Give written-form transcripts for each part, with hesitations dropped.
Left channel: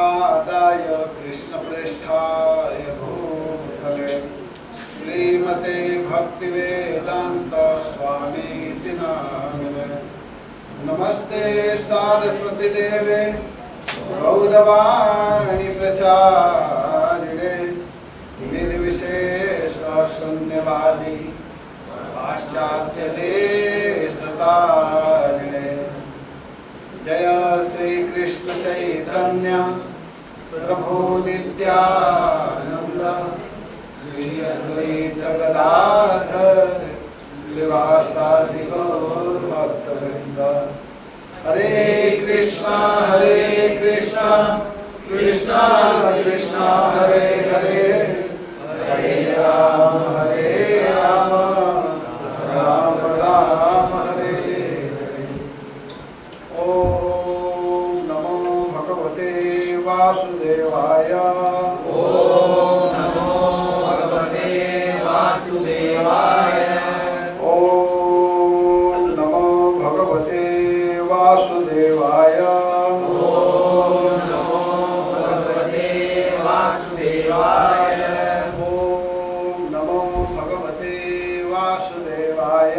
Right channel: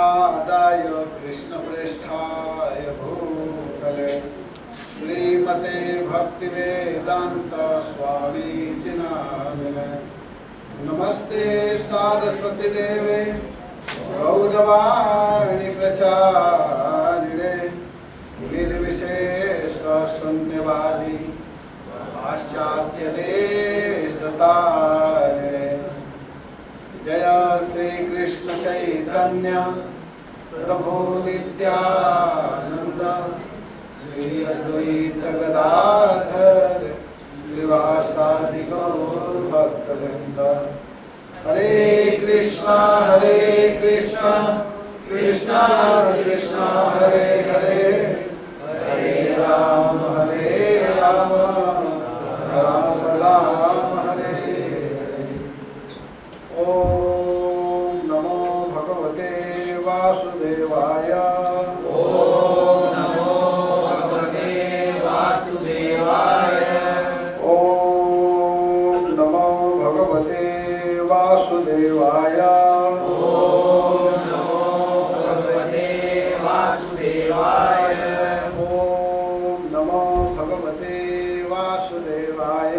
श्रीपादाय कृष्णप्रेष्ठाय भूतले श्रीमते भक्तिवेदांत स्वामीति नामिने। नमस्ते सारस्वती देवे गौरवाणी प्रचारिणे निर्विशेष शून्यवादी पाश्चात्य देशतारिणे। जय श्री कृष्ण चैतन्य प्रभु नित्यानंद श्री अद्वैत गदाधर श्रीवासादि गौर भक्तवृंद। हरे कृष्णा कृष्णा कृष्णा हरे हरे, हरे राम राम राम हरे हरे। ओम नमो भगवते वासुदेवाय। ओम नमो भगवते वासुदेवाय। ओम नमो भगवते वासुदेवाय। ओम नमो भगवते वासुदेवाय। ओम नमो भगवते वासुदेवाय।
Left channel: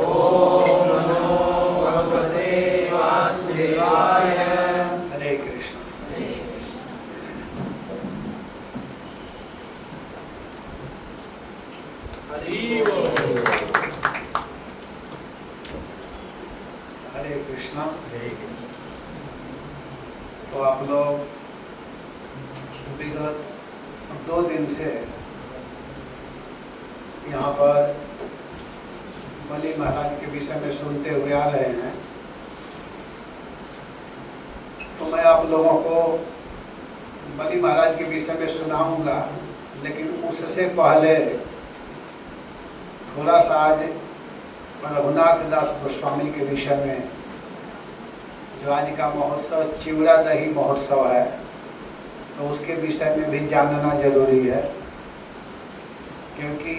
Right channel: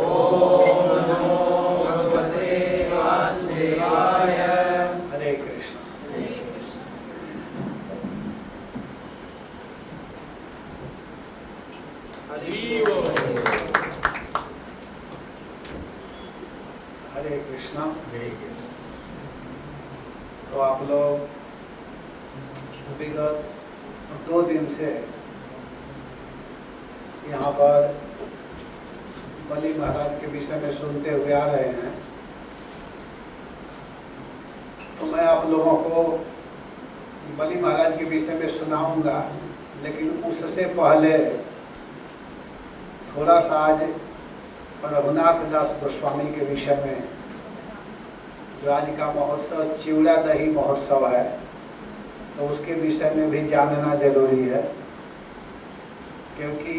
ओम नमो भगवते वासुदेवाय। हरे कृष्ण। हरि बोल। हरे कृष्णा। हरे कृष्ण। तो आप लोग विगत 2 दिन से यहाँ पर बलि महाराज के विषय में सुनते हुए आ रहे हैं। तो मैं आप लोगों को बलि महाराज के विषय में सुनाऊंगा, लेकिन उससे पहले थोड़ा सा आज रघुनाथ दास गोस्वामी के विषय में, जो आज का महोत्सव चिवड़ा दही महोत्सव है, तो उसके विषय में भी जानना जरूरी है। क्योंकि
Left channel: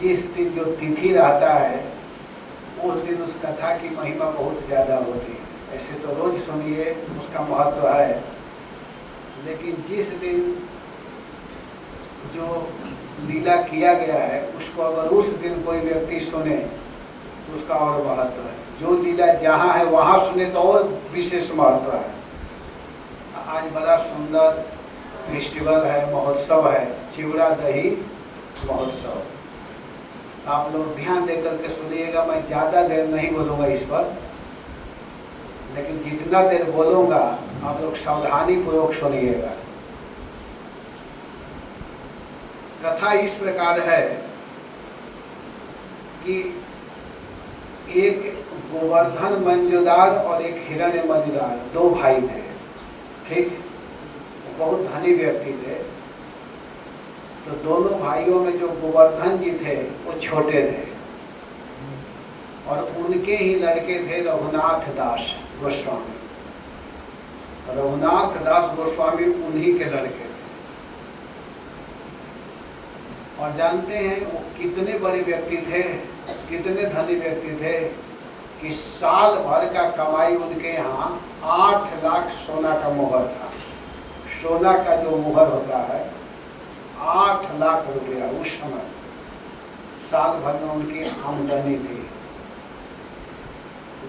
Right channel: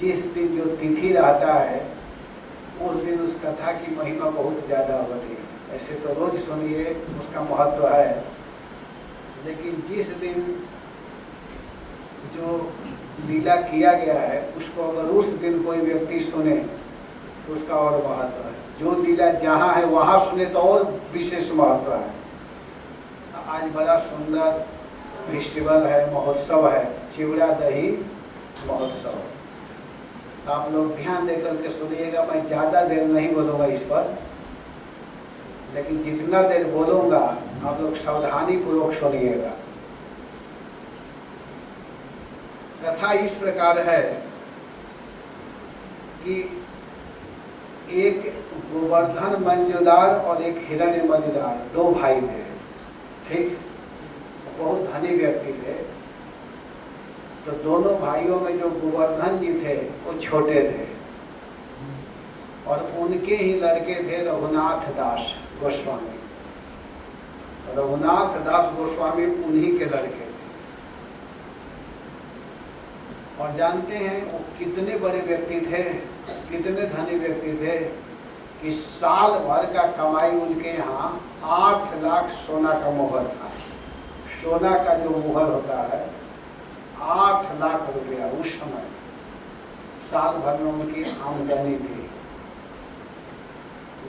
जिस दिन जो तिथि रहता है उस दिन उस कथा की महिमा बहुत ज़्यादा होती है। ऐसे तो रोज सुनिए, उसका महत्व है, लेकिन जिस दिन जो लीला किया गया है उसको अगर उस दिन कोई व्यक्ति सुने तो उसका और महत्व है। जो लीला जहाँ है वहाँ सुने तो और विशेष महत्व है। आज बड़ा सुंदर फेस्टिवल है, महोत्सव है, चिवड़ा दही महोत्सव। आप लोग ध्यान देकर के सुनिएगा। मैं ज़्यादा देर नहीं बोलूँगा इस पर, लेकिन जितना देर बोलूँगा आप लोग सावधानी पूर्वक सुनिएगा। कथा इस प्रकार है कि एक गोवर्धन मंजूदार और एक हिरण्य मंजूदार 2 भाई थे। ठीक, बहुत धनी व्यक्ति थे। तो दोनों भाइयों में जो गोवर्धन जी थे वो छोटे थे, और उनके ही लड़के थे रघुनाथ दास गोस्वामी। रघुनाथ दास गोस्वामी उन्हीं के लड़के थे। और जानते हैं वो कितने बड़े व्यक्ति थे, कितने धनी व्यक्ति थे कि साल भर का कमाई उनके यहाँ 8 लाख सोना का मोहर था। सोना का जो मोहर होता है 8 लाख रुपया उस समय साल भर में उनकी आमदनी थी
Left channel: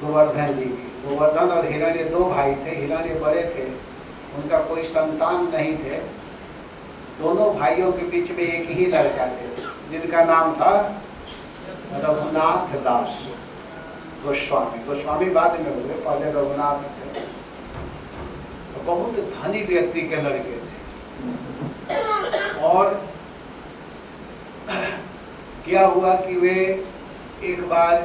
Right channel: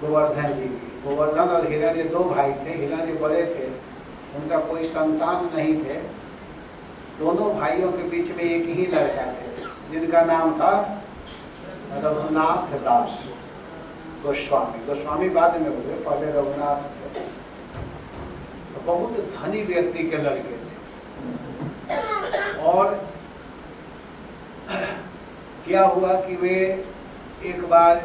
गोवर्धन जी की। गोवर्धन और हिरण्य 2 भाई थे। हिरण्य बड़े थे, उनका कोई संतान नहीं थे। दोनों भाइयों के बीच में एक ही लड़का थे जिनका नाम था रघुनाथ दास गोस्वामी। गोस्वामी बाद में हुए, पहले रघुनाथ थे। तो बहुत धनी व्यक्ति के लड़के थे। और क्या हुआ कि वे एक बार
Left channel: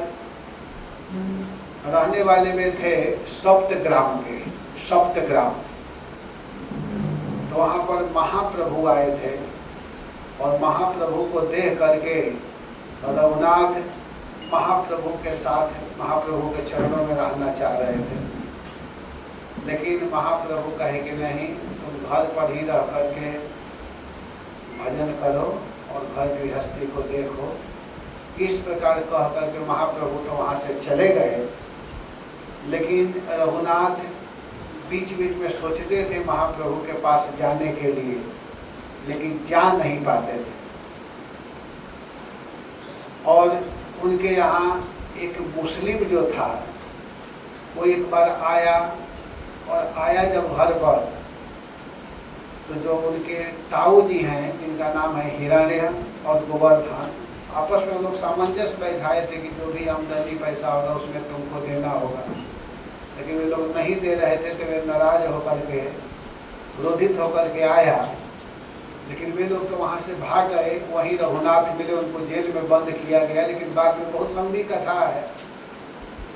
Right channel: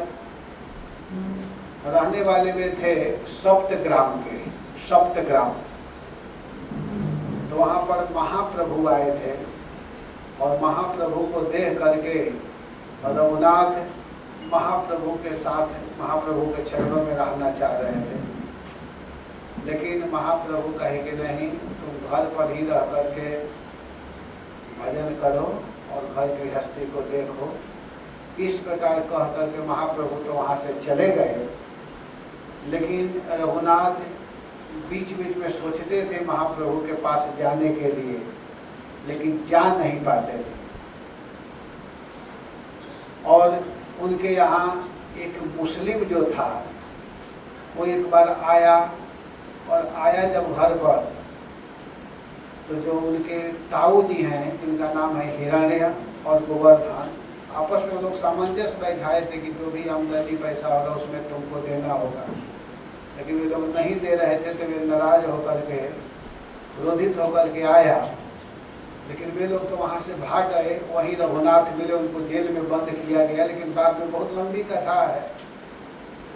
रहने वाले में थे सप्तग्राम के। सप्तग्राम तो वहाँ पर महाप्रभु आए थे, और महाप्रभु को देख करके रघुनाथ महाप्रभु के साथ, महाप्रभु के चरणों में रहना चाह रहे थे। लेकिन महाप्रभु कहे कि नहीं, तुम घर पर ही रह करके भजन करो और घर गृहस्थी को देखो। इस प्रकार कह करके महाप्रभु तो वहाँ से चले गए। लेकिन रघुनाथ बीच बीच में सोचते थे महाप्रभु के पास जाने के लिए, लेकिन जा नहीं पाते थे। और उनके यहाँ एक मुस्लिम जो था वो एक बार आया, और आया जब घर पर, तो जो उनके ताऊ जी हैं जिनका नाम है हिरण्य और गोवर्धन, आपस में लोग सामंजस्य बैठाए थे कि जो भी आमदनी पैसा होगा उसमें तुमको देना होगा, लेकिन वे लोग नहीं दे रहे थे। तो वे नाराज होकर के, क्रोधित होकर के आया, लेकिन वे लोग तो वहाँ से भाग गए। वहीं रघुनाथ मिले, उनको जेल में बंद किया गया। लेकिन बाद में बहुत लंबी कथा है।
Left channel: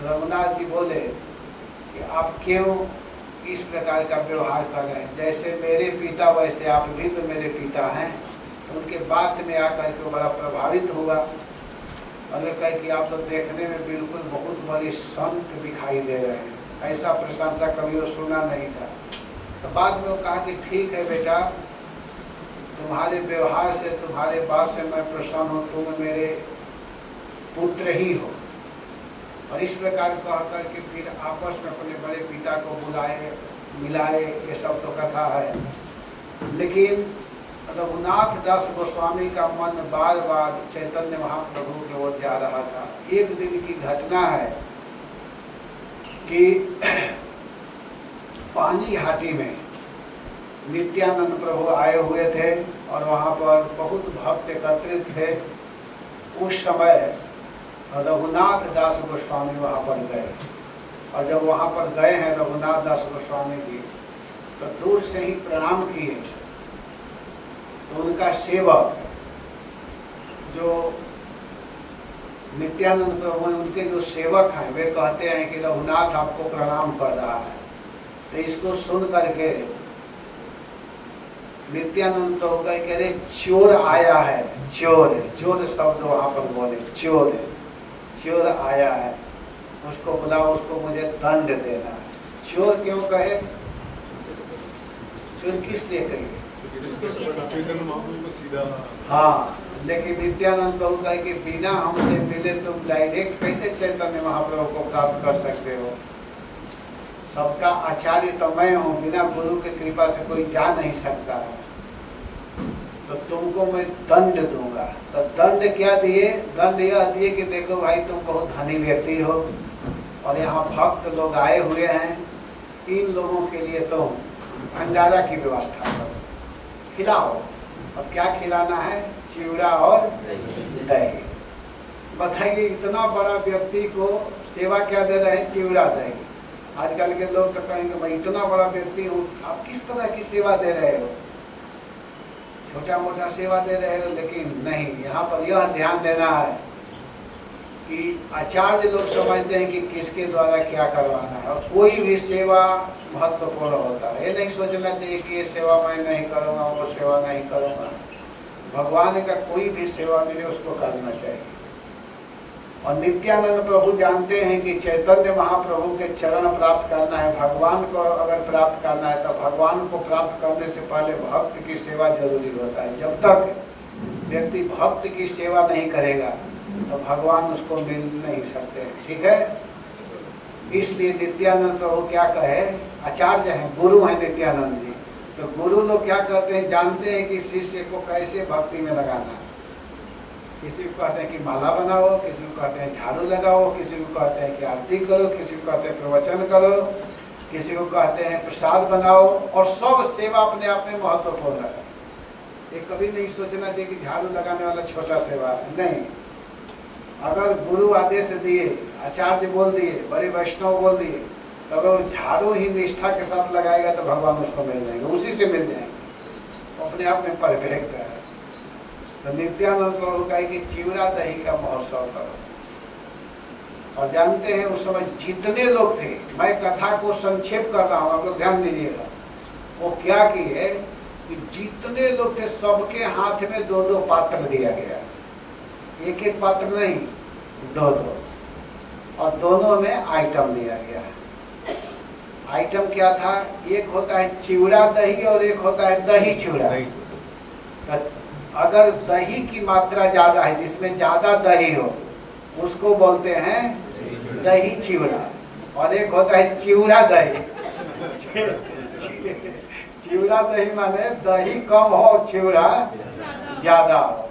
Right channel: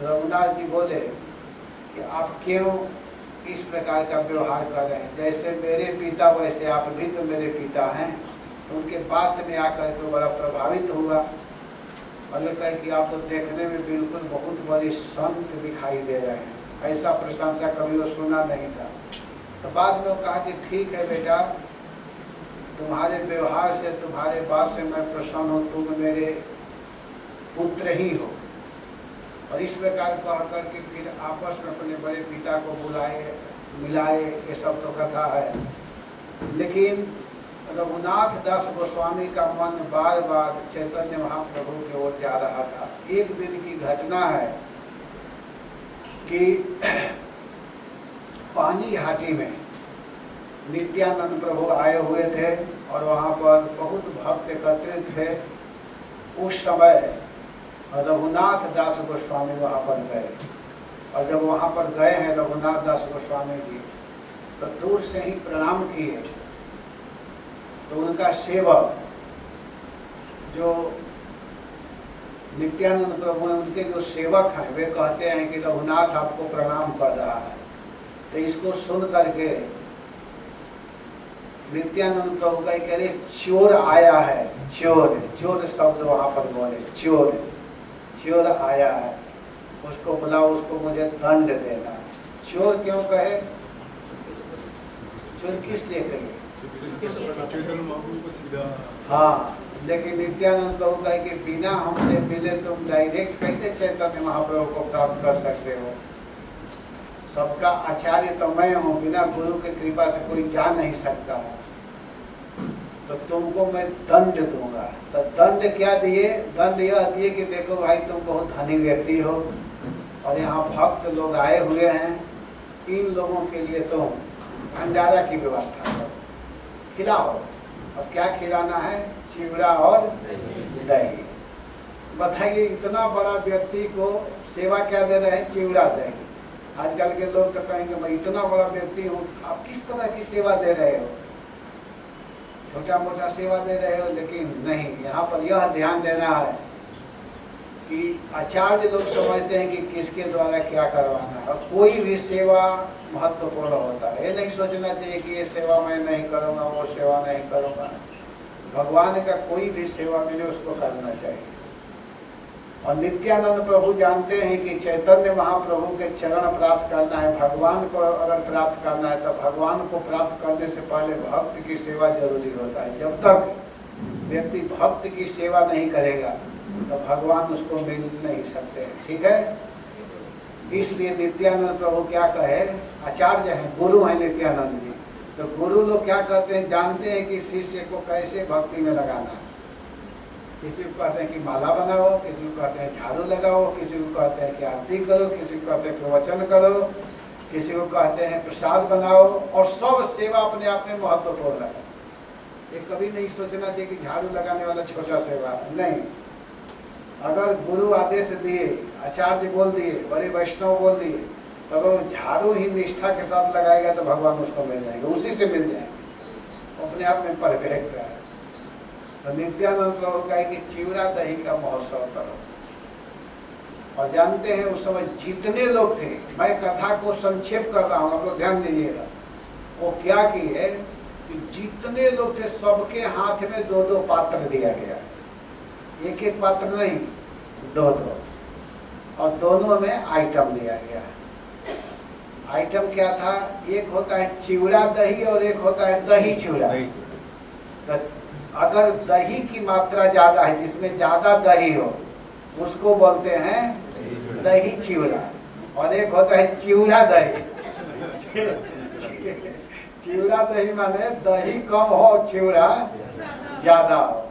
रघुनाथ जी बोले कि आप क्यों इस प्रकार का व्यवहार कर रहे हैं, जैसे मेरे पिता वैसे आप भी तो मेरे पिता हैं। उनके बात में आकर के बड़ा प्रभावित हुआ, और वे कहे कि आप तो देखने में बिल्कुल बहुत बड़ी संत दिखाई दे रहे हैं, ऐसा प्रशंसा कभी वो सुना नहीं था। तो बाद में वो कहा कि ठीक है बेटा, तुम्हारे व्यवहार से, तुम्हारे बात से मैं प्रसन्न हूँ, तुम मेरे पुत्र ही हो। और इस प्रकार कह करके फिर आपस में अपने बड़े पिता को बुलाए, मिलाए, ये सब तो कथा है। लेकिन रघुनाथ दास गोस्वामी का मन बार बार चैतन्य महाप्रभु की ओर जा रहा था। एक दिन की घटना है कि पानी हाटी में नित्यानंद प्रभु आए हुए थे, और वहाँ पर बहुत भक्त एकत्रित थे। उस समय रघुनाथ दास गोस्वामी वहाँ पर गए, और जब वहाँ पर गए हैं रघुनाथ दास गोस्वामी जी, तो दूर से ही प्रणाम किए। तो उनका सेवक जो नित्यानंद प्रभु हैं, उनके जो सेवक हैं, वे कहते हैं कि रघुनाथ आपको प्रणाम कर रहा है। तो इसको सुन करके नित्यानंद प्रभु कह रहे चोर आया है, चोर, चोर शब्द वहाँ पर बोले, चोर, चोर आया है, उसको बुलाओ, उसको मुझे दंड देना है। चोर क्यों कहे, चोर किस लिए कहे? हाँ, लेकिन नित्यानंद प्रभु कहे कि बिना हमसे मिले तुम डायरेक्ट कैसे चैतन्य महाप्रभु को प्राप्त कर सकते हो? सबका आचार्य तो मैं हूँ, बिना गुरु की कृपा से कोई जा नहीं सकता। तो तुमको मैं दंड दूंगा। तो दंड क्या दिए? दंड यह दिए कि देखो भाई, तुम बहुत धनी व्यक्ति हो और यहाँ भक्त लोग आए हुए हैं, इन लोगों के लिए तो भंडारा की व्यवस्था करो, खिलाओ। और क्या खिलाना है? चिवड़ा और दही। बताइए, इतना बड़ा व्यक्ति को सेवा क्या दे रहे हैं? चिवड़ा दही। आजकल के लोग तो कहेंगे मैं इतना बड़ा व्यक्ति हूँ, आप किस तरह की सेवा दे रहे हो? छोटा मोटा सेवा दे रहे हो। लेकिन नहीं, यहाँ पर यह ध्यान देना है कि आचार्य लोग समझते हैं कि किसके द्वारा क्या करवाना है, और कोई भी सेवा महत्वपूर्ण होता है। ये नहीं सोचना चाहिए कि ये सेवा मैं नहीं करूँगा, वो सेवा नहीं करूँगा। भगवान का कोई भी सेवा मिले उसको करना चाहिए। और नित्यानंद प्रभु जानते हैं कि चैतन्य महाप्रभु के चरण प्राप्त करना है, भगवान को अगर प्राप्त करना है, तो भगवान को प्राप्त करने से पहले भक्त की सेवा जरूरी होता है। जब तक व्यक्ति भक्त की सेवा नहीं करेगा तो भगवान उसको मिल नहीं सकते। ठीक है, इसलिए नित्यानंद प्रभु क्या कहे, आचार्य हैं, गुरु हैं नित्यानंद जी। तो गुरु लोग क्या करते हैं, जानते हैं कि शिष्य को कैसे भक्ति में लगाना है। किसी को कहते हैं कि माला बनाओ, किसी को कहते हैं झाड़ू लगाओ, किसी को कहते हैं कि आरती करो, किसी को कहते हैं प्रवचन करो, किसी को कहते हैं प्रसाद बनाओ। और सब सेवा अपने आप में महत्वपूर्ण है। ये कभी नहीं सोचना चाहिए कि झाड़ू लगाने वाला छोटा सेवा है, नहीं। अगर गुरु आदेश दिए, आचार्य बोल दिए, बड़े वैष्णव बोल दिए, तो अगर झाड़ू ही निष्ठा के साथ लगाएगा तो भगवान उसको मिल जाएंगे, उसी से मिल जाएंगे, अपने आप में परफेक्ट है। तो नित्यानंद प्रभु कहे कि चिवड़ा दही का महोत्सव करो। और जानते हैं उस समय जितने लोग थे, मैं कथा को संक्षेप कर रहा हूँ, आप लोग ध्यान दीजिएगा। वो क्या किए कि जितने लोग थे सबके हाथ में 2-2 पात्र दिया गया, एक एक पात्र नहीं, 2-2, और दोनों में आइटम दिया गया। आइटम क्या था? एक होता है चिवड़ा दही और एक होता है दही चिवड़ा। अगर दही की मात्रा ज्यादा है, जिसमें ज्यादा दही हो, उसको बोलते हैं दही चिवड़ा, और एक होता है चिवड़ा दही। चिवड़ा दही माने दही कम हो, चिवड़ा ज्यादा हो।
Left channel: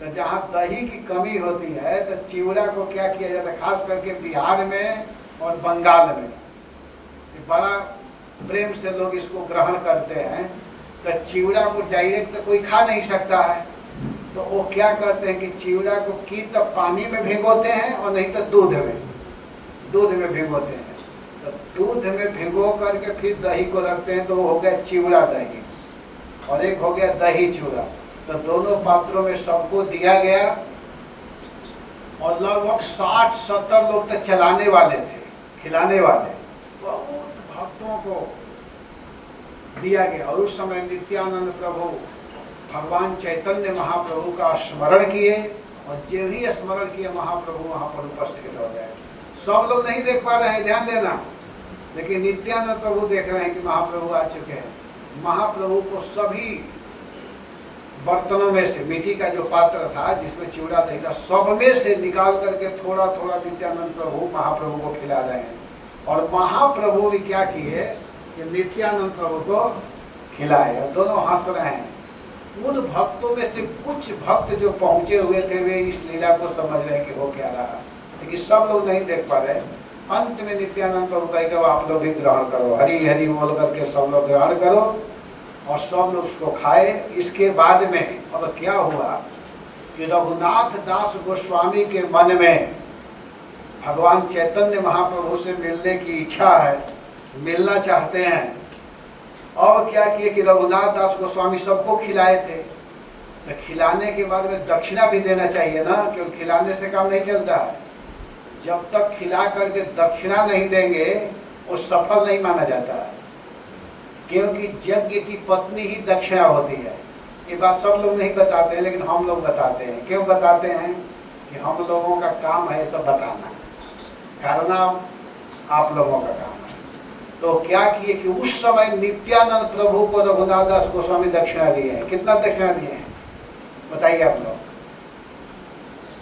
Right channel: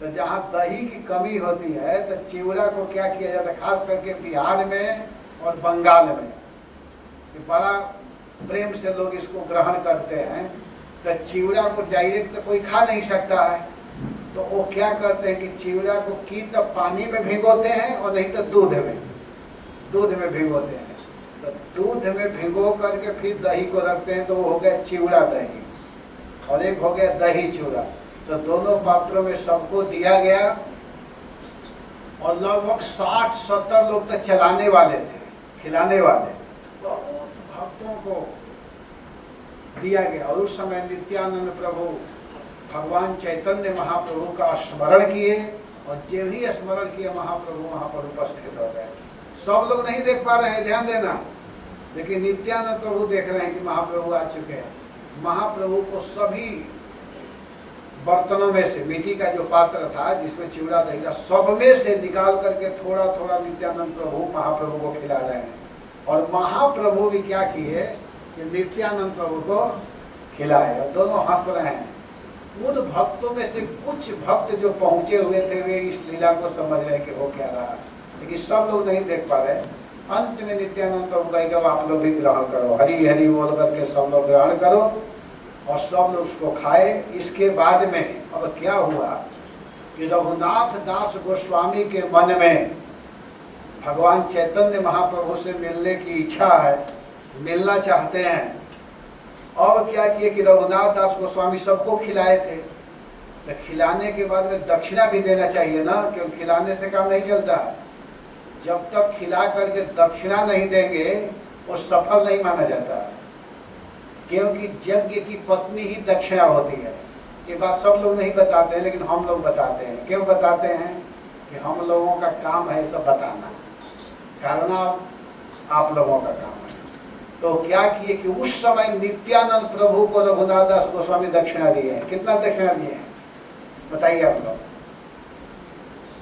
तो जहाँ दही की कमी होती है तो चिवड़ा को क्या किया जाता है, खास करके बिहार में और बंगाल में बड़ा प्रेम से लोग इसको ग्रहण करते हैं। तो चिवड़ा को डायरेक्ट तो कोई खा नहीं सकता है, तो वो क्या करते हैं कि चिवड़ा को की तो पानी में भिगोते हैं और नहीं तो दूध में भिगोते हैं। तो दूध में भिगो करके फिर दही को रखते हैं, तो वो हो गया चिवड़ा दही, और एक हो गया दही चिवड़ा। तो दोनों पात्रों में सबको दिया गया, और लगभग 60-70 लोग तो चलाने वाले थे, खिलाने वाले, बहुत भक्तों को दिया गया। और उस समय नित्यानंद प्रभु भगवान चैतन्य महाप्रभु का स्मरण किए, और जो भी स्मरण किए महाप्रभु वहां पर उपस्थित हो गए। सब लोग नहीं देख पा रहे हैं, ध्यान देना, लेकिन नित्यानंद प्रभु देख रहे हैं कि महाप्रभु आ चुके हैं। महाप्रभु को सभी बर्तनों में से, मिट्टी का जो पात्र था जिसमें चिवड़ा दही था, सब में से निकाल करके थोड़ा थोड़ा नित्यानंद प्रभु महाप्रभु को खिला रहे हैं। और महाप्रभु भी क्या किए कि नित्यानंद प्रभु को खिलाए, और दोनों हंस रहे हैं। उन भक्तों में से कुछ भक्त जो पहुंचे हुए थे वे इस लीला को समझ रहे हैं कि हो क्या रहा, लेकिन सब लोग नहीं देख पा रहे। अंत में नित्यानंद प्रभु कहेगा आप लोग भी ग्रहण करो, हरि हरि बोल करके सब लोग ग्रहण करो, और सब लोग उसको खाए। इसके बाद में अब क्या हुआ कि रघुनाथ दास गोस्वामी के मन में भगवान चैतन्य महाप्रभु से मिलने की इच्छा है, मिलना चाहते हैं। और क्या किए कि रघुनाथ दास गोस्वामी सबको खिलाए थे, तो खिलाने के बाद में दक्षिणा भी देना चाहिए ना, क्योंकि खिलाने से काम नहीं चलता है। जब तक खिला करके दक्षिणा नहीं देंगे वो सफल नहीं माना जाता है, क्योंकि यज्ञ की पत्नी ही दक्षिणा होती है। ये बात सब लोग नहीं बताते हैं, लेकिन हम लोग बताते हैं। क्यों बताते हैं कि हम लोगों का काम है सब बताना, करना आप लोगों का काम है। तो क्या किए कि उस समय नित्यानंद प्रभु को रघुनाथ दास गोस्वामी दक्षिणा दिए हैं। कितना दक्षिणा दिए हैं बताइए आप लोग,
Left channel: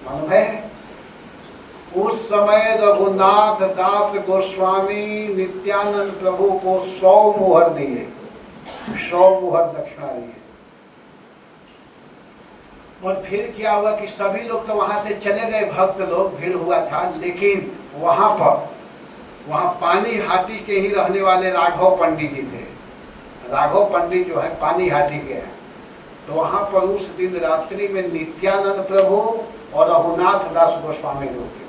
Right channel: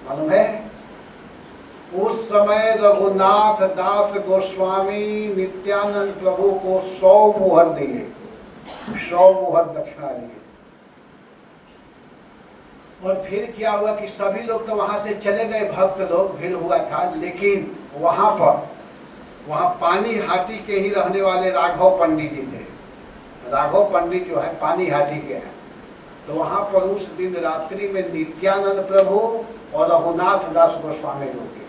मालूम है? उस समय रघुनाथ दास गोस्वामी नित्यानंद प्रभु को 100 मुहर दिए, 100 मुहर दक्षिणा दिए। और फिर क्या हुआ कि सभी लोग तो वहां से चले गए, भक्त लोग, भीड़ हुआ था। लेकिन वहां पानी हाटी के ही रहने वाले राघव पंडित जी थे। राघव पंडित जो है पानी हाटी के हैं। तो वहां पर उस दिन रात्रि में नित्यानंद प्रभु और रघुनाथ दास गोस्वामी रुके।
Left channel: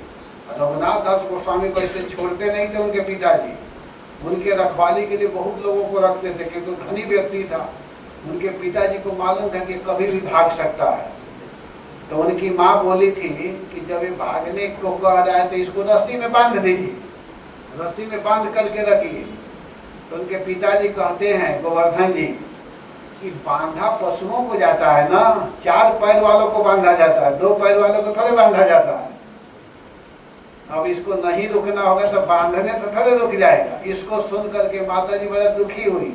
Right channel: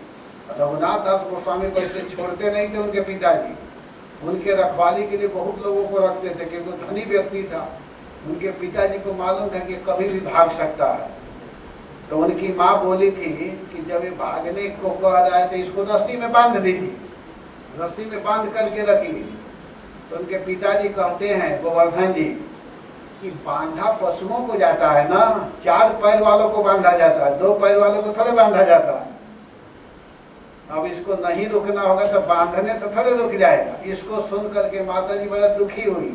रघुनाथ दास गोस्वामी को ऐसे छोड़ते नहीं थे उनके पिताजी, उनके रखवाली के लिए बहुत लोगों को रखते थे, क्योंकि धनी व्यक्ति था। उनके पिताजी को मालूम था कि कभी भी भाग सकता है। तो उनकी माँ बोली थी कि जब ये भागने को कह रहा है तो इसको रस्सी में बांध दीजिए, रस्सी में बांध करके रखिए। तो उनके पिताजी कहते हैं गोवर्धन जी कि बांधा पशुओं को जाता है ना, 4 पैर वालों को बांधा जाता है, 2 पैर वालों को थोड़े बांधा जाता है। अब इसको नहीं रुकना होगा तो बांधने से थोड़े रुक जाएगा। इसको सुन करके माता जी बड़ा दुखी हुई।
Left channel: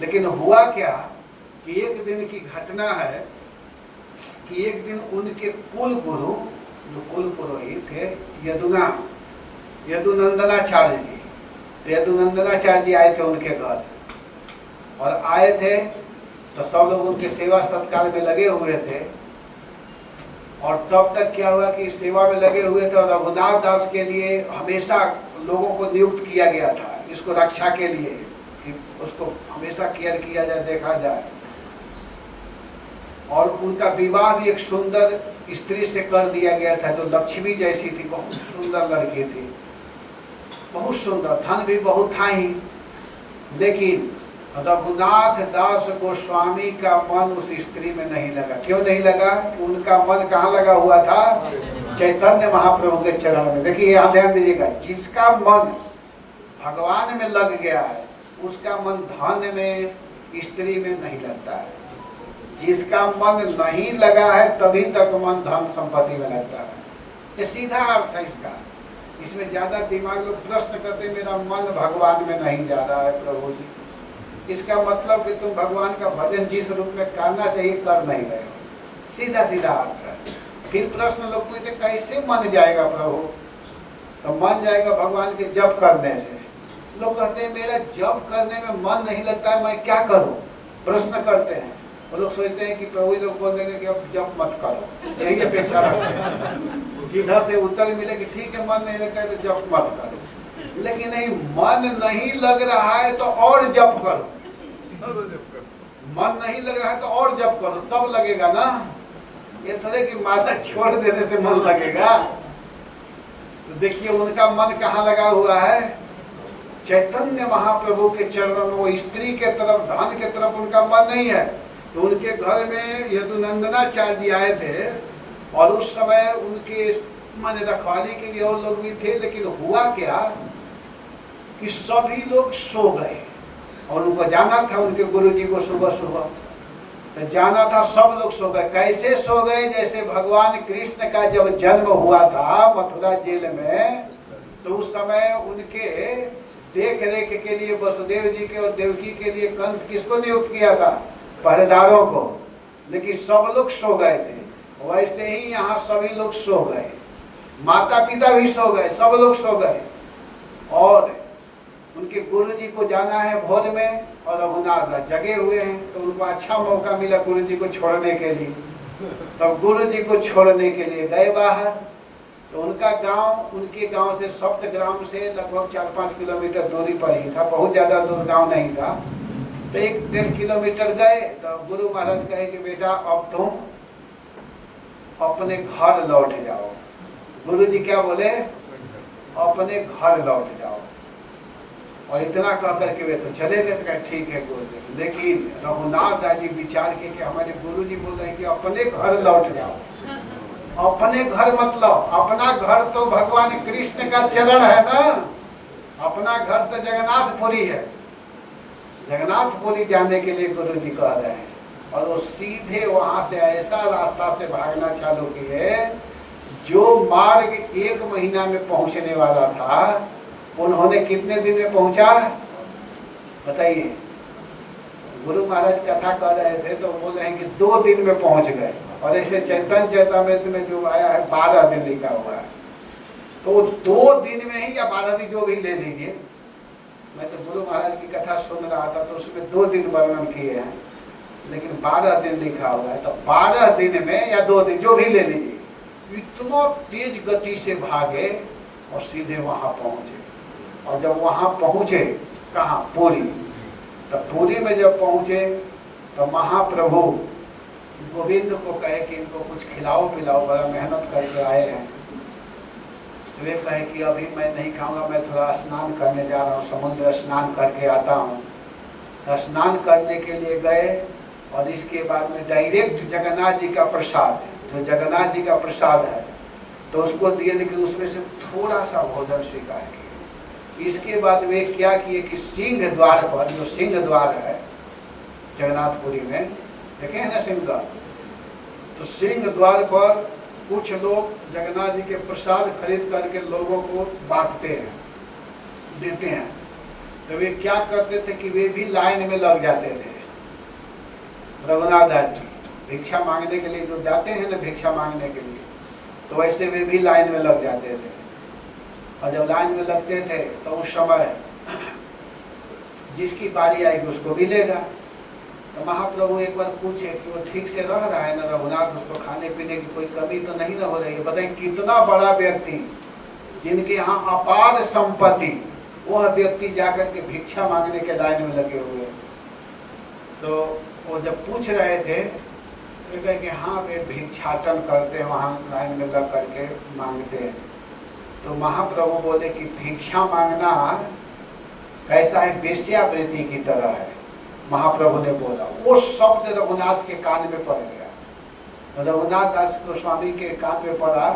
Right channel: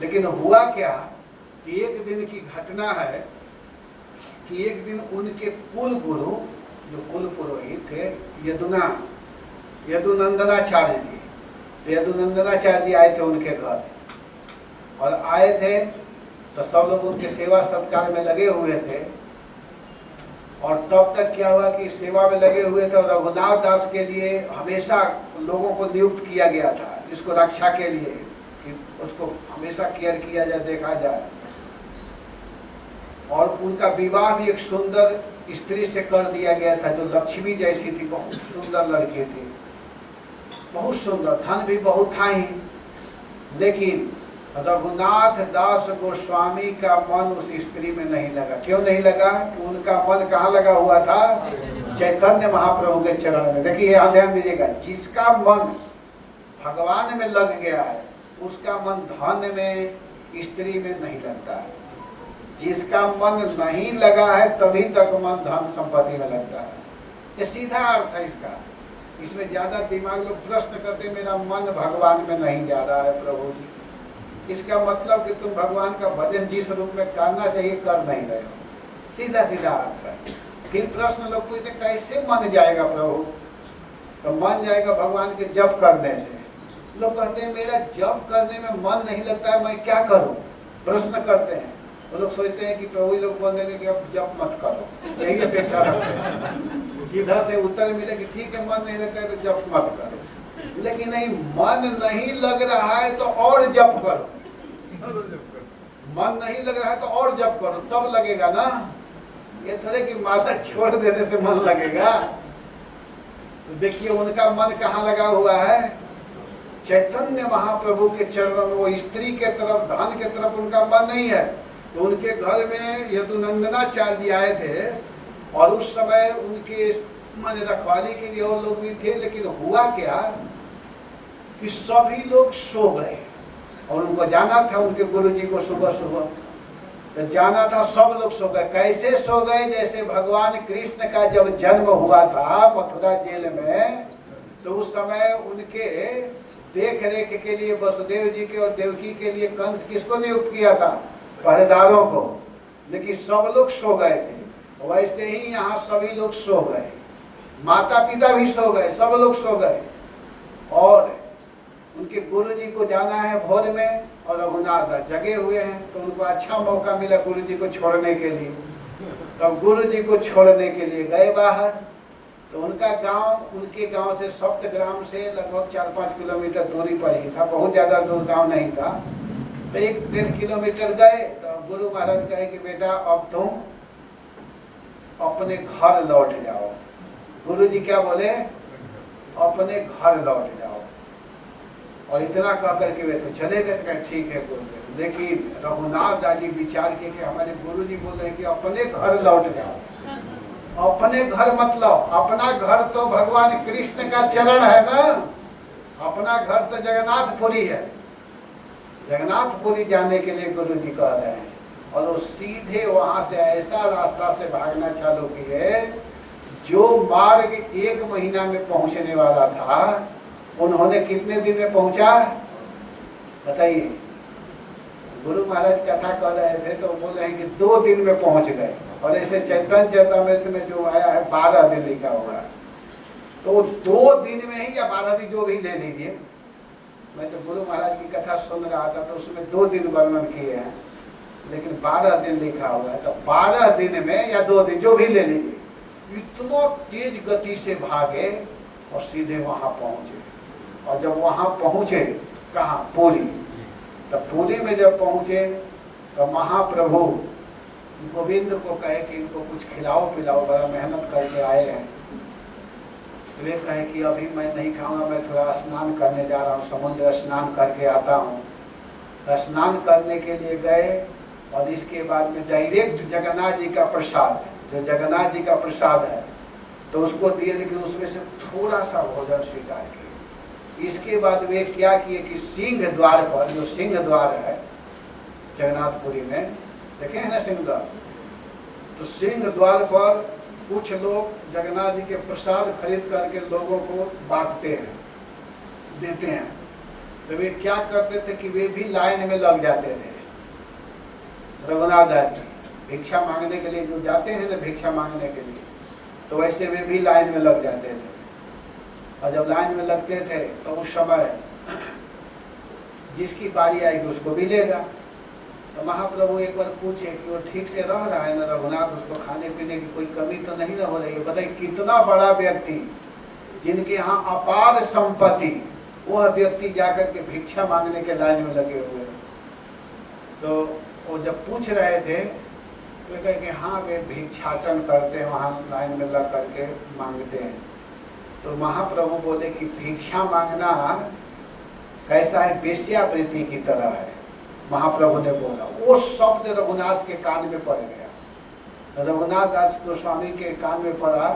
लेकिन हुआ क्या कि एक दिन की घटना है कि एक दिन उनके कुल गुरु, जो कुल पुरोहित थे यदुनंदनाचार्य जी, तो यदुनंदनाचार्य जी आए थे उनके घर। और आए थे तो सब लोग उनके सेवा सत्कार में लगे हुए थे। और तब तक क्या हुआ कि सेवा में लगे हुए थे, और रघुनाथ दास के लिए हमेशा लोगों को नियुक्त किया गया था इसको रक्षा के लिए, कि उसको हमेशा केयर किया जाए, देखा जाए। और उनका विवाह भी एक सुंदर स्त्री से कर दिया गया था, जो लक्ष्मी जैसी थी, बहुत सुंदर लड़की थी, बहुत सुंदर, धन भी बहुत था ही। लेकिन रघुनाथ दास गोस्वामी का मन उस स्त्री में नहीं लगा। क्यों नहीं लगा? कि उनका मन कहाँ लगा हुआ था? चैतन्य महाप्रभु के चरण में। देखिए यहाँ ध्यान दीजिएगा, जिसका मन भगवान में लग गया है उसका मन धन में, स्त्री में नहीं लगता है। जिसका मन नहीं लगा है तभी तक मन धन संपत्ति में लगता है। ये सीधा अर्थ है इसका। इसमें ज्यादा दिमाग लोग प्रश्न करते, मेरा मन भगवान में नहीं जा रहा है प्रभु जी। इसका मतलब कि तुम भगवान का भजन जिस रूप में करना चाहिए कर नहीं रहे हो। सीधा सीधा अर्थ है। फिर प्रश्न लोग पूछते कैसे मन जाएगा प्रभु? तो मन जाएगा भगवान के जप करने से। लोग कहते हैं मेरा जप करने में मन नहीं लगता है, मैं क्या करूं? प्रश्न करते हैं। वो लोग सोचते हैं कि प्रभु लोग बोल देंगे कि अब जप मत करो, यही अपेक्षा रखते हैं। इधर से उत्तर मिले कि ठीक है मन नहीं लगता है तो जप मत करो। लेकिन नहीं, मन नहीं लग रहा है तो और जप करो। मन नहीं लग रहा है तो और जप करो, तब लगेगा ना। ये थोड़े कि माता छोड़ देने से मन लगेगा। तो देखिए उनका मन कहाँ लगा हुआ है? चैतन्य महाप्रभु के चरणों में। वो स्त्री के तरफ, धन के तरफ उनका मन नहीं है। तो उनके घर में यदुनंदनाचार्य आए थे और उस समय उनके मन रखवाली के लिए और लोग भी थे। लेकिन हुआ क्या कि सभी लोग सो गए और उनको जाना था उनके गुरुजी को सुबह सुबह, तो जाना था, सब लोग सो गए। कैसे सो गए? जैसे भगवान कृष्ण का जब जन्म हुआ था मथुरा जेल में, तो उस समय उनके देख रेख के लिए वसुदेव जी के और देवकी के लिए कंस किसको नियुक्त किया था? पहरेदारों को। लेकिन सब लोग सो गए थे। वैसे ही यहाँ सभी लोग सो गए, माता पिता भी सो गए, सब लोग सो गए। और उनके गुरु जी को जाना है भोर में और रघुनाथ जगे हुए हैं। तो उनको अच्छा मौका मिला गुरु जी को छोड़ने के लिए। तब गुरु जी को छोड़ने के लिए गए बाहर। तो उनका गांव, उनके गांव से सप्तग्राम से लगभग 4-5 किलोमीटर दूरी पर ही था, बहुत ज्यादा दूर गांव नहीं था। तो 1-1.5 किलोमीटर गए तो गुरु महाराज कहे कि बेटा अब तुम अपने घर लौट जाओ। गुरु जी क्या बोले? अपने घर लौट जाओ। और इतना कह करके वे तो चले गए। कहे ठीक है गुरुदेव। लेकिन रघुनाथ दादी विचार के कि हमारे गुरु जी बोल रहे हैं कि अपने घर लौट जाओ। अपने घर मतलब अपना घर तो भगवान कृष्ण का चरण है ना। अपना घर तो जगन्नाथपुरी है। जगन्नाथपुरी जाने के लिए गुरु जी कह रहे हैं। और वो सीधे वहां से ऐसा रास्ता से भागना चालू किए, जो मार्ग 1 महीना में पहुंचने वाला था उन्होंने कितने दिन में पहुंचा बताइए? गुरु महाराज कथा कर रहे थे तो बोल रहे हैं कि 2 दिन में पहुंच गए। और ऐसे चैतन्य चरितमृत में जो आया है 12 दिन लिखा हुआ है। तो 2 दिन में ही या 12 दिन जो भी ले लीजिए। मैं तो गुरु महाराज की कथा सुन रहा था तो उसमें 2 दिन वर्णन किए हैं, लेकिन 12 दिन लिखा हुआ है। तो 12 दिन में या 2 दिन जो भी ले लीजिए, इतना तेज गति से भागे और सीधे वहां पहुंचे। और जब वहां पहुंचे, कहाँ? पुरी। तो पुरी में जब पहुंचे तो महाप्रभु गोविंद को कहे कि इनको कुछ खिलाओ पिलाओ, बड़ा मेहनत करके आए हैं। तो वे कहे कि अभी मैं नहीं खाऊंगा, मैं थोड़ा स्नान करने जा रहा हूँ, समुद्र स्नान करके आता हूँ। तो स्नान करने के लिए गए और इसके बाद में डायरेक्ट जगन्नाथ जी का प्रसाद है, जो जगन्नाथ जी का प्रसाद है तो उसको दिए, लेकिन उसमें से थोड़ा सा भोजन स्वीकार किए। इसके बाद वे क्या किए कि सिंह द्वार पर, जो सिंह द्वार है जगन्नाथपुरी में, देखे हैं ना सिंह द्वार? तो सिंह द्वार पर कुछ लोग जगन्नाथ जी के प्रसाद खरीद करके लोगों को बांटते हैं, देते हैं। तो वे क्या करते थे कि वे भी लाइन में लग जाते थे। रघुनाथ दास भिक्षा मांगने के लिए जो जाते हैं ना, भिक्षा मांगने के लिए, तो वैसे वे भी लाइन में लग जाते थे। और जब लाइन में लगते थे तो उस समय जिसकी बारी आएगी उसको भी लेगा। तो महाप्रभु एक बार पूछे कि वो ठीक से रह रहा है ना रघुनाथ, उसको खाने पीने की कोई कमी तो नहीं हो रही है? बताइए कितना बड़ा व्यक्ति जिनके यहाँ अपार संपत्ति, वह व्यक्ति जाकर के भिक्षा मांगने के लाइन में लगे हुए। तो वो जब पूछ रहे थे तो कहे कि हाँ वे भिक्षाटन करते हैं, वहाँ लाइन में लग करके मांगते हैं। तो महाप्रभु बोले कि भिक्षा मांगना कैसा है? वेश्यावृत्ति की तरह है। महाप्रभु ने बोला, वो शब्द रघुनाथ के कान में पड़ गया। रघुनाथ दास गोस्वामी के कान में पड़ा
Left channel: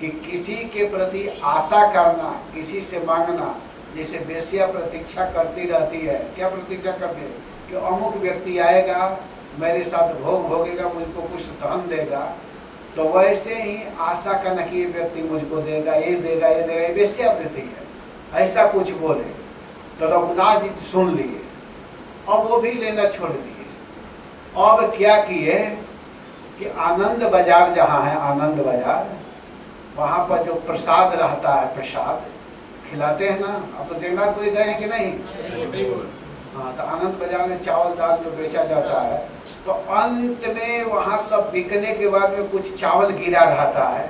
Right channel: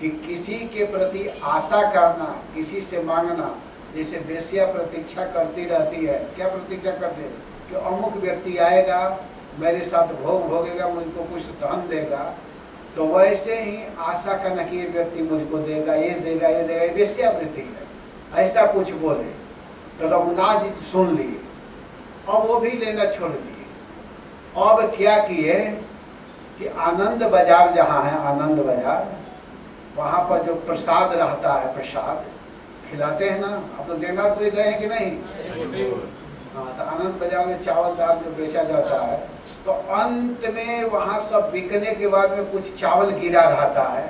कि किसी के प्रति आशा करना, किसी से मांगना, जैसे वेश्या प्रतीक्षा करती रहती है। क्या प्रतीक्षा करती है? कि अमुक व्यक्ति आएगा, मेरे साथ भोग भोगेगा, मुझको कुछ धन देगा। तो वैसे ही आशा करना कि ये व्यक्ति मुझको देगा, ये देगा, ये देगा, ये वेश्यावृत्ति है, ऐसा कुछ बोले। तो रघुनाथ जी सुन लिए, अब वो भी लेना छोड़ दिए। अब क्या किए कि आनंद बाजार जहाँ है, आनंद बाजार, वहाँ पर जो प्रसाद रहता है, प्रसाद खिलाते हैं ना। अब तो देनारपुरी गए हैं कि नहीं? हाँ, तो आनंद बाजार में चावल दाल जो बेचा जाता है, तो अंत में वहाँ सब बिकने के बाद में कुछ चावल गिरा रहता है,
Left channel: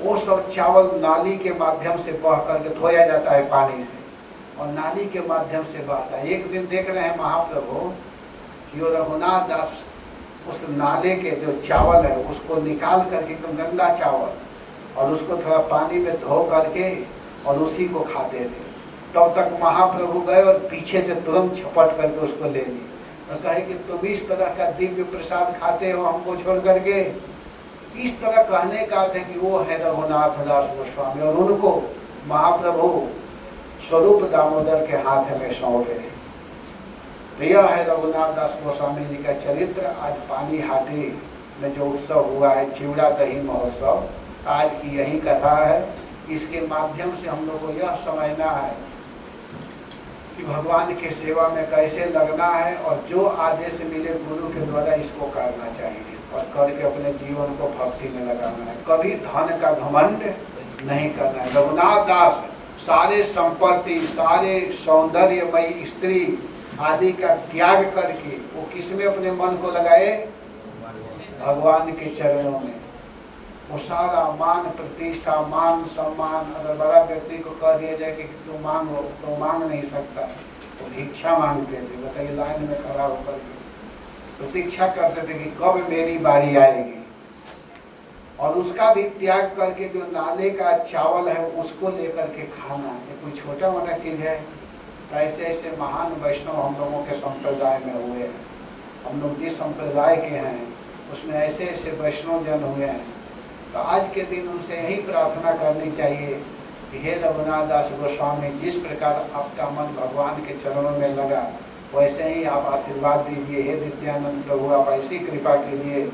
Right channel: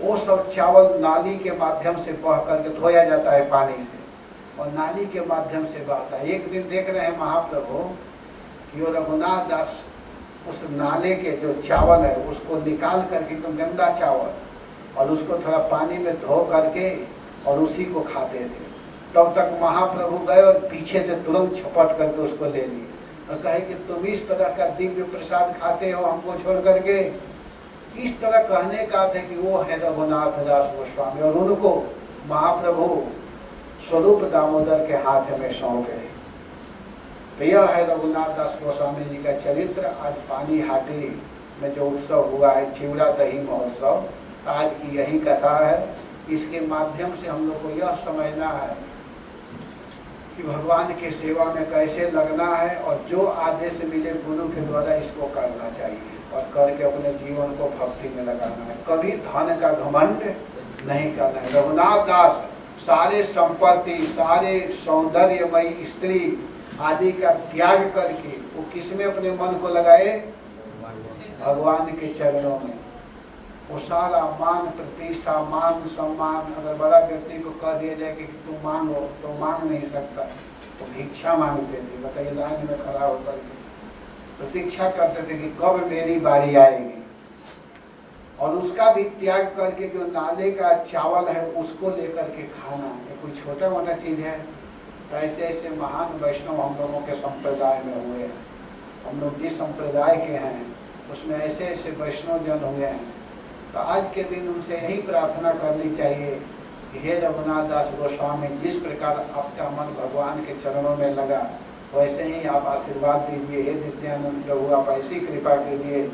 वो सब चावल नाली के माध्यम से बह करके धोया जाता है पानी से, और नाली के माध्यम से बहता है। एक दिन देख रहे हैं महाप्रभु कि वो रघुनाथ दास उस नाले के जो चावल है उसको निकाल करके, एकदम गंदा चावल, और उसको थोड़ा पानी में धो करके और उसी को खाते थे। तब तक महाप्रभु गए और पीछे से तुरंत झपट करके उसको ले लिए और कहे कि तुम इस तरह का दिव्य प्रसाद खाते हो हमको छोड़ करके। इस तरह कहने का था कि वो है रघुनाथ दास गोस्वामी, और उनको महाप्रभु स्वरूप दामोदर के हाथ में सौंपे। तो यह है रघुनाथ दास गोस्वामी जी का चरित्र। आज पानी हाटी में जो उत्सव हुआ है, चिवड़ा दही महोत्सव, आज की यही कथा है। इसके माध्यम से हम लोग को यह समझना है कि भगवान के सेवा में कैसे लगना है, और जो आदेश मिले गुरु के द्वारा इसको करना चाहिए, और करके अपने जीवन को भक्ति में लगाना है। कभी धन का घमंड नहीं करना है। रघुनाथ दास सारे संपत्ति, सारे सौंदर्यमयी स्त्री आदि का त्याग करके वो किसमें अपने मन को लगाए? भगवान के चरणों में। वो सारा मान प्रतिष्ठा, मान सम्मान, अगर बड़ा व्यक्ति को कह दिया जाए कि तू मांगो, तो मांग नहीं सकता, तो भिक्षा मांगते थे। बताइए, लाइन में खड़ा होकर प्रतीक्षा करते थे कि कब मेरी बारी आएगी, और उसका भी त्याग करके जो नाले का चावल है उसको लेकर के खाना, ये कोई छोटा मोटा चीज है? ऐसे ऐसे महान वैष्णव हम लोगों के संप्रदाय में हुए हैं। हम लोग जिस संप्रदाय के हैं उसमें ऐसे ऐसे वैष्णव जन हुए हैं। तो आज के दिन उनसे यही प्रार्थना करनी चाहिए कि हे रघुनाथ दास गोस्वामी, जिस प्रकार आपका मन भगवान के चरणों में लगा, वैसे ही आप आशीर्वाद दीजिए। हे नित्यानंद प्रभु, आप ऐसी कृपा कीजिए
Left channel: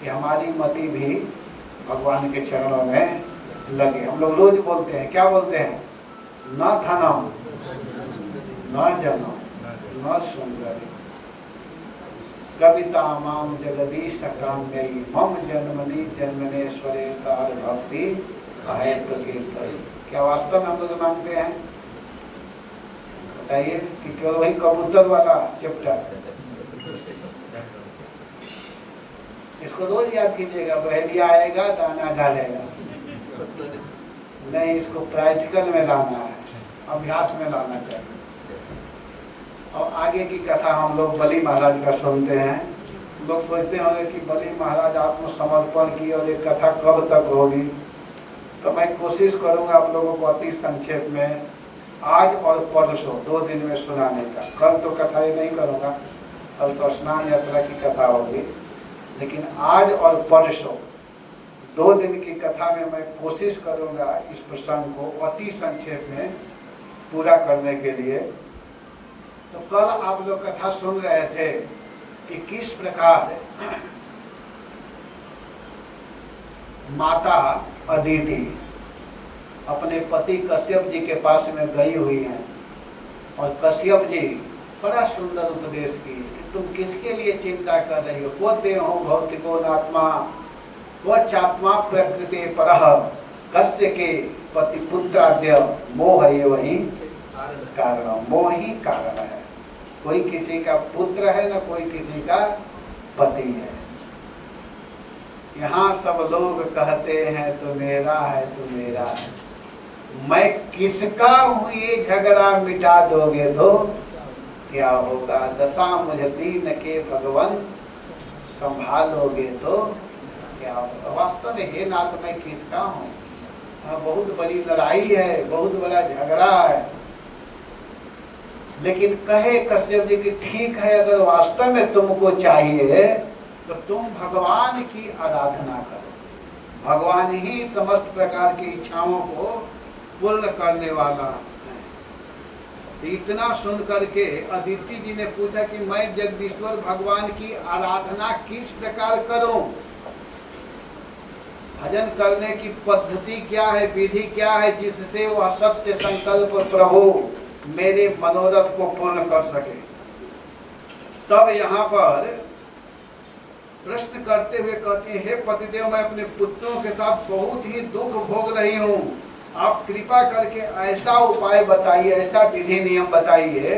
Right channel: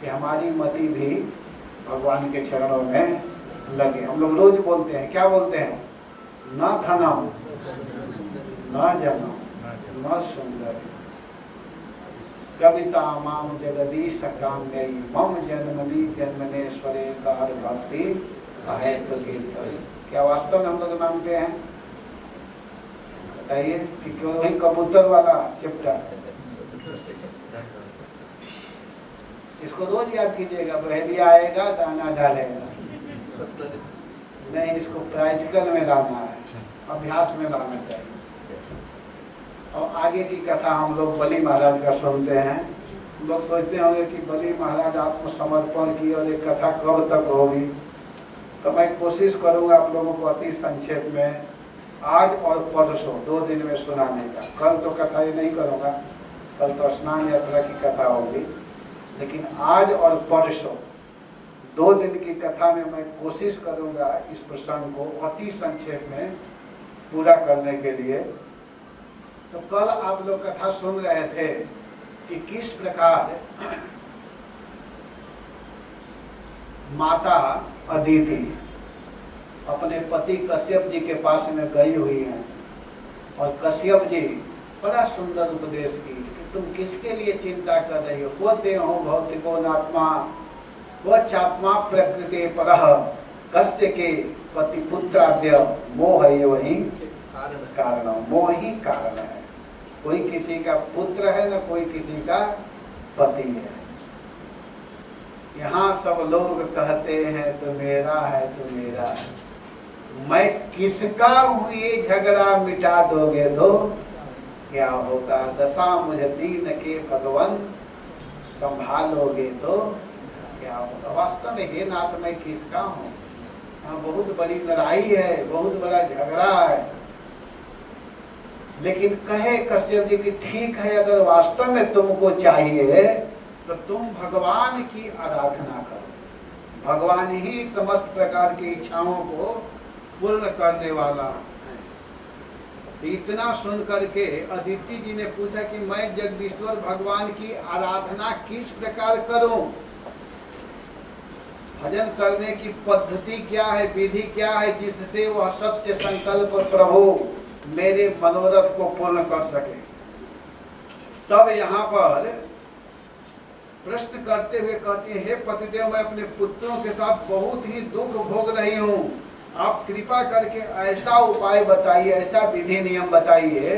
कि हमारी मति भी भगवान के चरणों में लगे। हम लोग रोज बोलते हैं, क्या बोलते हैं? न धनम न जनम न सुंदरी कविता माम जगदीश काम्ययी मम जन्मनि जन्मनेश्वरे तार भक्ति अहेतु कीर्तन। क्या वास्तव में हम लोग मांगते हैं? बताइए कि क्यों वही कबूतर वाला चैप्टर, इसको रोज याद कीजिएगा। बहेलिया आएगा दाना डालेगा, नहीं, इसको प्रैक्टिकल में लाना है, अभ्यास में लाना चाहिए। और आगे की कथा हम लोग बलि महाराज का सुनते हैं। हम लोग सोचते होंगे कि बलि महाराज आत्मसमर्पण की और ये कथा कब तक होगी, तो मैं कोशिश करूंगा आप लोगों को अति संक्षेप में आज और परसों 2 दिन में सुनाने का। कल तो कथा ही नहीं करूंगा, कल तो स्नान यात्रा की कथा होगी, लेकिन आज और परसों 2 दिन की कथा में मैं कोशिश करूंगा इस प्रसंग को अति संक्षेप में पूरा करने के लिए। तो कल आप लोग कथा सुन रहे थे कि किस प्रकार माता अदिति अपने पति कश्यप जी के पास में गई हुई हैं, और कश्यप जी बड़ा सुंदर उपदेश की कि तुम किसके लिए चिंता कर रही हो? वो देहो भौतिको नात्मा वो चात्मा प्रकृति परह कस्य के पति पुत्राद्य मोह ये वही कारण, मोह ही कारण है। कोई किसी का पुत्र है न कोई किसी का पति है। यहाँ सब लोग कहते हैं तो मेरा है तो मेरा है, मैं किसका हूँ ये झगड़ा मिटा दोगे तो क्या होगा? दशा मुझे दीन के भगवान संभालोगे तो क्या होगा? वास्तव में हे नाथ मैं किसका हूँ? बहुत बड़ी लड़ाई है, बहुत बड़ा झगड़ा है। लेकिन कहे कश्यप जी की ठीक है, अगर वास्तव में तुमको चाहिए तो तुम भगवान की आराधना करो। भगवान ही समस्त प्रकार की इच्छाओं को पूर्ण करने वाला है। इतना सुन करके अदिति जी ने पूछा कि मैं जगदीश्वर भगवान की आराधना किस प्रकार करूं? भजन करने की पद्धति क्या है, विधि क्या है, जिससे वह सत्य संकल्प प्रभु मेरे मनोरथ को पूर्ण कर सके? तब यहाँ पर प्रश्न करते हुए कहती है, हे पतिदेव, मैं अपने पुत्रों के साथ बहुत ही दुख भोग रही हूँ। आप कृपा करके ऐसा उपाय बताइए, ऐसा विधि नियम बताइए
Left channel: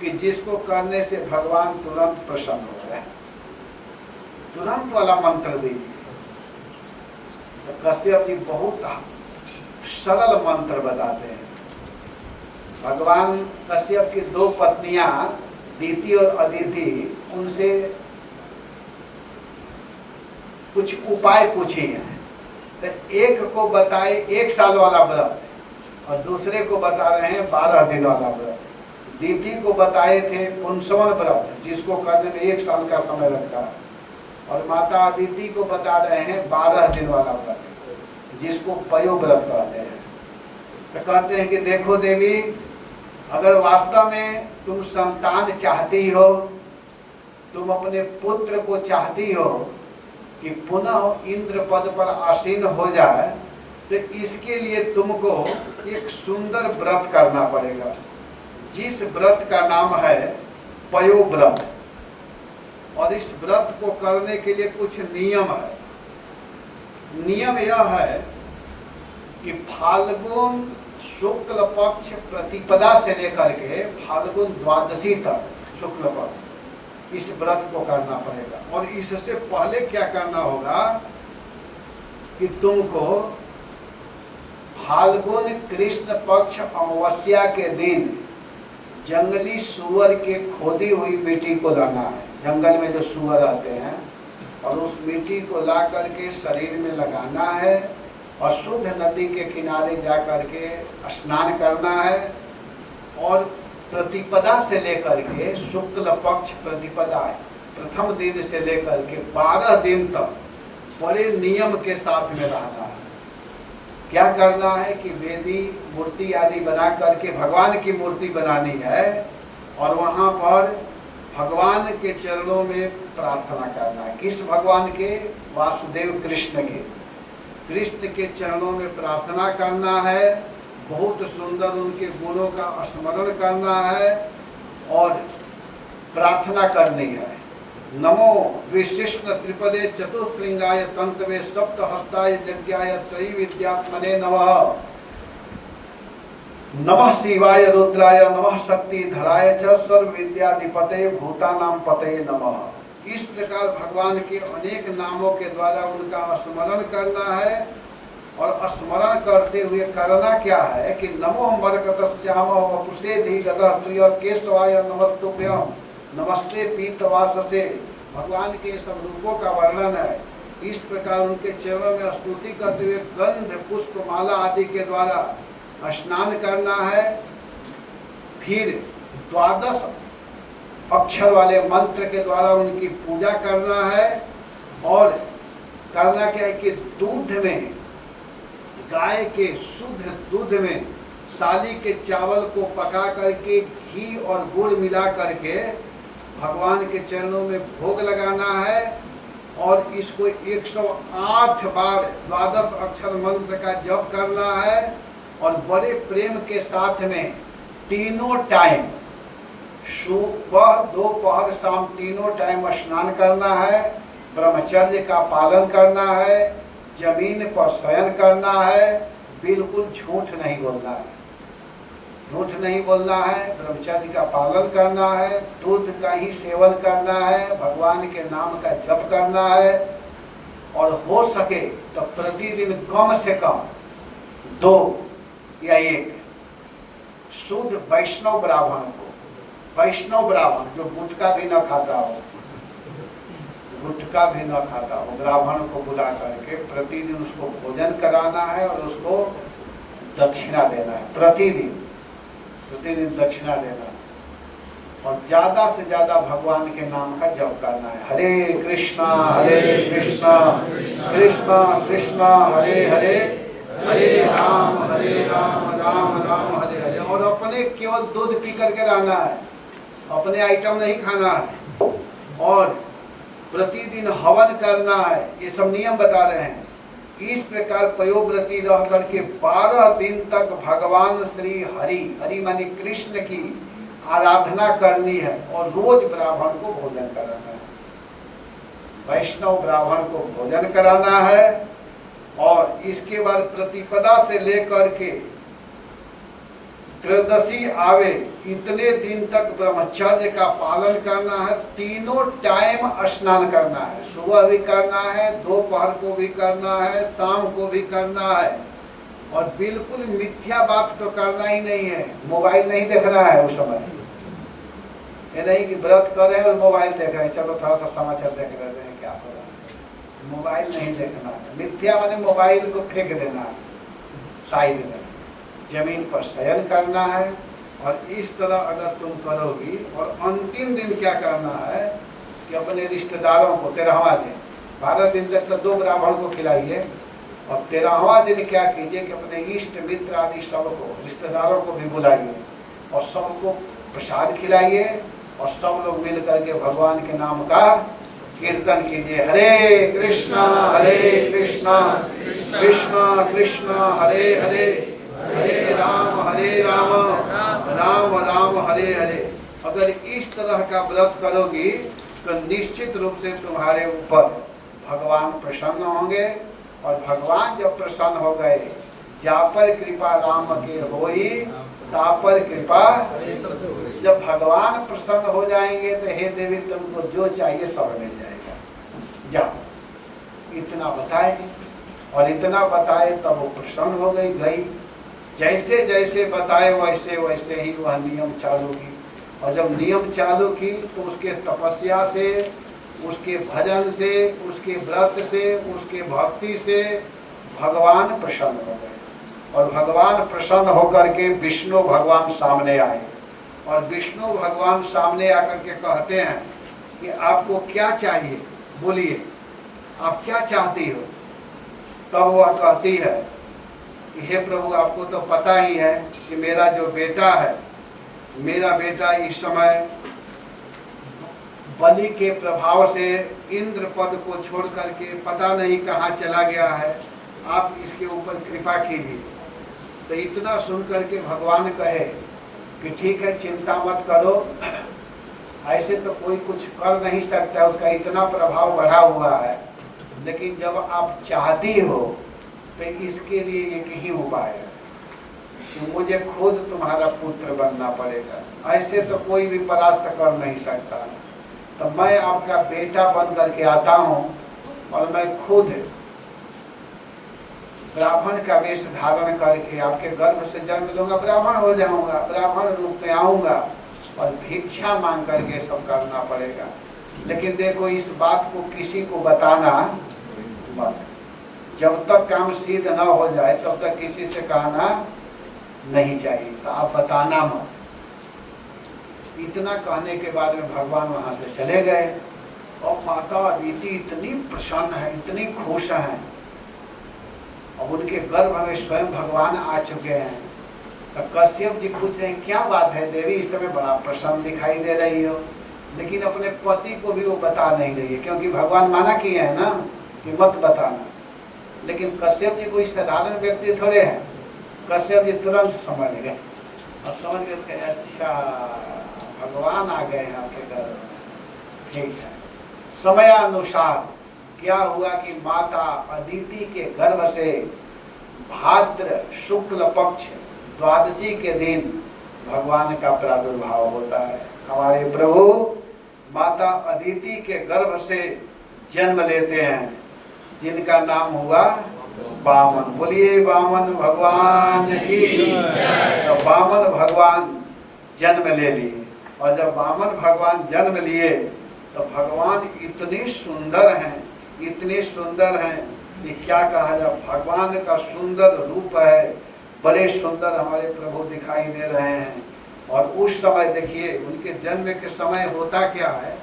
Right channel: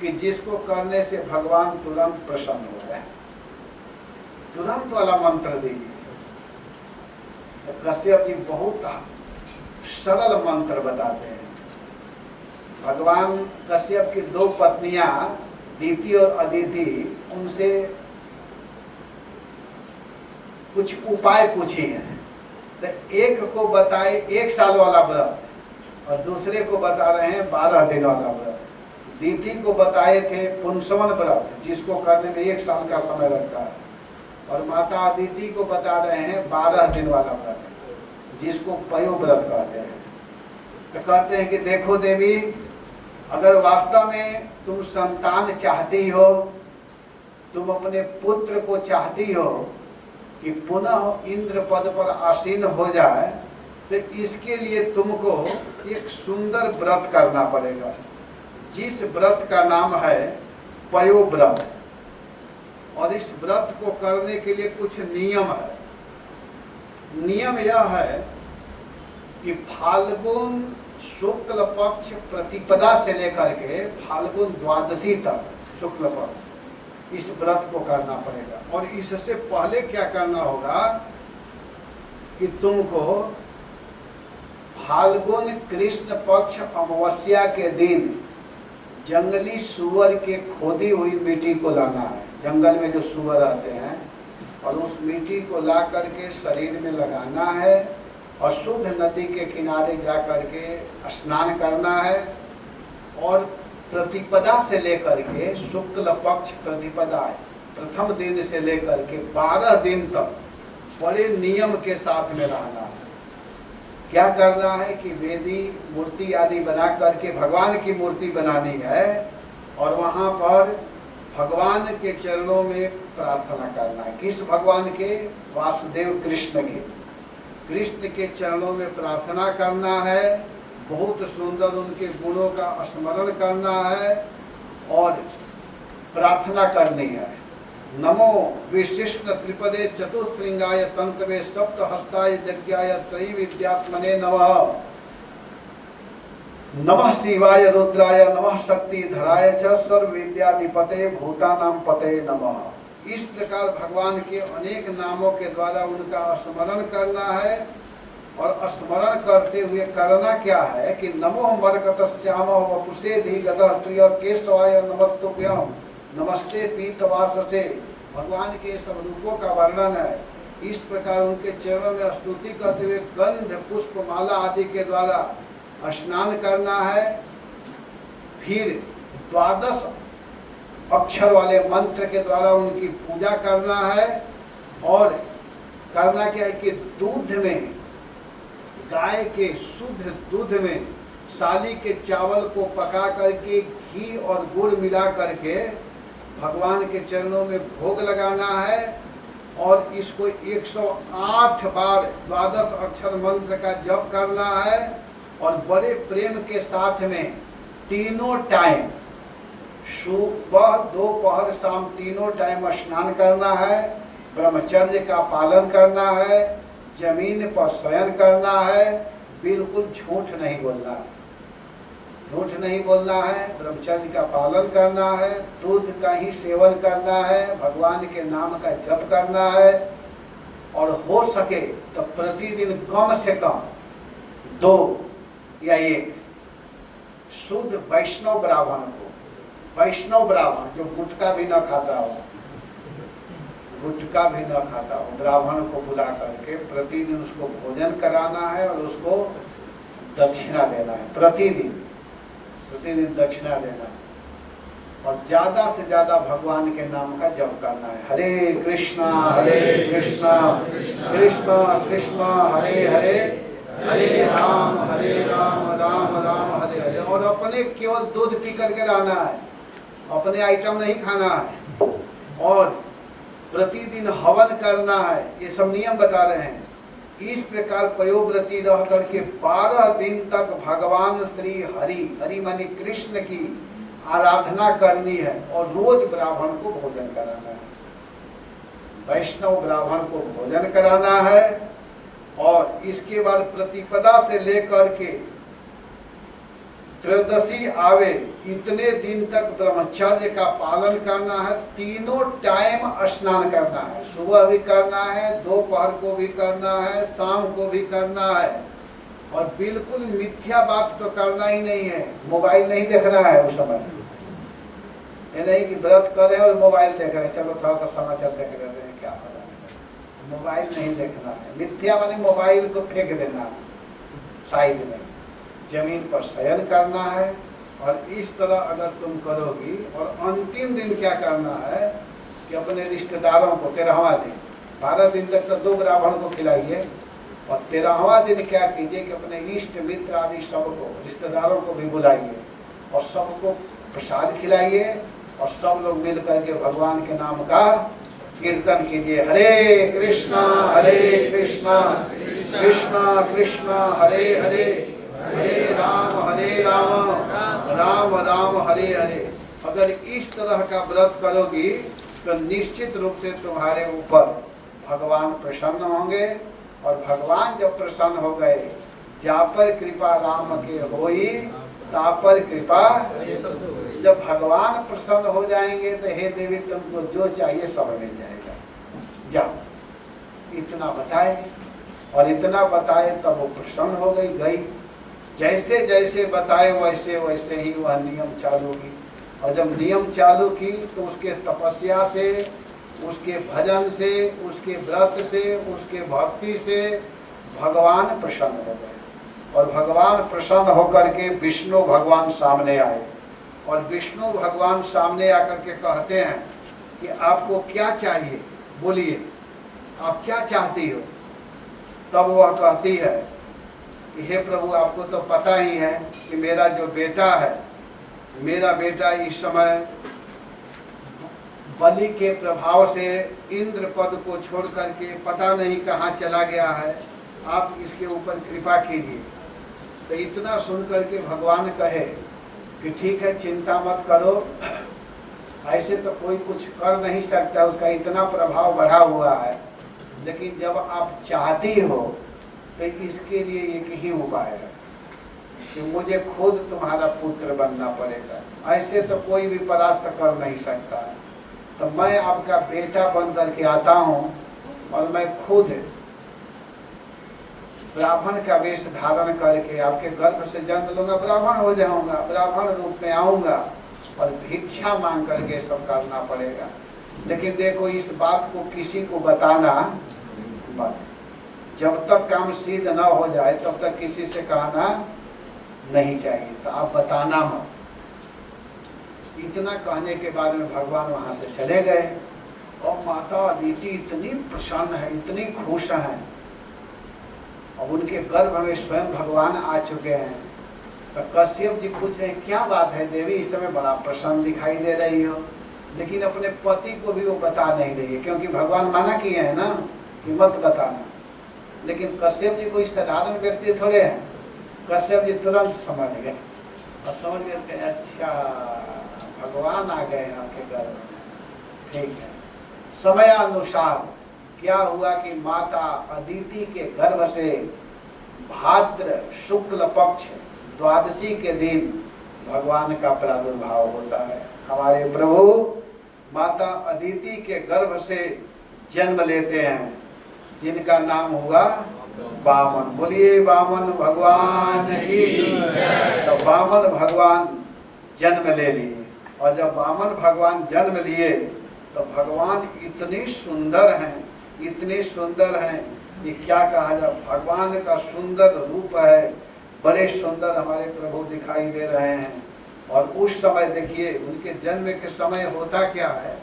कि जिसको करने से भगवान तुरंत प्रसन्न हो जाए। तुरंत वाला मंत्र दीजिए। तो कश्यप जी बहुत सरल मंत्र बताते हैं। भगवान कश्यप की दो पत्नियां दीति और अदिति उनसे कुछ उपाय पूछी हैं। तो एक को बताए 1 साल वाला व्रत और दूसरे को बता रहे हैं 12 दिन वाला व्रत। दीति को बताए थे पुंसवन व्रत जिसको करने में 1 साल का समय लगता है, और माता अदिति को बता रहे हैं 12 दिन वाला व्रत जिसको पयो व्रत कहते हैं। तो कहते हैं कि देखो देवी, अगर वास्तव में तुम संतान चाहती हो, तुम अपने पुत्र को चाहती हो कि पुनः इंद्र पद पर आसीन हो जाए, तो इसके लिए तुमको एक सुंदर व्रत करना पड़ेगा, जिस व्रत का नाम है पयो व्रत। और इस व्रत को करने के लिए कुछ नियम है। नियम यह है कि फाल्गुन शुक्ल पक्ष प्रतिपदा से लेकर के फाल्गुन द्वादशी तक शुक्ल पक्ष इस व्रत को करना पड़ेगा। और इससे पहले क्या करना होगा कि तुमको फाल्गुन कृष्ण पक्ष अमावस्या के दिन जंगली सुअर के खोदी हुई मिट्टी को लाना है। जंगल में जो सुअर आते हैं, और उस मिट्टी को ला करके शरीर में लगाना है और शुद्ध नदी के किनारे जा करके स्नान करना है। और प्रतिपदा से लेकर के शुक्ल पक्ष प्रतिपदा प्रथम दिन से लेकर के 12 दिन तक बड़े नियम के साथ में रहना है। क्या करना है कि वेदी मूर्ति आदि बना करके भगवान की मूर्ति बनानी है, और वहाँ पर भगवान के चरणों में प्रार्थना करना है। किस भगवान के? वासुदेव कृष्ण के। कृष्ण के चरणों में प्रार्थना करना है, बहुत सुंदर उनके गुणों का स्मरण करना है और प्रार्थना करनी है। नमो विशिष्ट त्रिपदे चतुश्रृंगाय तंत्रवे सप्तहस्ताय यज्ञाय त्रैविद्यात्मने नमः। नमः शिवाय रुद्राय नमः शक्ति धराय च सर्व विद्याधिपते भूतानां पते नमः। इस प्रकार भगवान के अनेक नामों के द्वारा उनका स्मरण करना है। और स्मरण करते हुए करना क्या है कि नमो मरकतश्याम वपुषे धीगतः प्रिय केशवाय नमस्तुभ्यं नमस्ते पीतवाससे। भगवान के सब रूपों का वर्णन है। इस प्रकार उनके चरणों में स्तुति करते हुए गंध पुष्प माला आदि के द्वारा स्नान करना है। फिर 12 अक्षर वाले मंत्र के द्वारा उनकी पूजा करना है। और करना क्या है कि दूध में, गाय के शुद्ध दूध में साली के चावल को पका करके घी और गुड़ मिला करके भगवान के चरणों में भोग लगाना है। और इसको 108 बार 12 अक्षर मंत्र का जप करना है। और बड़े प्रेम के साथ में तीनों टाइम, सुबह दोपहर शाम तीनों टाइम स्नान करना है। ब्रह्मचर्य का पालन करना है। जमीन पर शयन करना है। बिल्कुल झूठ नहीं बोलना है। झूठ नहीं बोलना है। ब्रह्मचर्य का पालन करना है। दूध का ही सेवन करना है। भगवान के नाम का जप करना है। और हो सके तो प्रतिदिन कम से कम 2 या 1 शुद्ध वैष्णव ब्राह्मण को, वैष्णव ब्राह्मण जो गुटखा भी न खाता हो, गुटखा भी न खाता हो, ब्राह्मण को बुला करके प्रतिदिन उसको भोजन कराना है और उसको दक्षिणा देना है। प्रतिदिन दक्षिणा देना है। और ज्यादा से ज्यादा भगवान के नाम का जप करना है। हरे कृष्णा कृष्णा कृष्णा हरे हरे, हरे राम राम राम हरे हरे। और अपने केवल दूध पी करके रहना है, अपने आइटम नहीं खाना है। और प्रतिदिन हवन करना है। ये सब नियम बता रहे हैं। इस प्रकार पयोव्रती रह करके 12 दिन तक भगवान श्री हरि मानी कृष्ण की आराधना करनी है। और रोज ब्राह्मण को भोजन कराना है, वैष्णव ब्राह्मण को भोजन कराना है। और इसके बाद प्रतिपदा से लेकर के त्रयोदशी आवे इतने दिन तक ब्रह्मचर्य का पालन करना है। तीनों टाइम स्नान करना है, सुबह भी करना है, दोपहर को भी करना है, शाम को भी करना है। और बिल्कुल मिथ्या बात तो करना ही नहीं है। मोबाइल नहीं देखना है उस समय, ये नहीं कि व्रत कर रहे हैं और मोबाइल देख रहे हैं, चलो थोड़ा सा समाचार देख रहे हैं क्या हो रहा है। मोबाइल नहीं देखना है। मिथ्या माने मोबाइल को फेंक देना है साइड में, जमीन पर शयन करना है। और इस तरह अगर तुम करोगी, और अंतिम दिन क्या करना है कि अपने रिश्तेदारों को 13वां दिन, 12 दिन तक तो 2 ब्राह्मण को खिलाइए, और 13वां दिन क्या कीजिए कि अपने इष्ट मित्र आदि सबको, रिश्तेदारों को भी बुलाइए और सबको प्रसाद खिलाइए, और सब लोग मिल करके भगवान के नाम का कीर्तन कीजिए। हरे कृष्णा कृष्णा कृष्णा हरे हरे, हरे राम राम राम हरे हरे। अगर इस तरह का व्रत करोगी तो निश्चित रूप से तुम्हारे ऊपर भगवान प्रसन्न होंगे। और भगवान जब प्रसन्न हो गए, जा पर कृपा राम के होई ता पर कृपा। जब भगवान प्रसन्न हो जाएंगे तो हे देवी तुमको जो चाहिए सब मिल जाएगा। जाओ, इतना बताए, और इतना बताए तब वो प्रसन्न हो गई। जैसे जैसे बताए वैसे वैसे ही वह नियम चालू की। और जब नियम चालू की तो उसके तपस्या से, उसके भजन से, उसके व्रत से, उसके भक्ति से भगवान प्रसन्न हो गए। और भगवान प्रसन्न होकर के विष्णु भगवान सामने आए, और विष्णु भगवान सामने आकर के कहते हैं कि आपको क्या चाहिए, बोलिए आप क्या चाहती हो। तब वह कहती है कि हे प्रभु, आपको तो पता ही है कि मेरा जो बेटा है, मेरा बेटा इस समय बलि के प्रभाव से इंद्र पद को छोड़ करके पता नहीं कहाँ चला गया है, आप इसके ऊपर कृपा कीजिए। तो इतना सुन करके भगवान कहे कि ठीक है, चिंता मत करो, ऐसे तो कोई कुछ कर नहीं सकता, उसका इतना प्रभाव बढ़ा हुआ है, लेकिन जब आप चाहती हो तो इसके लिए एक ही उपाय है कि मुझे खुद तुम्हारा पुत्र बनना पड़ेगा। ऐसे तो कोई भी परास्त कर नहीं सकता। तो मैं आपका बेटा बन करके आता हूँ, और मैं खुद ब्राह्मण का वेश धारण करके आपके गर्भ से जन्म लूंगा, ब्राह्मण हो जाऊंगा, ब्राह्मण रूप में आऊंगा, और भिक्षा मांग करके सब करना पड़ेगा। लेकिन देखो, इस बात को किसी को बताना मत। जब तक काम सिद्ध न हो जाए तब तक किसी से कहना नहीं चाहिए, तो आप बताना मत। इतना कहने के बाद में भगवान वहां से चले गए। और माता अदिति इतनी प्रसन्न है, इतनी खुश हैं। अब उनके गर्भ में स्वयं भगवान आ चुके हैं। तो कश्यप जी पूछ रहे हैं, क्या बात है देवी, इस समय बड़ा प्रसन्न दिखाई दे रही हो, लेकिन अपने पति को भी वो बता नहीं रही है, क्योंकि भगवान मना किए हैं ना कि मत बताना। लेकिन कश्यप जी कोई साधारण व्यक्ति थोड़े हैं। कश्यप जी तुरंत समझ गए, और समझ गए कि अच्छा भगवान आ गए हैं आपके गर्भ में, ठीक है। समयानुसार क्या हुआ कि माता अदिति के गर्भ से भाद्र शुक्ल पक्ष द्वादशी के दिन भगवान का प्रादुर्भाव होता है। हमारे प्रभु माता अदिति के गर्भ से जन्म लेते हैं, जिनका नाम हुआ वामन। बोलिए वामन भगवान की जय। तो वामन भगवान जन्म ले लिए, और जब वामन भगवान जन्म लिए तो भगवान इतने सुंदर हैं, इतने सुंदर हैं कि क्या कहा जाए। भगवान का सुंदर रूप है, बड़े सुंदर हमारे प्रभु दिखाई दे रहे हैं। और उस समय देखिए, उनके जन्म के समय होता क्या है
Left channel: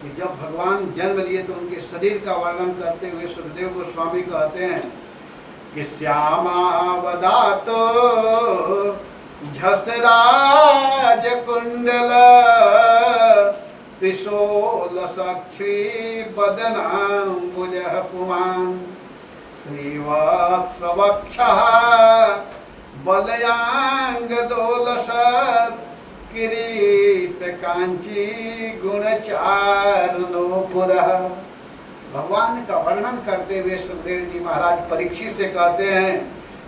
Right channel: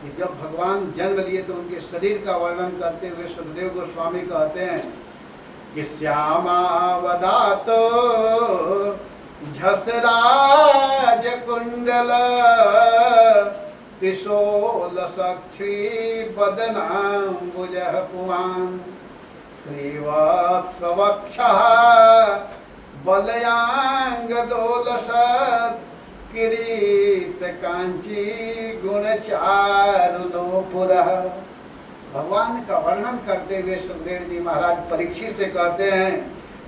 कि जब भगवान जन्म लिए तो उनके शरीर का वर्णन करते हुए सुखदेव गोस्वामी कहते हैं कि श्यामावदातो झसराज कुंडल त्रिशूल सक्षी बदनाम्बुजः पुमान् श्रीवत्सवक्षः बलयांग दोलसत् किरीट कांची गुणचारुणो पुरः भगवान का वर्णन करते हुए सुखदेव जी महाराज परीक्षित से कहते हैं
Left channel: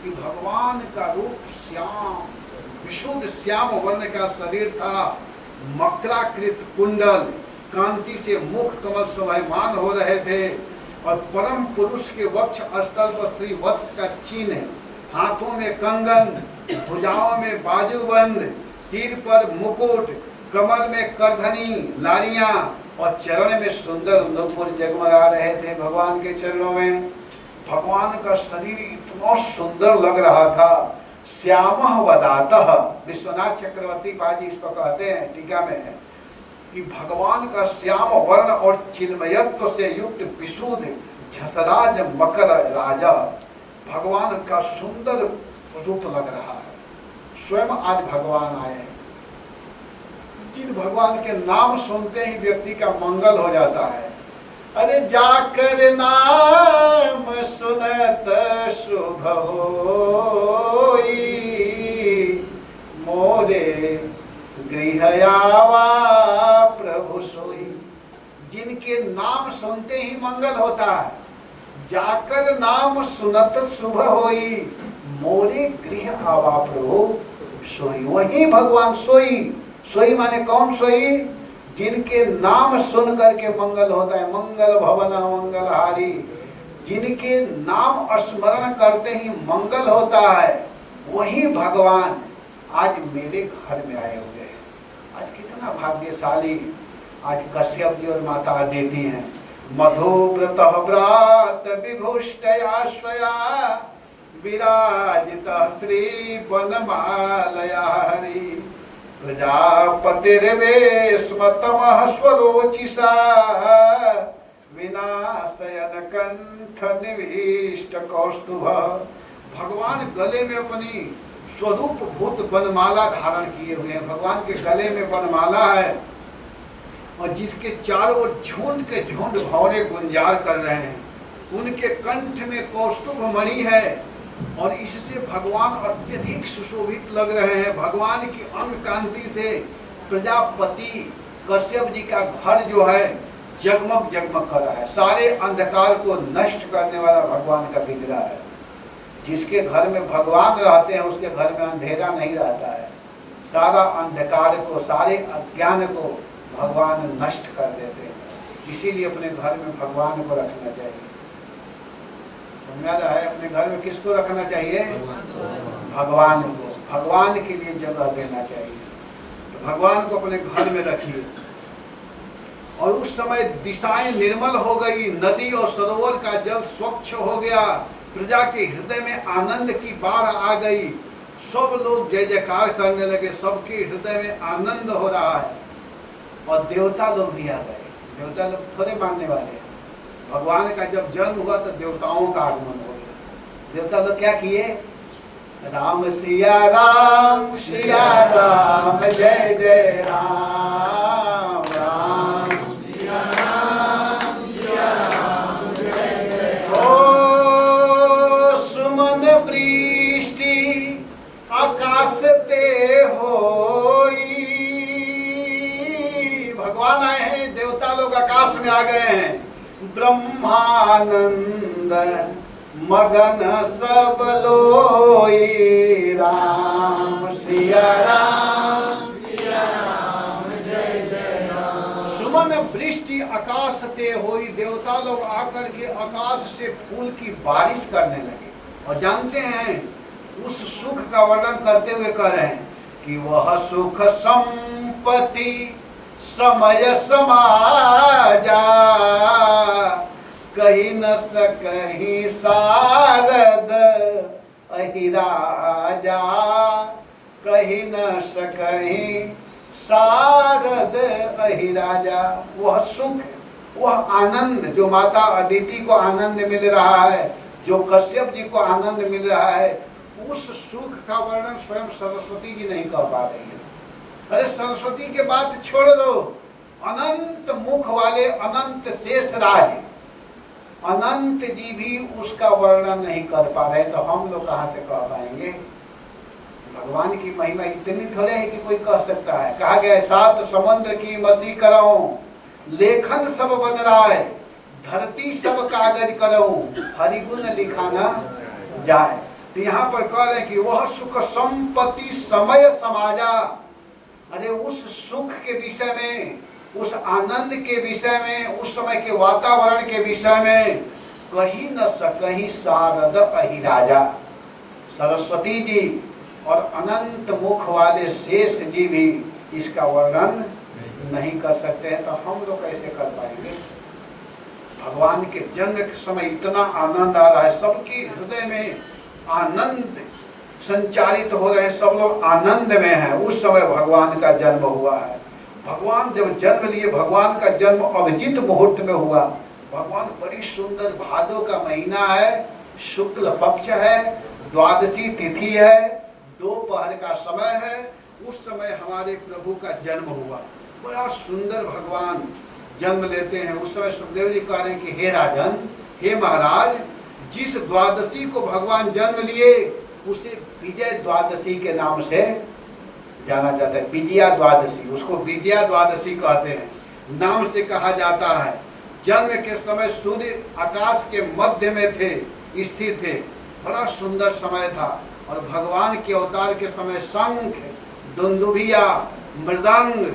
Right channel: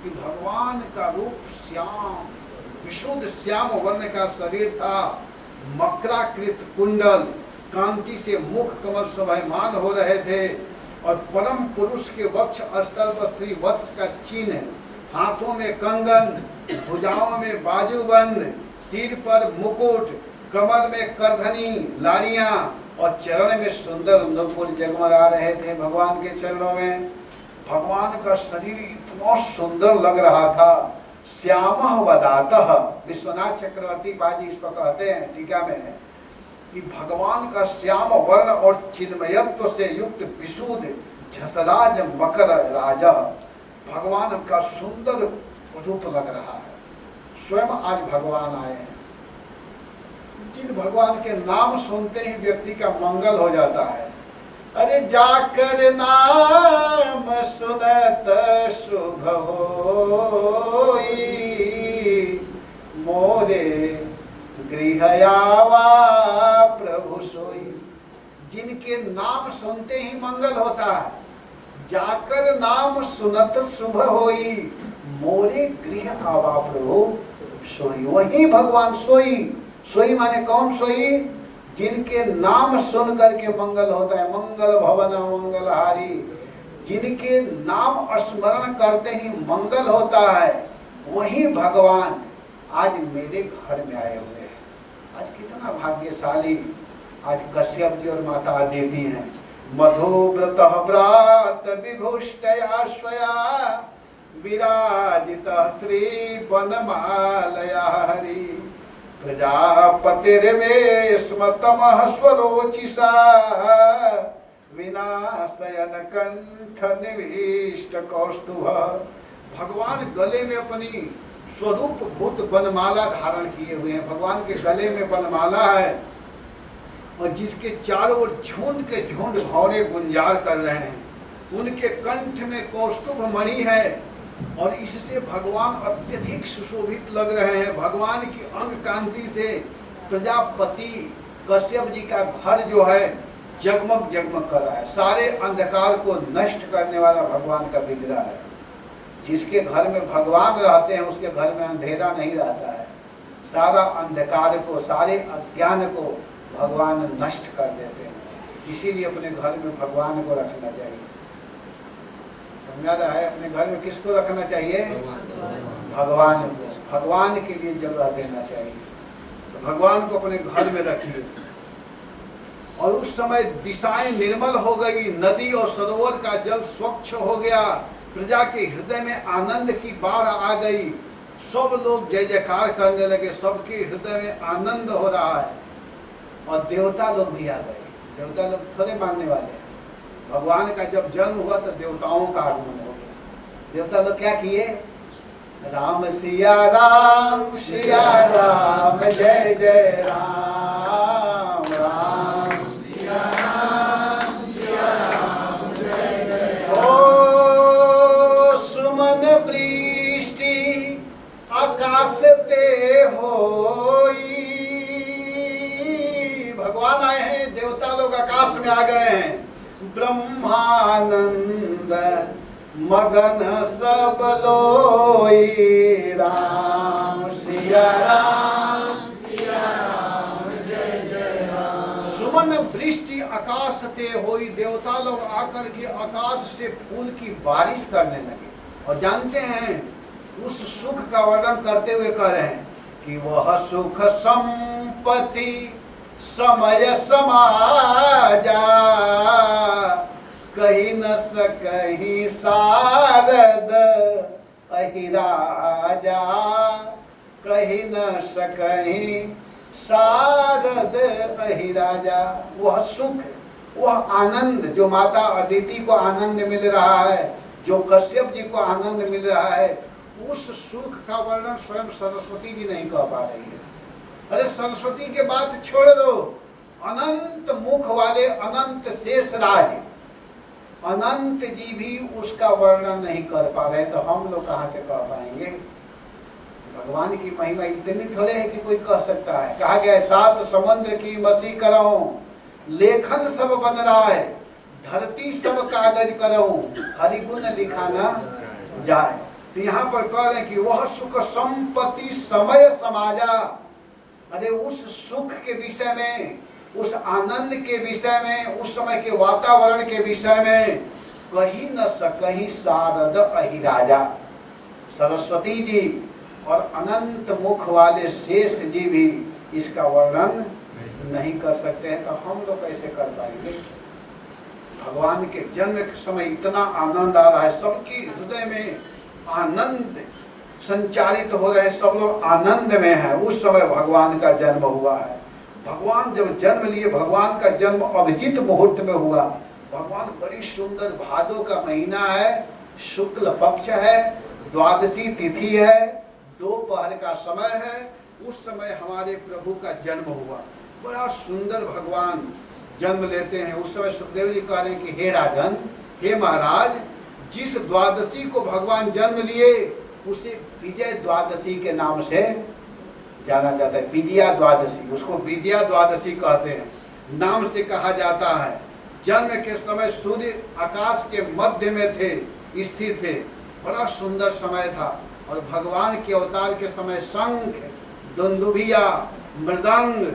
कि भगवान का रूप श्याम, विशुद्ध श्याम वर्ण का शरीर था, मकराकृत कुंडल, कांति से मुख कमल शोभायमान हो रहे थे और परम पुरुष के वक्ष स्थल पर त्रिवत्स का चिन्ह, हाथों में कंगन, भुजाओं में बाजूबंद, सिर पर मुकुट, कमर में करधनी लाड़ियां और चरण में सुंदर नूपुर जगमगा रहे थे। भगवान के चरणों में भगवान का शरीर इतना सुंदर लग रहा था। श्यामः वदातः, विश्वनाथ चक्रवर्ती बाजी इस पर कहते हैं टीका में है कि भगवान का श्याम वर्ण और चिन्मयत्व से युक्त विशुद्ध झसराज मकर राजा, भगवान का सुंदर रूप लग रहा है। स्वयं आज भगवान आए हैं। जिन भगवान के नाम सुनते ही व्यक्ति का मंगल हो जाता है। अरे जाकर नाम सुनत शुभ होई, मोरे गृह आवा प्रभु सोई। जिनके नाम सुनते ही मंगल होता है, जाकर नाम सुनत शुभ होई, मोरे गृह आवा प्रभु सोई। वही भगवान सोई। सोई माने कौन सोई? जिनके नाम सुन करके मंगल होता है। मंगल भवन मंगलहारी, जिनके नाम स्मरण करते ही मंगल होता है, वही भगवान आज मेरे घर में आए हुए हैं। आज कितना भाग्यशाली आज कश्यप जी और माता अदिति हैं। मधुव्रत व्रात विभुष्टया स्वया विराजित स्त्री वनमालया हरि, प्रजापतिर्वेश्मतमः स्वरोचिषा विनाशयन कंठ निविष्ट कौस्तुभ। भगवान गले में अपनी स्वरूप भूत वनमाला धारण किए हुए हैं। भगवान के गले में वनमाला है और जिसके चारों ओर झुंड के झुंड भौरे गुंजार कर रहे हैं। उनके कंठ में कौस्तुभ मणि है और इससे भगवान अत्यधिक सुशोभित लग रहे हैं। भगवान की अंग कांति से प्रजापति कश्यप जी का घर जो है जगमग जगमग कर रहा है। सारे अंधकार को नष्ट करने वाला भगवान का विग्रह है। जिसके घर में भगवान रहते हैं उसके घर में अंधेरा नहीं रहता है। सारा अंधकार को, सारे अज्ञान को भगवान नष्ट कर देते हैं। इसीलिए अपने घर में भगवान को रखना चाहिए। समझ रहा है? अपने घर में किसको रखना चाहिए? भगवान को। भगवान के लिए जगह देना चाहिए। तो भगवान को अपने घर में रखिए। और उस समय दिशाएं निर्मल हो गई, नदी और सरोवर का जल स्वच्छ हो गया, प्रजा के हृदय में आनंद की बाढ़ आ गई। सब लोग जय जयकार करने लगे, सबके हृदय में आनंद हो रहा है। और देवता लोग भी आ गए। देवता लोग थोड़े मानने वाले हैं। भगवान का जब जन्म हुआ तो देवताओं का आगमन हो गया। देवता लोग क्या किए? राम सिया राम जय जय राम, राम सिया राम जय जय। ओ सुमन वृष्टि आकाश ते होई। भगवान आए हैं, देवता लोग आकाश में आ गए हैं। ब्रह्मानंद मगन सब लोई, राम सिया राम जय जय राम। सुमन वृष्टि आकाश ते होई। देवता लोग आकर के आकाश से फूल की बारिश करने लगे। और जानते हैं उस सुख का वर्णन करते हुए कह रहे हैं कि वह सुख संपत्ति समय समाजा, कही न सकही सारद अहिराजा, कही न सकही सारद अहिराजा। वह सुख, वह आनंद जो माता अदिति को आनंद मिल रहा है, जो कश्यप जी को आनंद मिल रहा है, उस सुख का वर्णन स्वयं सरस्वती जी नहीं कर पा रही है। अरे सरस्वती के बात छोड़ दो, अनंत मुख वाले अनंत शेष राज अनंत जी भी उसका वर्णन नहीं कर पा रहे, तो हम लोग कहां से कह पाएंगे? भगवान की महिमा इतनी थोड़े है कि कोई कह सकता है। कहा गया 7 समुद्र की मसी कराऊं, लेखन सब बन रहा है, धरती सब कागज करऊं हरिगुण लिखा न जाए। तो यहाँ पर कह रहे हैं कि वह सुख संपत्ति समय समाजा। अरे उस सुख के विषय में, उस आनंद के विषय में, उस समय के वातावरण के विषय में कही न सकही शारद अहिराजा। सरस्वती जी और अनंत मुख वाले शेष जी भी इसका वर्णन नहीं कर सकते हैं, तो हम लोग कैसे कर पाएंगे। भगवान के जन्म के समय इतना आनंद आ रहा है, सबके हृदय में आनंद संचारित हो रहे हैं, सब लोग आनंद में हैं। उस समय भगवान का जन्म हुआ है। भगवान जब जन्म लिए, भगवान का जन्म अभिजित मुहूर्त में हुआ। भगवान बड़ी सुंदर, भादो का महीना है, शुक्ल पक्ष है, द्वादशी तिथि है, दोपहर का समय है। उस समय हमारे प्रभु का जन्म हुआ। बड़ा सुंदर भगवान जन्म लेते हैं। उस समय सुखदेव जी कह रहे हैं कि हे राजन, हे महाराज, जिस द्वादशी को भगवान जन्म लिए उसे विजय द्वादशी के नाम से जाना जाता है। विजया द्वादशी, उसको विजया द्वादशी कहते हैं, नाम से कहा जाता है। जन्म के समय सूर्य आकाश के मध्य में थे, स्थित थे। बड़ा सुंदर समय था। और भगवान के अवतार के समय शंख, दुंदुभिया, मृदंग,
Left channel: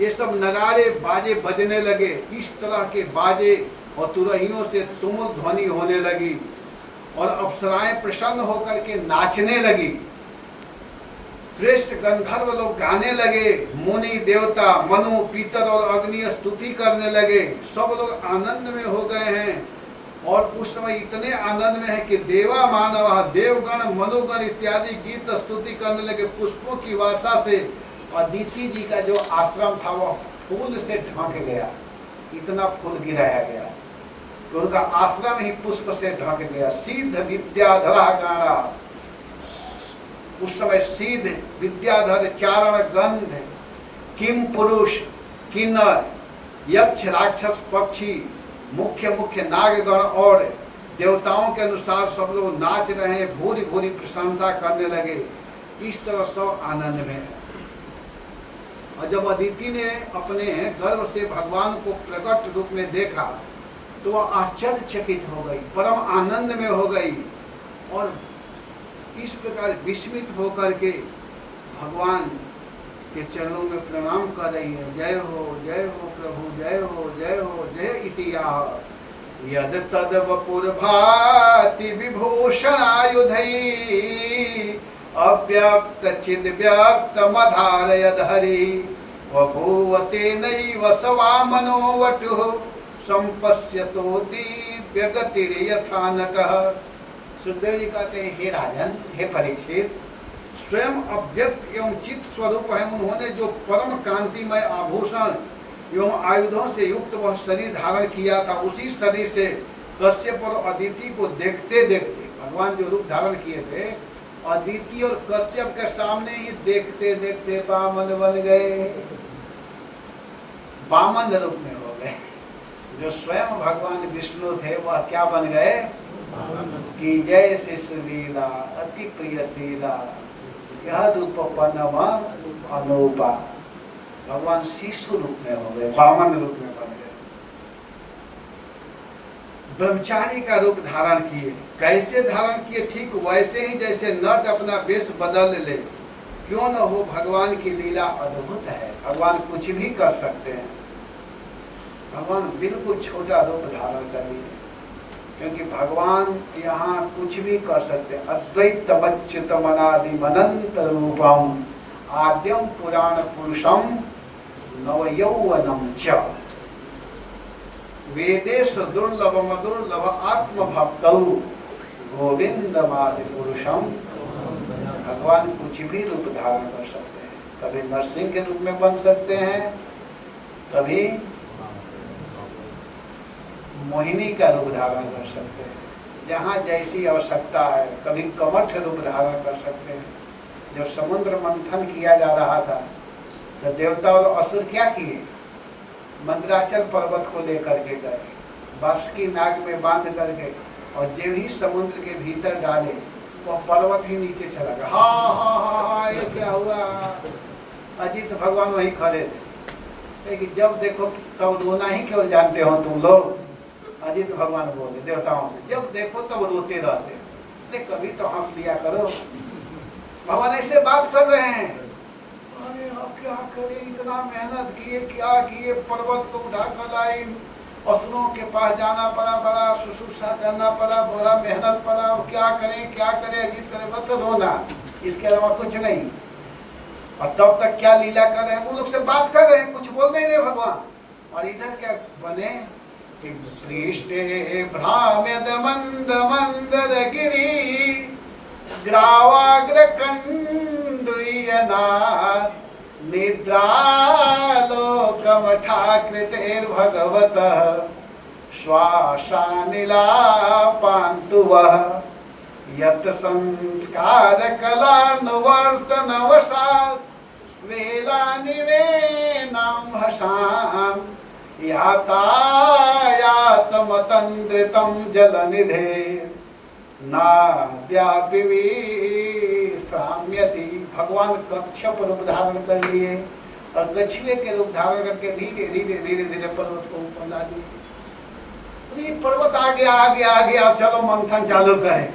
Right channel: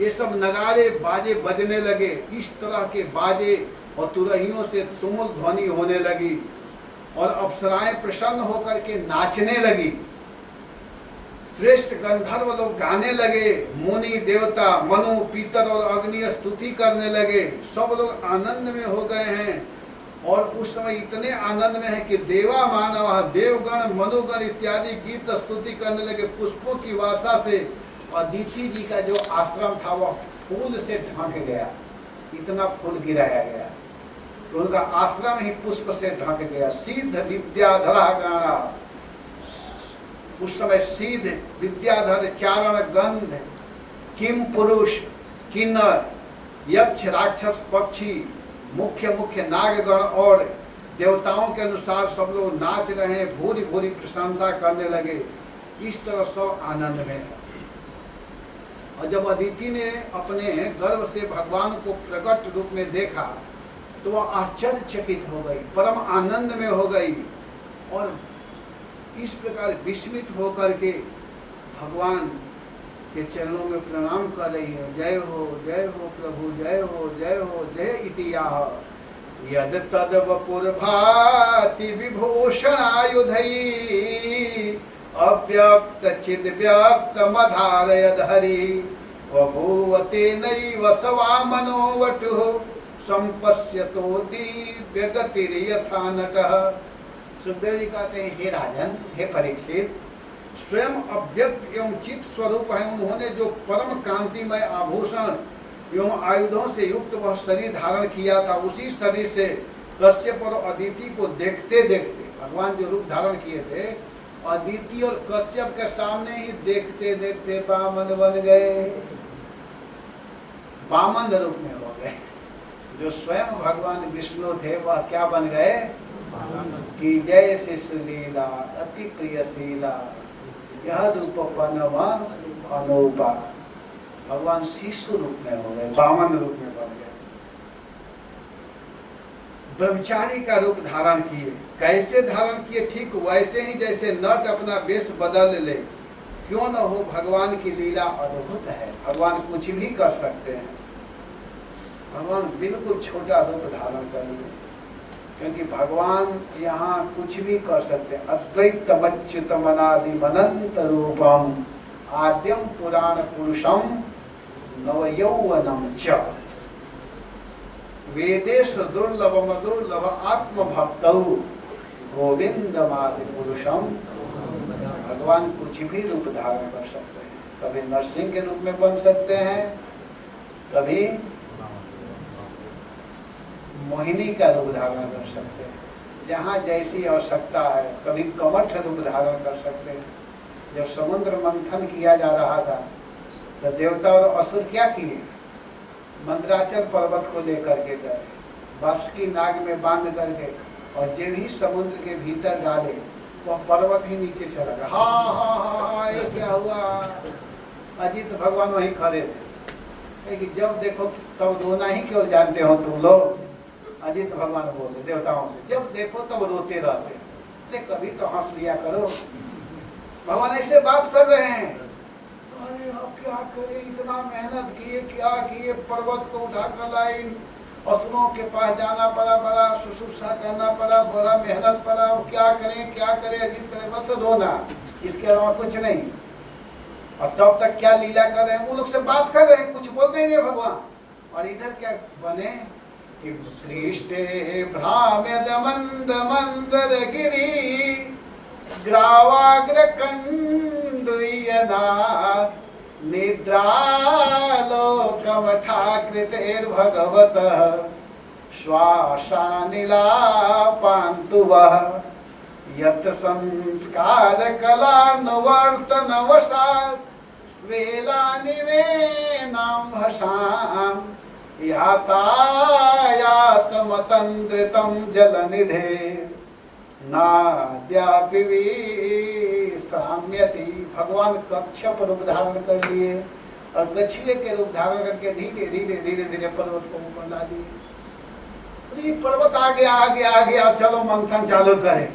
ये सब नगाड़े बाजे बजने लगे। इस तरह के बाजे और तुरहियों से तुमुल ध्वनि होने लगी और अप्सराएं प्रसन्न होकर के नाचने लगी। श्रेष्ठ गंधर्व लोग गाने लगे। मुनि देवता, मनु, पीतर और अग्नि स्तुति करने लगे। सब लोग आनंद में हो गए हैं। और उस समय इतने आनंद में है कि देवा मानव, देवगण, मनुगण इत्यादि गीत स्तुति करने लगे। पुष्पों की वर्षा से अदिति जी का जो आश्रम था वह फूल से ढक गया, इतना फूल गिराया गया। तो उनका आश्रम ही पुष्प से ढक गया। सिद्ध विद्याधरा गाना, उस समय सिद्ध विद्याधर, चारण गंध, किम पुरुष, किन्नर, यक्ष, राक्षस, पक्षी, मुख्य मुख्य नागगण और देवताओं के अनुसार सब लोग नाच रहे हैं, भूरी भूरी प्रशंसा करने लगे। इस तरह सब आनंद में है। और जब अदिति ने अपने गर्भ से भगवान को प्रकट रूप में देखा तो वह आश्चर्यचकित हो गई, परम आनंद में हो गई और इस प्रकार विस्मित होकर के भगवान के चरणों में प्रणाम कर रही है। जय हो प्रभु, जय हो जय इतिहास। यद तद वपुर भाति विभूषण आयुधई अव्यक्त चिद व्यक्त मधारयद हरि वभूवते नैव सवा मनोवटु संपश्यतो दिव्य गतिर यथा नटः। सुखदेव जी कहते हैं, हे राजन, हे परीक्षित, स्वयं अव्यक्त एवं चित्त स्वरूप है। उन्होंने जो परम कांतिमय आभूषण एवं आयुधों से युक्त वह शरीर धारण किया था, उसी शरीर से कश्यप और अदिति को देखते देखते भगवान जो रूप धारण किए थे, अदिति और कश्यप के सामने ही देखते देखते वामन बन गए, वामन रूप में हो गए। जो स्वयं भगवान विष्णु थे वह क्या बन गए कि जय शिशुलीला अति प्रियशीला यह रूपपनम अनूपा। भगवान शिशु रूप में हो गए, वामन रूप में बन गए। ब्रह्मचारी का रूप धारण किए। कैसे धारण किए? ठीक वैसे ही जैसे नट अपना वेश बदल ले। क्यों न हो, भगवान की लीला अद्भुत है। भगवान कुछ भी कर सकते हैं। भगवान बिल्कुल छोटा रूप धारण कर लिए, क्योंकि भगवान यहाँ कुछ भी कर सकते हैं। अद्वैतमच्युतम अनादिम अनंत रूपम आद्यम पुराण पुरुषम नवयौवनम च वेदेषु दुर्लभम दुर्लभ आत्मभक्तौ गोविंदमादि पुरुषम। भगवान कुछ भी रूप धारण कर सकते हैं। कभी नरसिंह के रूप में बन सकते हैं, कभी मोहिनी का रूप धारण कर सकते हैं, जहाँ जैसी आवश्यकता है। कभी कमठ रूप धारण कर सकते हैं। जब समुद्र मंथन किया जा रहा था तो देवता और असुर क्या किए? मंदराचल पर्वत को लेकर के गए, वासुकी नाग में बांध करके, और जब ही समुद्र के भीतर डाले वो पर्वत ही नीचे चला गया। हा, ये क्या हुआ? अजित भगवान वहीं खड़े थे कि जब देखो तब रोना ही क्यों जानते हो तुम लोग? अजित भगवान बोले देवताओं से, जब देखो तब रोते रहते, नहीं कभी तो हंस लिया करो। भगवान ऐसे बात कर रहे हैं, अरे अब क्या करे, इतना मेहनत किए, क्या किए, पर्वत को उठा कर लाई, असुरों के पास जाना पड़ा, बड़ा शुश्रूषा करना पड़ा, बड़ा मेहनत पड़ा, क्या करें क्या करें, अजीत करें, बस रोना, इसके अलावा कुछ नहीं। और तब तक क्या लीला कर रहे हैं, वो लोग से बात कर रहे हैं, कुछ बोल नहीं रहे भगवान। और इधर क्या बने कि पृष्ठे भ्राम्यद मंद मंदर गिरी ग्रावाग्र कंडुयनाथ निद्रालोकमठाकृतेर्भगवतः श्वासानिलापान्तुवः यत् संस्कार कलानुवर्तनवशात् वेलानिवेनां हसां यातायातमतन्द्रितं जलनिधे नाद्यापि विश्राम्यति। भगवान कच्छप रूप धारण कर लिए और कछुए के रूप धारण करके धीरे धीरे धीरे धीरे पर्वत को ऊपर ला दिए। ये पर्वत आ गया आ गया आ गया, अब चलो मंथन चालू करें।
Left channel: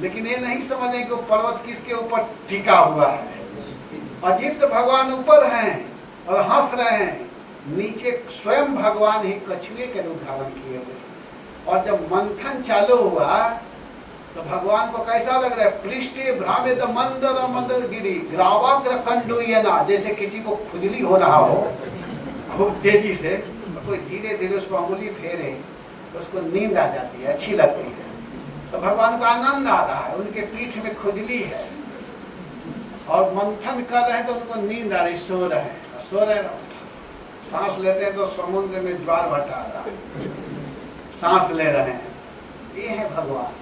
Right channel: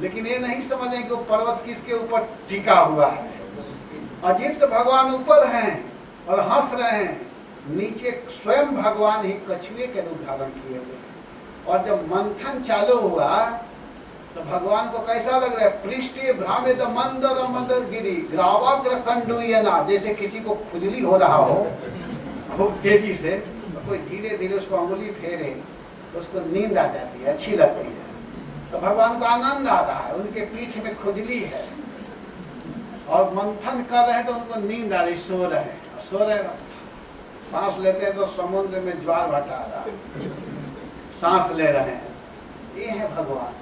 लेकिन ये नहीं समझे कि वो पर्वत किसके ऊपर टिका हुआ है। अजित भगवान ऊपर हैं और हंस रहे हैं, नीचे स्वयं भगवान ही कछुए के रूप धारण किए हुए। और जब मंथन चालू हुआ तो भगवान को कैसा लग रहा है, पृष्ठे भ्रामित मंदर मंदर गिरी ग्रावाग्र कंडुयना, जैसे किसी को खुजली हो रहा हो खूब तेजी से, कोई धीरे धीरे उसको अंगुली फेरे तो उसको नींद आ जाती है, अच्छी लगती है। तो भगवान को आनंद आ रहा है, उनके पीठ में खुजली है और मंथन कर रहे हैं तो उनको नींद आ रही, सो रहे हैं, सो रहे सांस लेते हैं तो समुद्र में ज्वार भाटा आ रहा है, सांस ले रहे हैं। ये है भगवान।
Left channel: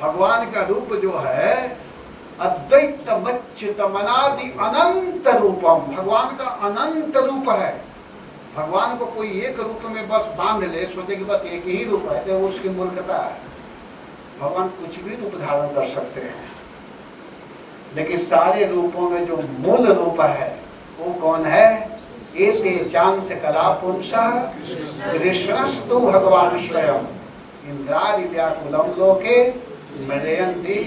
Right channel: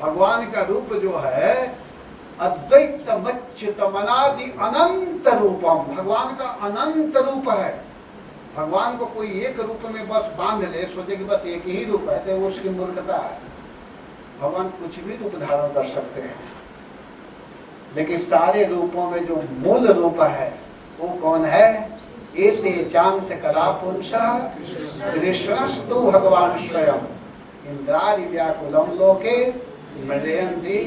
भगवान का रूप जो है अद्वैत मच्युतमनादि अनंत रूपम, भगवान का अनंत रूप है। भगवान को कोई एक रूप में बस बांध ले, सोचे कि बस एक ही रूप है, तो उसकी मूर्खता है। भगवान कुछ भी रूप धारण कर सकते हैं, लेकिन सारे रूपों में जो मूल रूप है वो कौन है, ऐसे चांस कला पुरुषः कृष्णस्तु भगवान स्वयं इंद्रादि व्याकुलम लोके मृदयन्ति।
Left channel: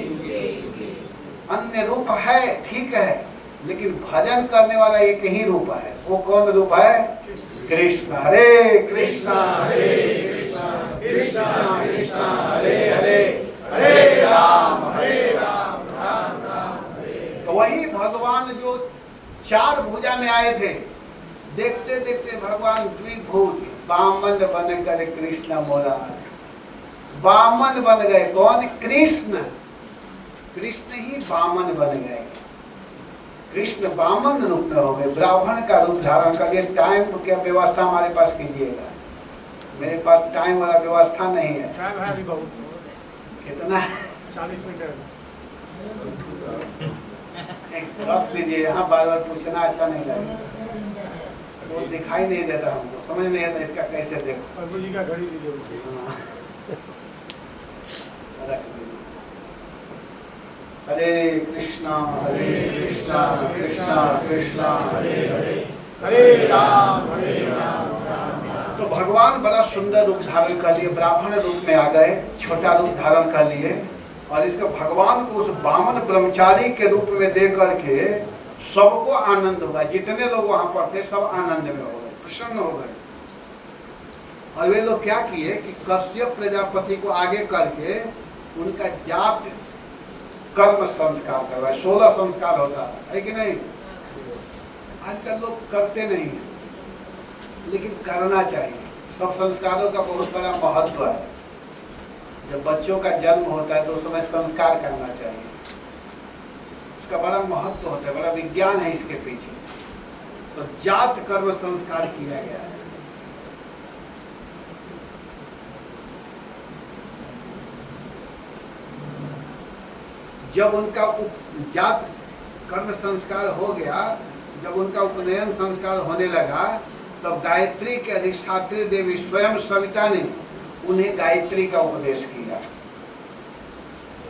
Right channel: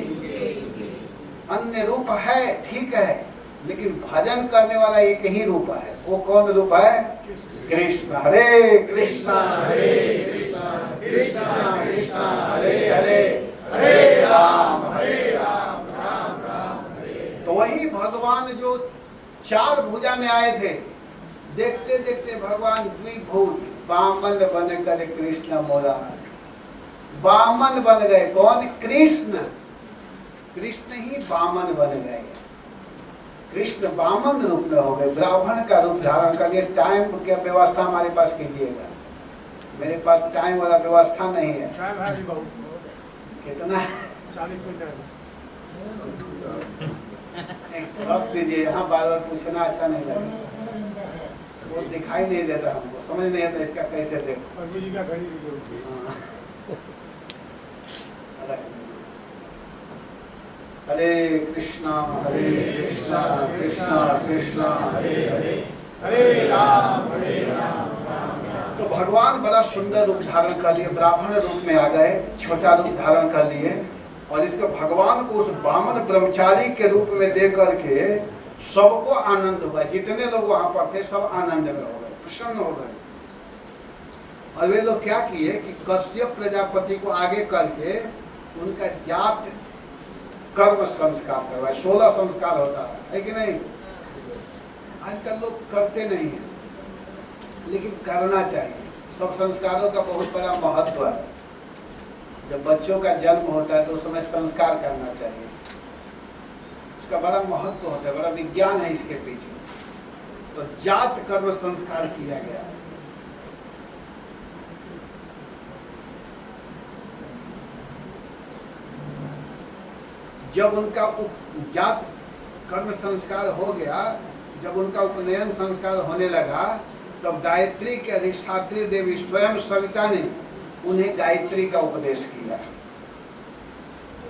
अन्य रूप है ठीक है, लेकिन भजन करने वाला एक ही रूप है। वो कौन रूप है, कृष्ण। हरे कृष्णा कृष्णा कृष्णा हरे हरे, हरे राम राम राम हरे। तो वही भगवान जो चार भुजा में आए थे, देखते देखते भगवान द्विभुज वामन बन कर कृष्ण मोरा, वामन बन गए। कौन, कृष्ण। कृष्ण ही वामन बन गए, कृष्ण वामन रूप में हो गए, ब्राह्मण का रूप धारण करके। टाइम की व्यवस्था हमारे पास कीजिएगा, मेरे पास टाइम वाला व्यवस्था नहीं है। कितना 40 मिनट रख दीजिए, यहाँ बार बार पूछना अच्छा नहीं लगेगा, वो दिखाई नहीं देता हमको, समझ नहीं आता इसका कैसे देखो। प्रभु जी का घड़ी दीजिए। हरे कृष्णा कृष्णा कृष्णा हरे हरे, हरे राम राम। तो भगवान बड़ा सुंदर रूप धारण कर लिए, ब्राह्मण रूप में आ गए, छोटा रूप धारण कर लिए। और इसके भगवान को उस वामन ब्रह्मचारी के रूप में दे करके सबको आनंद हुआ। जितने लोग वहां पर थे सब आनंद में हो गए, प्रसन्न हो गए। और वे लोग क्या किए कि कश्यप प्रजापति को आगे करके उनका जात कर्म संस्कार करवाए। 16 संस्कार होता है कि नहीं। आजकल लोग करते नहीं है, लेकिन करना चाहिए। सब संस्कारों का बहुत बड़ा महत्व है। जब बच्चों का जन्म होता है तो उस समय संस्कार करना चाहिए, उसका बड़ा महत्व होता है, बड़ा विज्ञान है इसके पीछे। तो जात कर्म संस्कार किया गया है। जब उनका जात कर्म संस्कार हो गया, जब उनका उपनयन संस्कार होने लगा, तब गायत्री के अधिष्ठात्री देवी स्वयं सविता ने उन्हें गायत्री का उपदेश किया।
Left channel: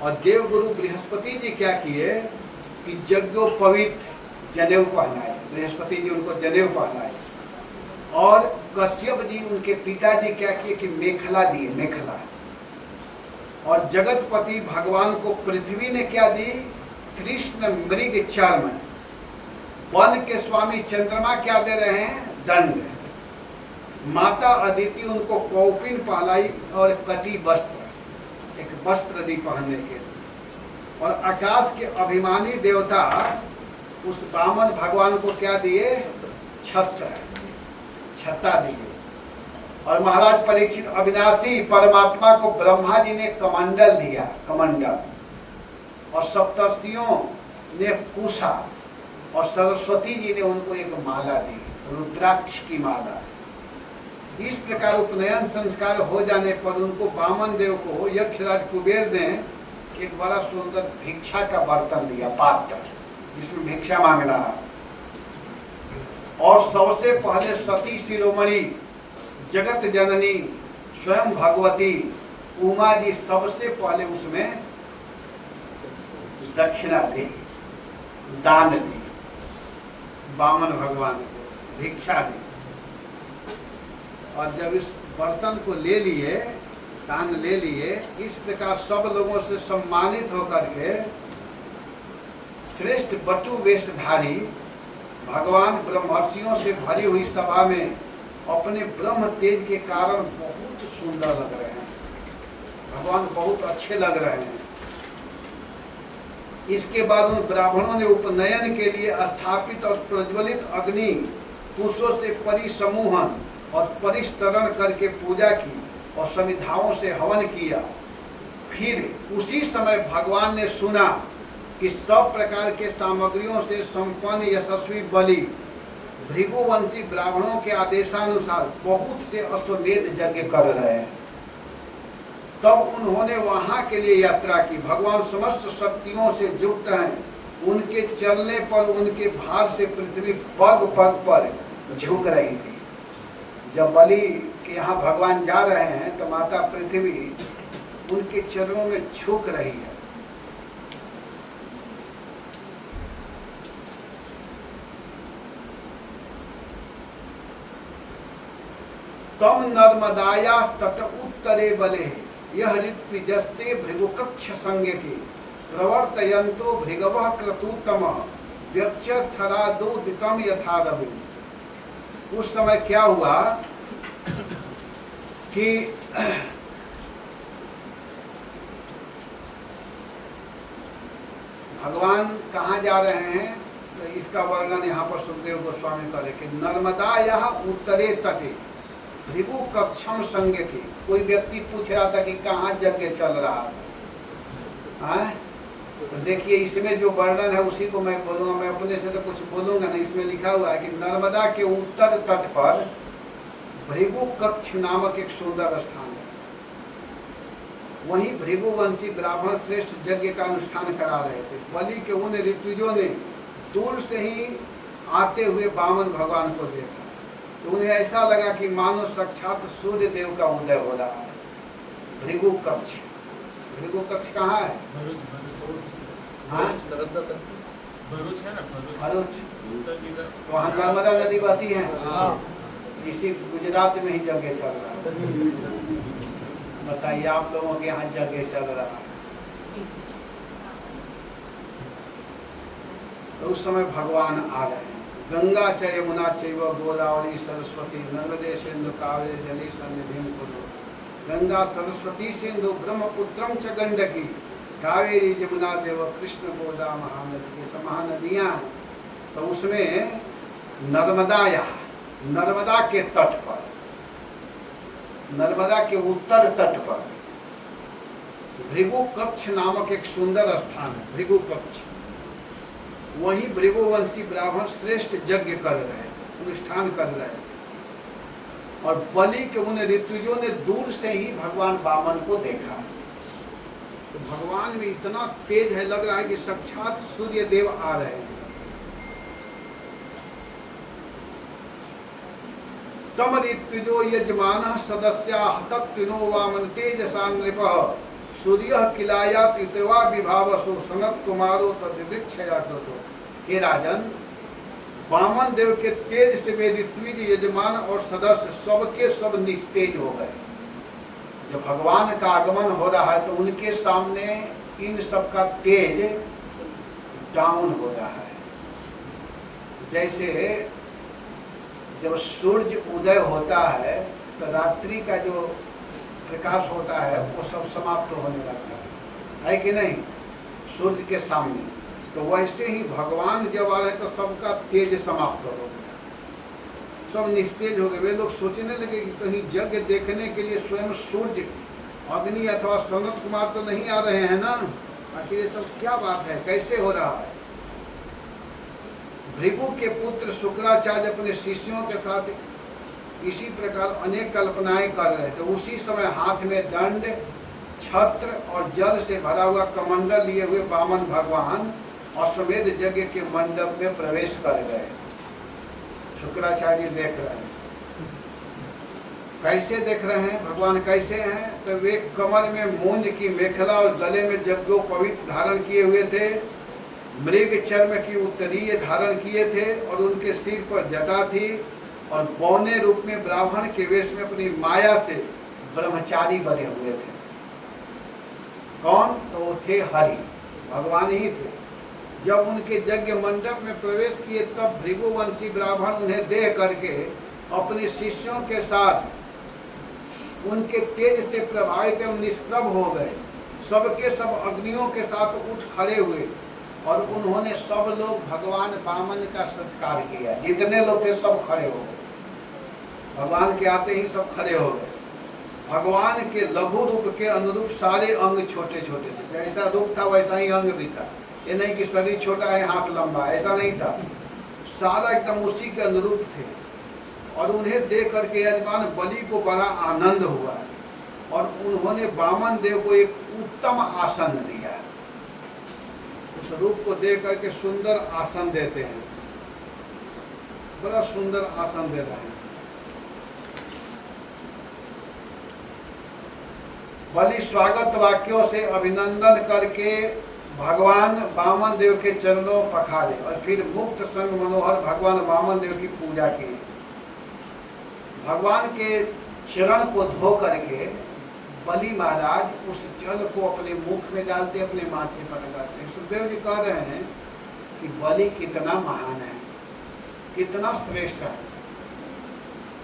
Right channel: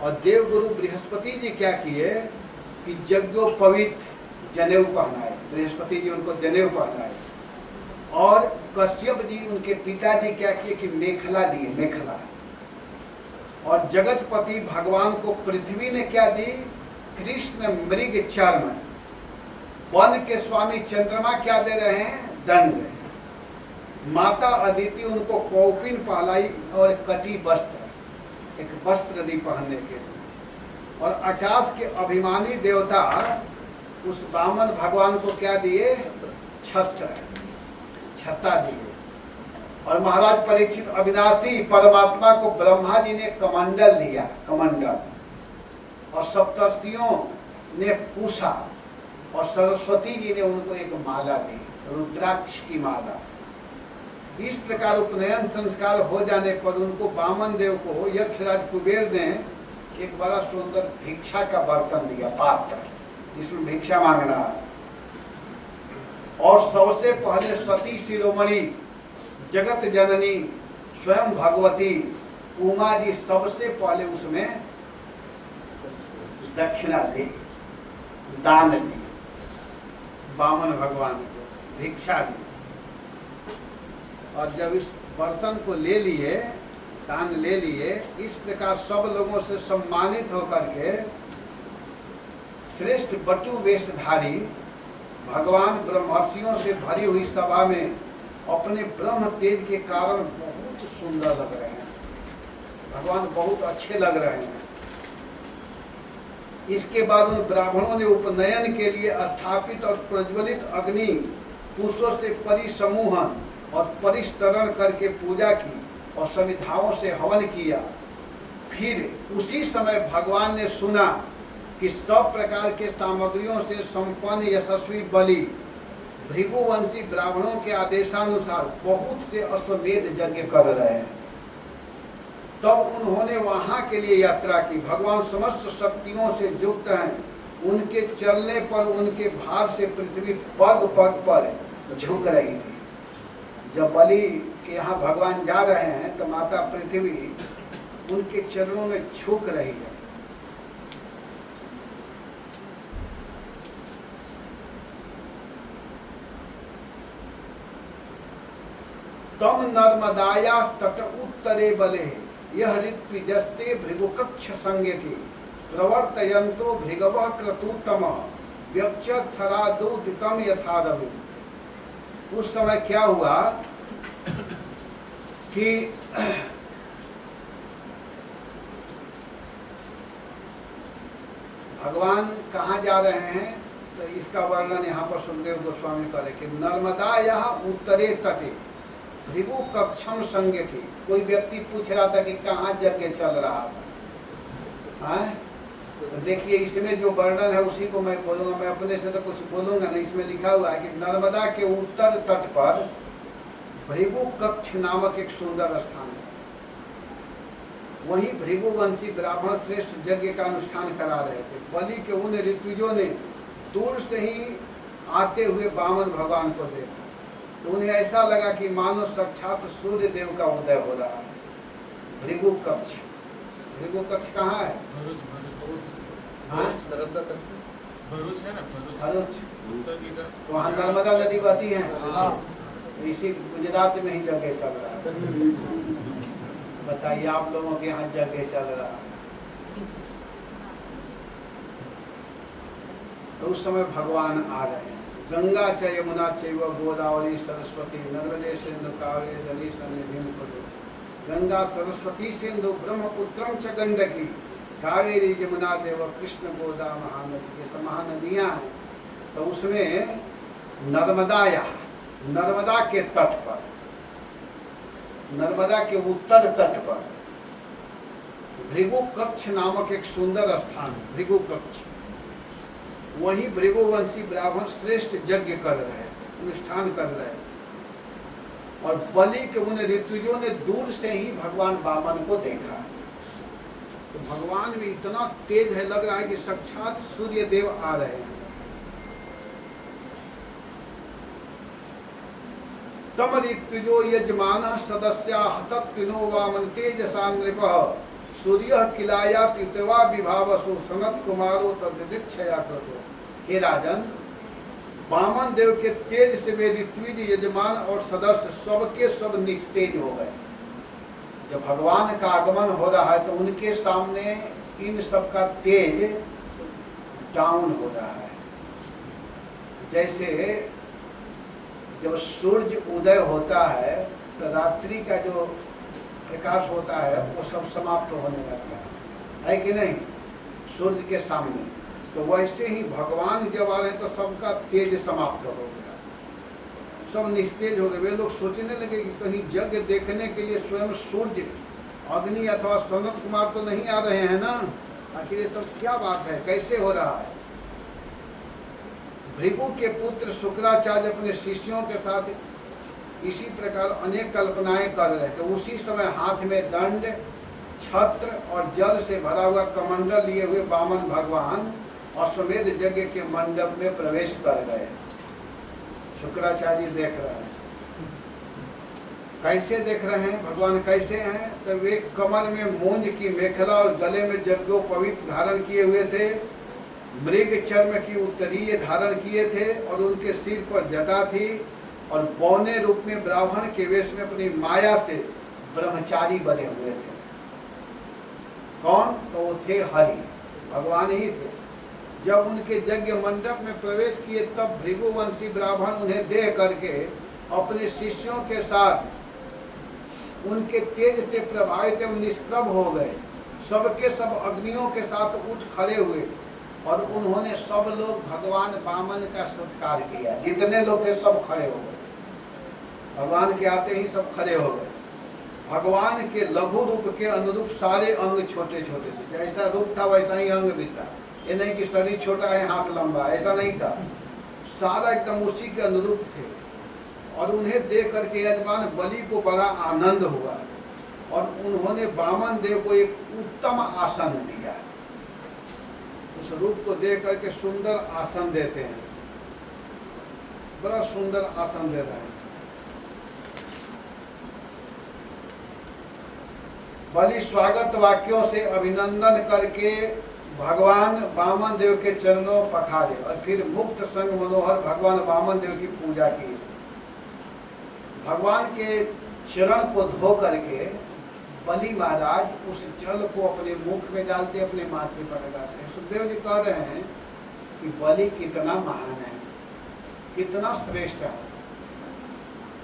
और देवगुरु बृहस्पति जी क्या किए कि यज्ञोपवीत जनेऊ पहनाए, बृहस्पति जी उनको जनेऊ पहनाए और कश्यप जी उनके पिताजी क्या किए कि मेखला दिए, मेखला। और जगतपति भगवान को पृथ्वी ने क्या दी? कृष्ण मृग चर्म। वन के स्वामी चंद्रमा क्या दे रहे हैं? दंड। माता अदिति उनको कौपिन पहलाई और कटी वस्त्र, एक वस्त्र दी पहनने के लिए। और आकाश के अभिमानी देवता उस वामन भगवान को क्या दिए? छत्र, छत्ता दिए। और महाराज परीक्षित अविनाशी परमात्मा को ब्रह्मा जी ने कमंडल दिया, कमंडल। और सप्तर्षियों ने पूषा, और सरस्वती जी ने उनको एक माला दी, रुद्राक्ष की माला। इस प्रकार उपनयन संस्कार हो जाने पर उनको वामन देव को यक्षराज कुबेर ने एक बड़ा सुंदर भिक्षा का बर्तन दिया, पात्र, जिसमें भिक्षा मांगना। और सबसे पहले सती शिरोमणि जगत जननी स्वयं भगवती उमा जी सबसे पहले उसमें दक्षिणा दी, दान दी, वामन भगवान को भिक्षा दी। और जब इस बर्तन को ले लिए, दान ले लिए, इस प्रकार सब लोगों से सम्मानित होकर के श्रेष्ठ बटु वेशधारी भगवान ब्रह्मर्षियों से भरी हुई सभा में अपने ब्रह्म तेज के कारण बहुत सुंदर लग रहे हैं। भगवान बहुत अच्छे लग रहे हैं। इसके बाद उन ब्राह्मणों ने उपनयन के लिए स्थापित और प्रज्वलित अग्नि कुशों से परिसमूहन और परिस्तरण करके पूजा की और समिधाओं से हवन किया। फिर उसी समय भगवान ने सुना कि सब प्रकार के सामग्रियों से संपन्न यशस्वी बलि भृगुवंशी ब्राह्मणों के आदेशानुसार बहुत से अश्वमेध यज्ञ कर रहे हैं। तब उन्होंने वहां के लिए यात्रा की। भगवान समस्त शक्तियों से युक्त हैं। उनके चलने पर उनके भार से पृथ्वी पग पग पर झुक रही थी। जब बलि के यहाँ भगवान जा रहे हैं तो माता पृथ्वी उनके चरणों में झुक रही है। तम नर्मदाया तट उत्तरे बले यह ऋत्विजस्ते भृगुकक्ष संज्ञ के प्रवर्तयन्तो भृगवः क्रतुतम व्यक्षथरादोदितम यथादवि। उस समय क्या हुआ कि भगवान कहाँ जा रहे हैं, तो इसका वर्णन यहाँ पर सुखदेव गोस्वामी करे कि नर्मदा यहाँ उत्तरे तटे भृगु कक्षम संज्ञ की। कोई व्यक्ति पूछ रहा था कि कहाँ यज्ञ चल रहा है, तो देखिए इसमें जो वर्णन है उसी को मैं बोलूंगा। मैं अपने से तो कुछ बोलूंगा नहीं। इसमें लिखा हुआ है कि नर्मदा के उत्तर तट पर भृगु कक्ष नामक एक सुंदर स्थान है। वहीं भृगुवंशी ब्राह्मण श्रेष्ठ यज्ञ का अनुष्ठान करा रहे थे। बलि के उन ऋत्विजों ने दूर से ही आते हुए वामन भगवान को देखा तो उन्हें ऐसा लगा कि मानो साक्षात सूर्य देव का उदय हो रहा है। भृगु कक्ष, भृगु कक्ष कहाँ है? भरूच, भरूच है ना, भरूच। उत्तर की तरफ वहाँ नर्मदा नदी बहती है। इसी गुजरात में ही जगह चल रहा है। बताइए आप लोगों के यहाँ जगह चल रहा है। तो उस समय भगवान आ रहे हैं। गंगा च यमुना चैव गोदावरी सरस्वती नर्मदे सिंधु कावेरी जली सन्निधिं कुरु। गंगा सरस्वती सिंधु ब्रह्मपुत्रम च गंडकी कावेरी यमुना देव कृष्ण गोदा महानदी। ये सब महानदियाँ हैं। तो उसमें नर्मदा यहाँ, नर्मदा के तट पर, नर्मदा के उत्तर तट पर भृगु कक्ष नामक एक सुंदर स्थान है। भृगु कक्ष, वहीं भृगुवंशी ब्राह्मण श्रेष्ठ यज्ञ कर रहे थे, अनुष्ठान कर रहे थे। और बलि के उन ऋत्विजों ने दूर से ही भगवान वामन को देखा। तो भगवान में इतना तेज है, लग रहा है कि साक्षात सूर्य देव आ रहे हैं। तम ऋत्विजो यजमानः सदस्याः तत्तिनो वामन तेजसा नृपः सूर्य किलायात इतवा विभावसो सनत कुमारो तदीक्षया कृतो। हे राजन, वामन देव के तेज से वे ऋत्विज यजमान और सदस्य सबके सब निस्तेज हो गए। जब भगवान का आगमन हो रहा है तो उनके सामने इन सब का तेज डाउन हो रहा है। जैसे जब सूर्य उदय होता है तो रात्रि का जो प्रकाश होता है वो सब समाप्त होने लगता है कि नहीं, सूर्य के सामने। तो वैसे ही भगवान जब आ रहे तो सबका तेज समाप्त हो गया, सब निस्तेज हो गए। वे लोग सोचने लगे कि कहीं यज्ञ देखने के लिए स्वयं सूर्य, अग्नि अथवा सनत कुमार तो नहीं आ रहे हैं ना, आखिर ये सब क्या बात है, कैसे हो रहा है। भृगु के पुत्र शुक्राचार्य अपने शिष्यों के साथ इसी प्रकार अनेक कल्पनाएं कर रहे थे। उसी समय हाथ में दंड, छत्र और जल से भरा हुआ कमंडल लिए हुए वामन भगवान अश्वमेध यज्ञ के मंडप में प्रवेश कर गए। शुक्राचार्य देख रहे हैं, कैसे देख रहे हैं भगवान कैसे हैं, तो वे कमर में मूंज की मेखला और गले में यज्ञोपवीत धारण किए हुए थे, मृग चर्म की उत्तरीय धारण किए थे और उनके सिर पर जटा थी और बौने रूप में ब्राह्मण के वेश में अपनी माया से ब्रह्मचारी बने हुए थे। कौन? तो वो थे हरि, भगवान ही थे। जब उनके यज्ञ मंडप में प्रवेश किए तब भृगुवंशी ब्राह्मण उन्हें देख करके अपने शिष्यों के साथ उनके तेज से प्रभावित एवं निष्प्रभ हो गए। सबके सब अग्नियों के साथ उठ खड़े हुए और उन्होंने सब लोग भगवान वामन का सत्कार किया। जितने लोग थे सब खड़े हो गए, भगवान के आते ही सब खड़े हो गए। भगवान के लघु रूप के अनुरूप सारे अंग छोटे छोटे थे, जैसा रूप था वैसा ही अंग भी था। ये नहीं कि शरीर छोटा है हाथ लंबा, ऐसा नहीं था, सारा एकदम उसी के अनुरूप थे। और उन्हें देख करके यजमान बलि को बड़ा आनंद हुआ और उन्होंने वामन देव को एक उत्तम आसन दिया। उस रूप को देख करके सुंदर आसन देते हैं, बड़ा सुंदर आसन दे रहे हैं। बलि स्वागत वाक्यों से अभिनंदन करके भगवान वामन देव के चरणों पखारे और फिर मुक्त संग मनोहर भगवान वामन देव की पूजा की। भगवान के चरण को धो करके बलि महाराज उस जल को अपने मुख में डालते, अपने माथे पर लगाते हैं। सुखदेव जी कह रहे हैं कि बलि कितना महान है, कितना श्रेष्ठ है।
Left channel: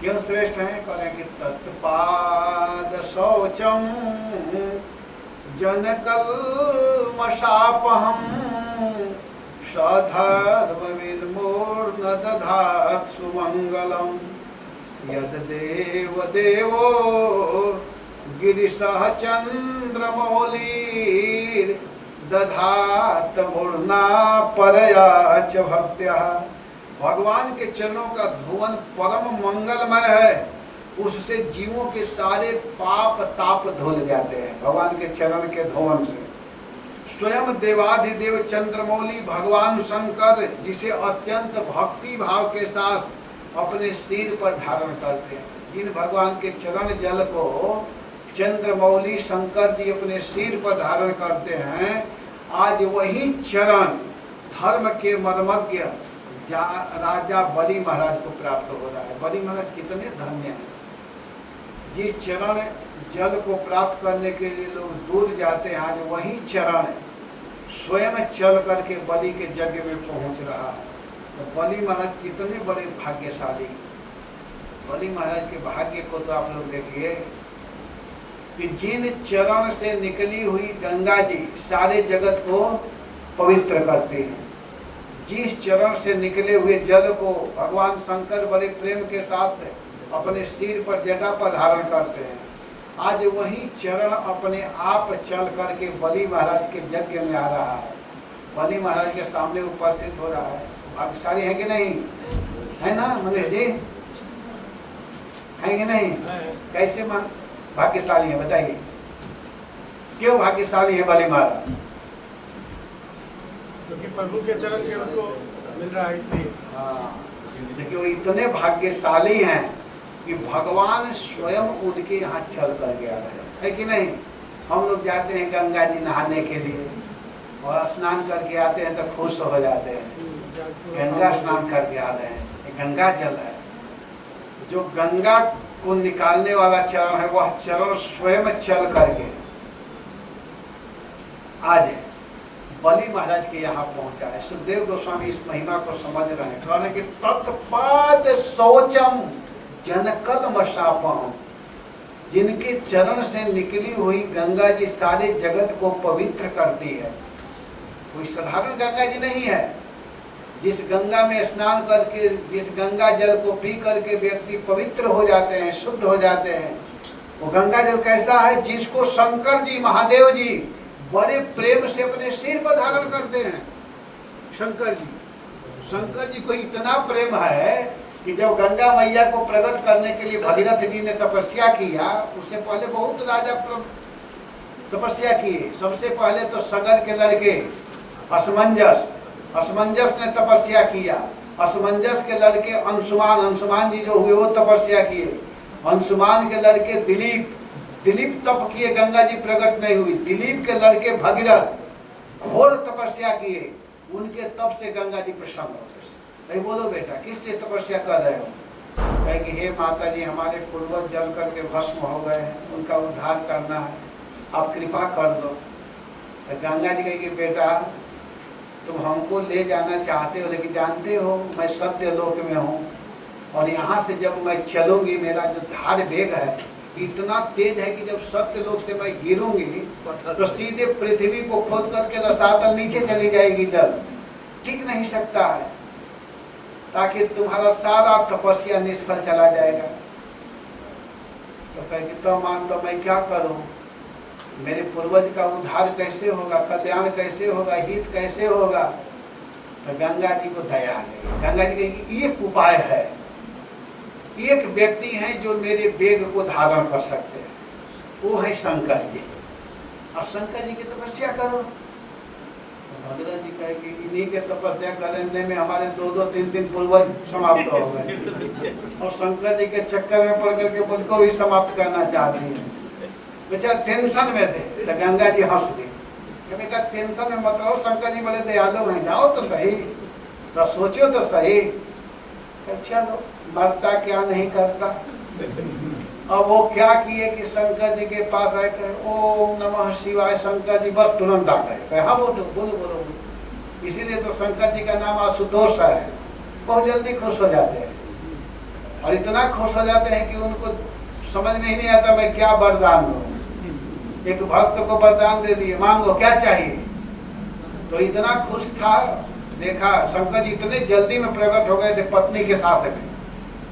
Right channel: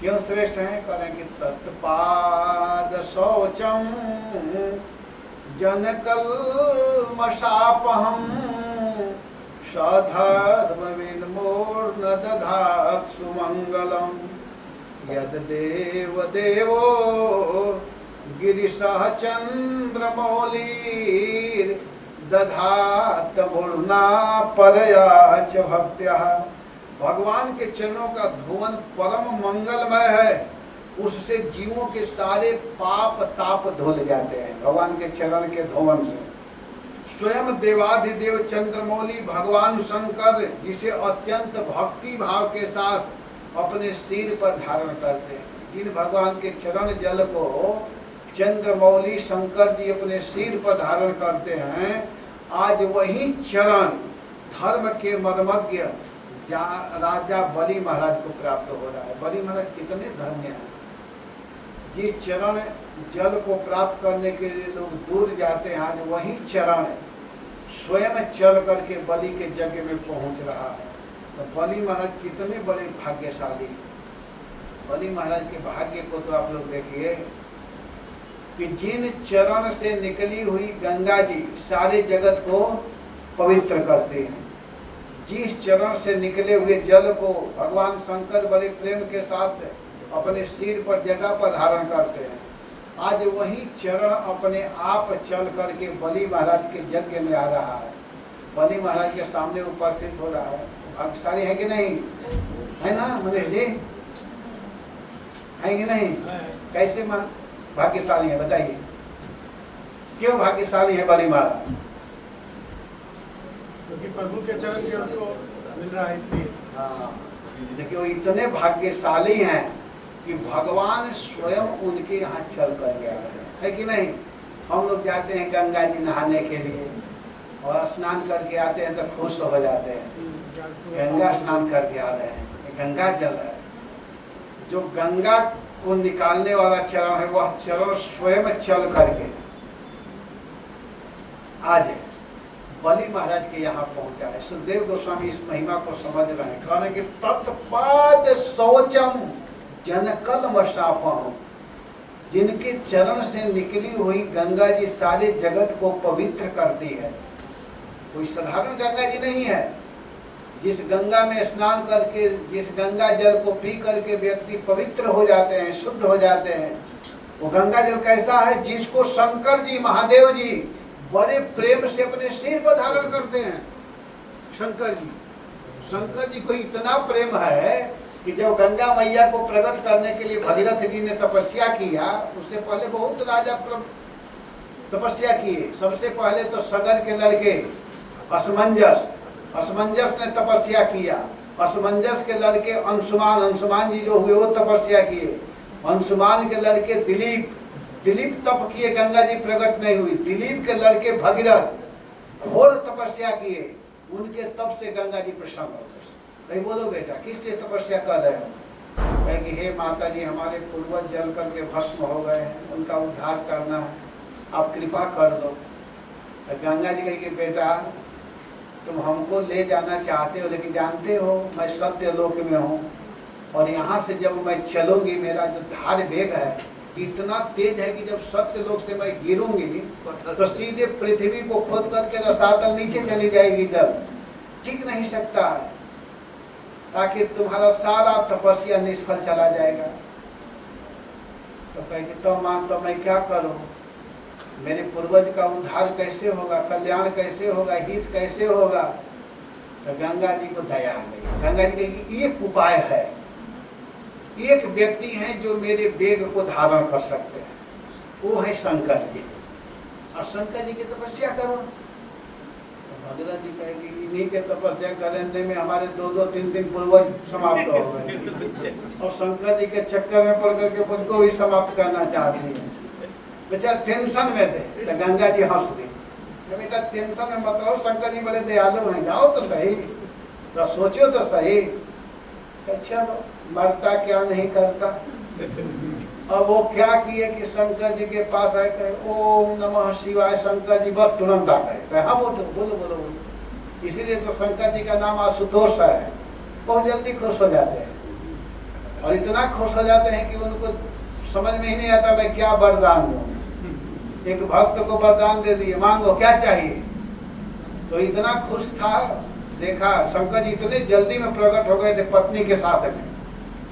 क्यों श्रेष्ठ है? करें कि तत्पाद शौचम जनकल मशापहम सधर्म विन्मूर्ण दधात सुमंगलम यद देव देवो गिरिशः चंद्रमौली दधात मूर्ना परयाच भक्त्या। भगवान के चरणों का धोवन परम मंगलमय है, उससे जीवों के सारे पाप ताप धुल जाते हैं भगवान के चरण के धोवन से। स्वयं देवाधिदेव चंद्रमौली भगवान शंकर जिसे अत्यंत भक्ति भाव के साथ अपने सिर पर धारण करते हैं, जिन भगवान के चरण जल को चंद्रमौली शंकर जी अपने सिर पर धारण करते हैं, आज वही चरण धर्म के मर्मज्ञ राजा बलि महाराज को प्राप्त हो रहा है। बलि महाराज कितने धन्य हैं, जिस चरण जल को प्राप्त करने के लिए लोग दूर जाते हैं, आज वही चरण स्वयं चल करके बलि के यज्ञ में पहुंच रहा है। तो बलि महाराज कितने बड़े भाग्यशाली। बलि महाराज के भाग्य को तो आप लोग देखिए कि जिन चरण से निकली हुई गंगा जी सारे जगत को पवित्र करती है, जिस चरण से निकले हुए जल को भगवान शंकर बड़े प्रेम के साथ अपने सिर पर जटा पर धारण करते हैं, आज वही चरण अपने आप चल करके बलि महाराज के यज्ञ में आ रहा है, बलि महाराज के सामने उपस्थित हो रहा है। भाग्यशाली है कि नहीं? है ना मनीष जी? है कि नहीं? कैसे मन भाग्यशाली है बताइए, क्यों भाग्यशाली है बलि महाराज? क्योंकि प्रभु के चरण से उनको मिल रहा है इसलिए। हाँ, देखिए वो इतने भाग्यशाली हैं कि भगवान स्वयं उनके यहाँ चल कर गया है कि नहीं? हम लोग जाते हैं गंगा जी नहाने के लिए और स्नान करके आते हैं तो खुश हो जाते हैं, गंगा स्नान करके आ रहे हैं, ये गंगा जल है। जो गंगा को निकालने वाला चरण है वह चरण स्वयं चल करके आज बलि महाराज के यहाँ पहुंचा है। सुखदेव गोस्वामी इस महिमा को समझ रहे हैं, कह रहे हैं कि तत्पाद शौचम जनकल शापम, जिनके चरण से निकली हुई गंगा जी सारे जगत को पवित्र करती है। कोई साधारण गंगा जी नहीं है। जिस गंगा में स्नान करके, जिस गंगा जल को पी करके व्यक्ति पवित्र हो जाते हैं, शुद्ध हो जाते हैं, वो गंगा जल कैसा है? जिसको शंकर जी, महादेव जी बड़े प्रेम से अपने सिर पर धारण करते हैं। शंकर जी को इतना प्रेम है कि जब गंगा मैया को प्रकट करने के लिए भगीरथ जी ने तपस्या किया, उससे पहले बहुत राजा तपस्या किए। सबसे पहले तो सगर के लड़के असमंजस ने तपस्या किया। असमंजस के लड़के अंशुमान जी जो हुए वो तपस्या किए। अंशुमान के लड़के दिलीप तप किए, गंगा जी प्रकट नहीं हुई। दिलीप के लड़के भगीरथ घोर तपस्या किए, उनके तप से गंगा जी प्रसन्न हो गए। भाई बोलो बेटा, किस लिए तपस्या कर रहे हो? कहे कि हे माता जी, हमारे पूर्वज जल करके भस्म हो गए हैं, उनका उद्धार करना है, आप कृपा कर दो। गंगा जी कहेगी बेटा, तुम हमको ले जाना चाहते हो, लेकिन जानते हो मैं सत्य लोक में हूँ, और यहाँ से जब मैं चलूंगी, मेरा जो धार वेग है इतना तेज है कि जब सत्य लोक से मैं गिरूंगी तो सीधे पृथ्वी को खोद करके रसातल नीचे चली जाएगी, जल टिक नहीं सकता है, ताकि तुम्हारा सारा तपस्या निष्फल चला जाएगा। तो कहे कि तो मान तो मैं क्या करूं? मेरे पूर्वज का उद्धार कैसे होगा, कल्याण कैसे होगा, हित कैसे होगा? तो गंगा जी को दया आ गई। गंगा जी कहेगी एक उपाय है, एक व्यक्ति है जो मेरे वेग को धारण कर सकते हैं, वो है शंकर जी। अब शंकर जी की तपस्या करो। भगवान जी कहेगी इन्हीं के तपस्या करने में हमारे 2-2, 3-3 पूर्वज समाप्त हो गए, और शंकर जी के चक्कर में पड़ करके मुझको भी समाप्त करना चाहती है। बेचारा टेंशन में थे, तो गंगा जी हंस दी। बेटा टेंशन में मत रहो, शंकर जी बड़े दयालु हैं, जाओ तो सही, तो सोचो तो सही। चलो, मरता क्या नहीं करता। और वो क्या किए कि शंकर जी के पास आए, कहे ओम नमः शिवाय। शंकर जी बस तुरंत आ गए, हाँ बोलो बोलो बोलो। इसीलिए तो शंकर जी का नाम आशुतोष है। बहुत जल्दी खुश हो जाते हैं, और इतना खुश हो जाते हैं कि उनको समझ में ही नहीं आता मैं क्या वरदान दूं। एक भक्त को वरदान दे दिए, मांगो क्या चाहिए। तो इतना खुश था, देखा शंकर जी इतने जल्दी में प्रकट हो गए थे पत्नी के साथ में,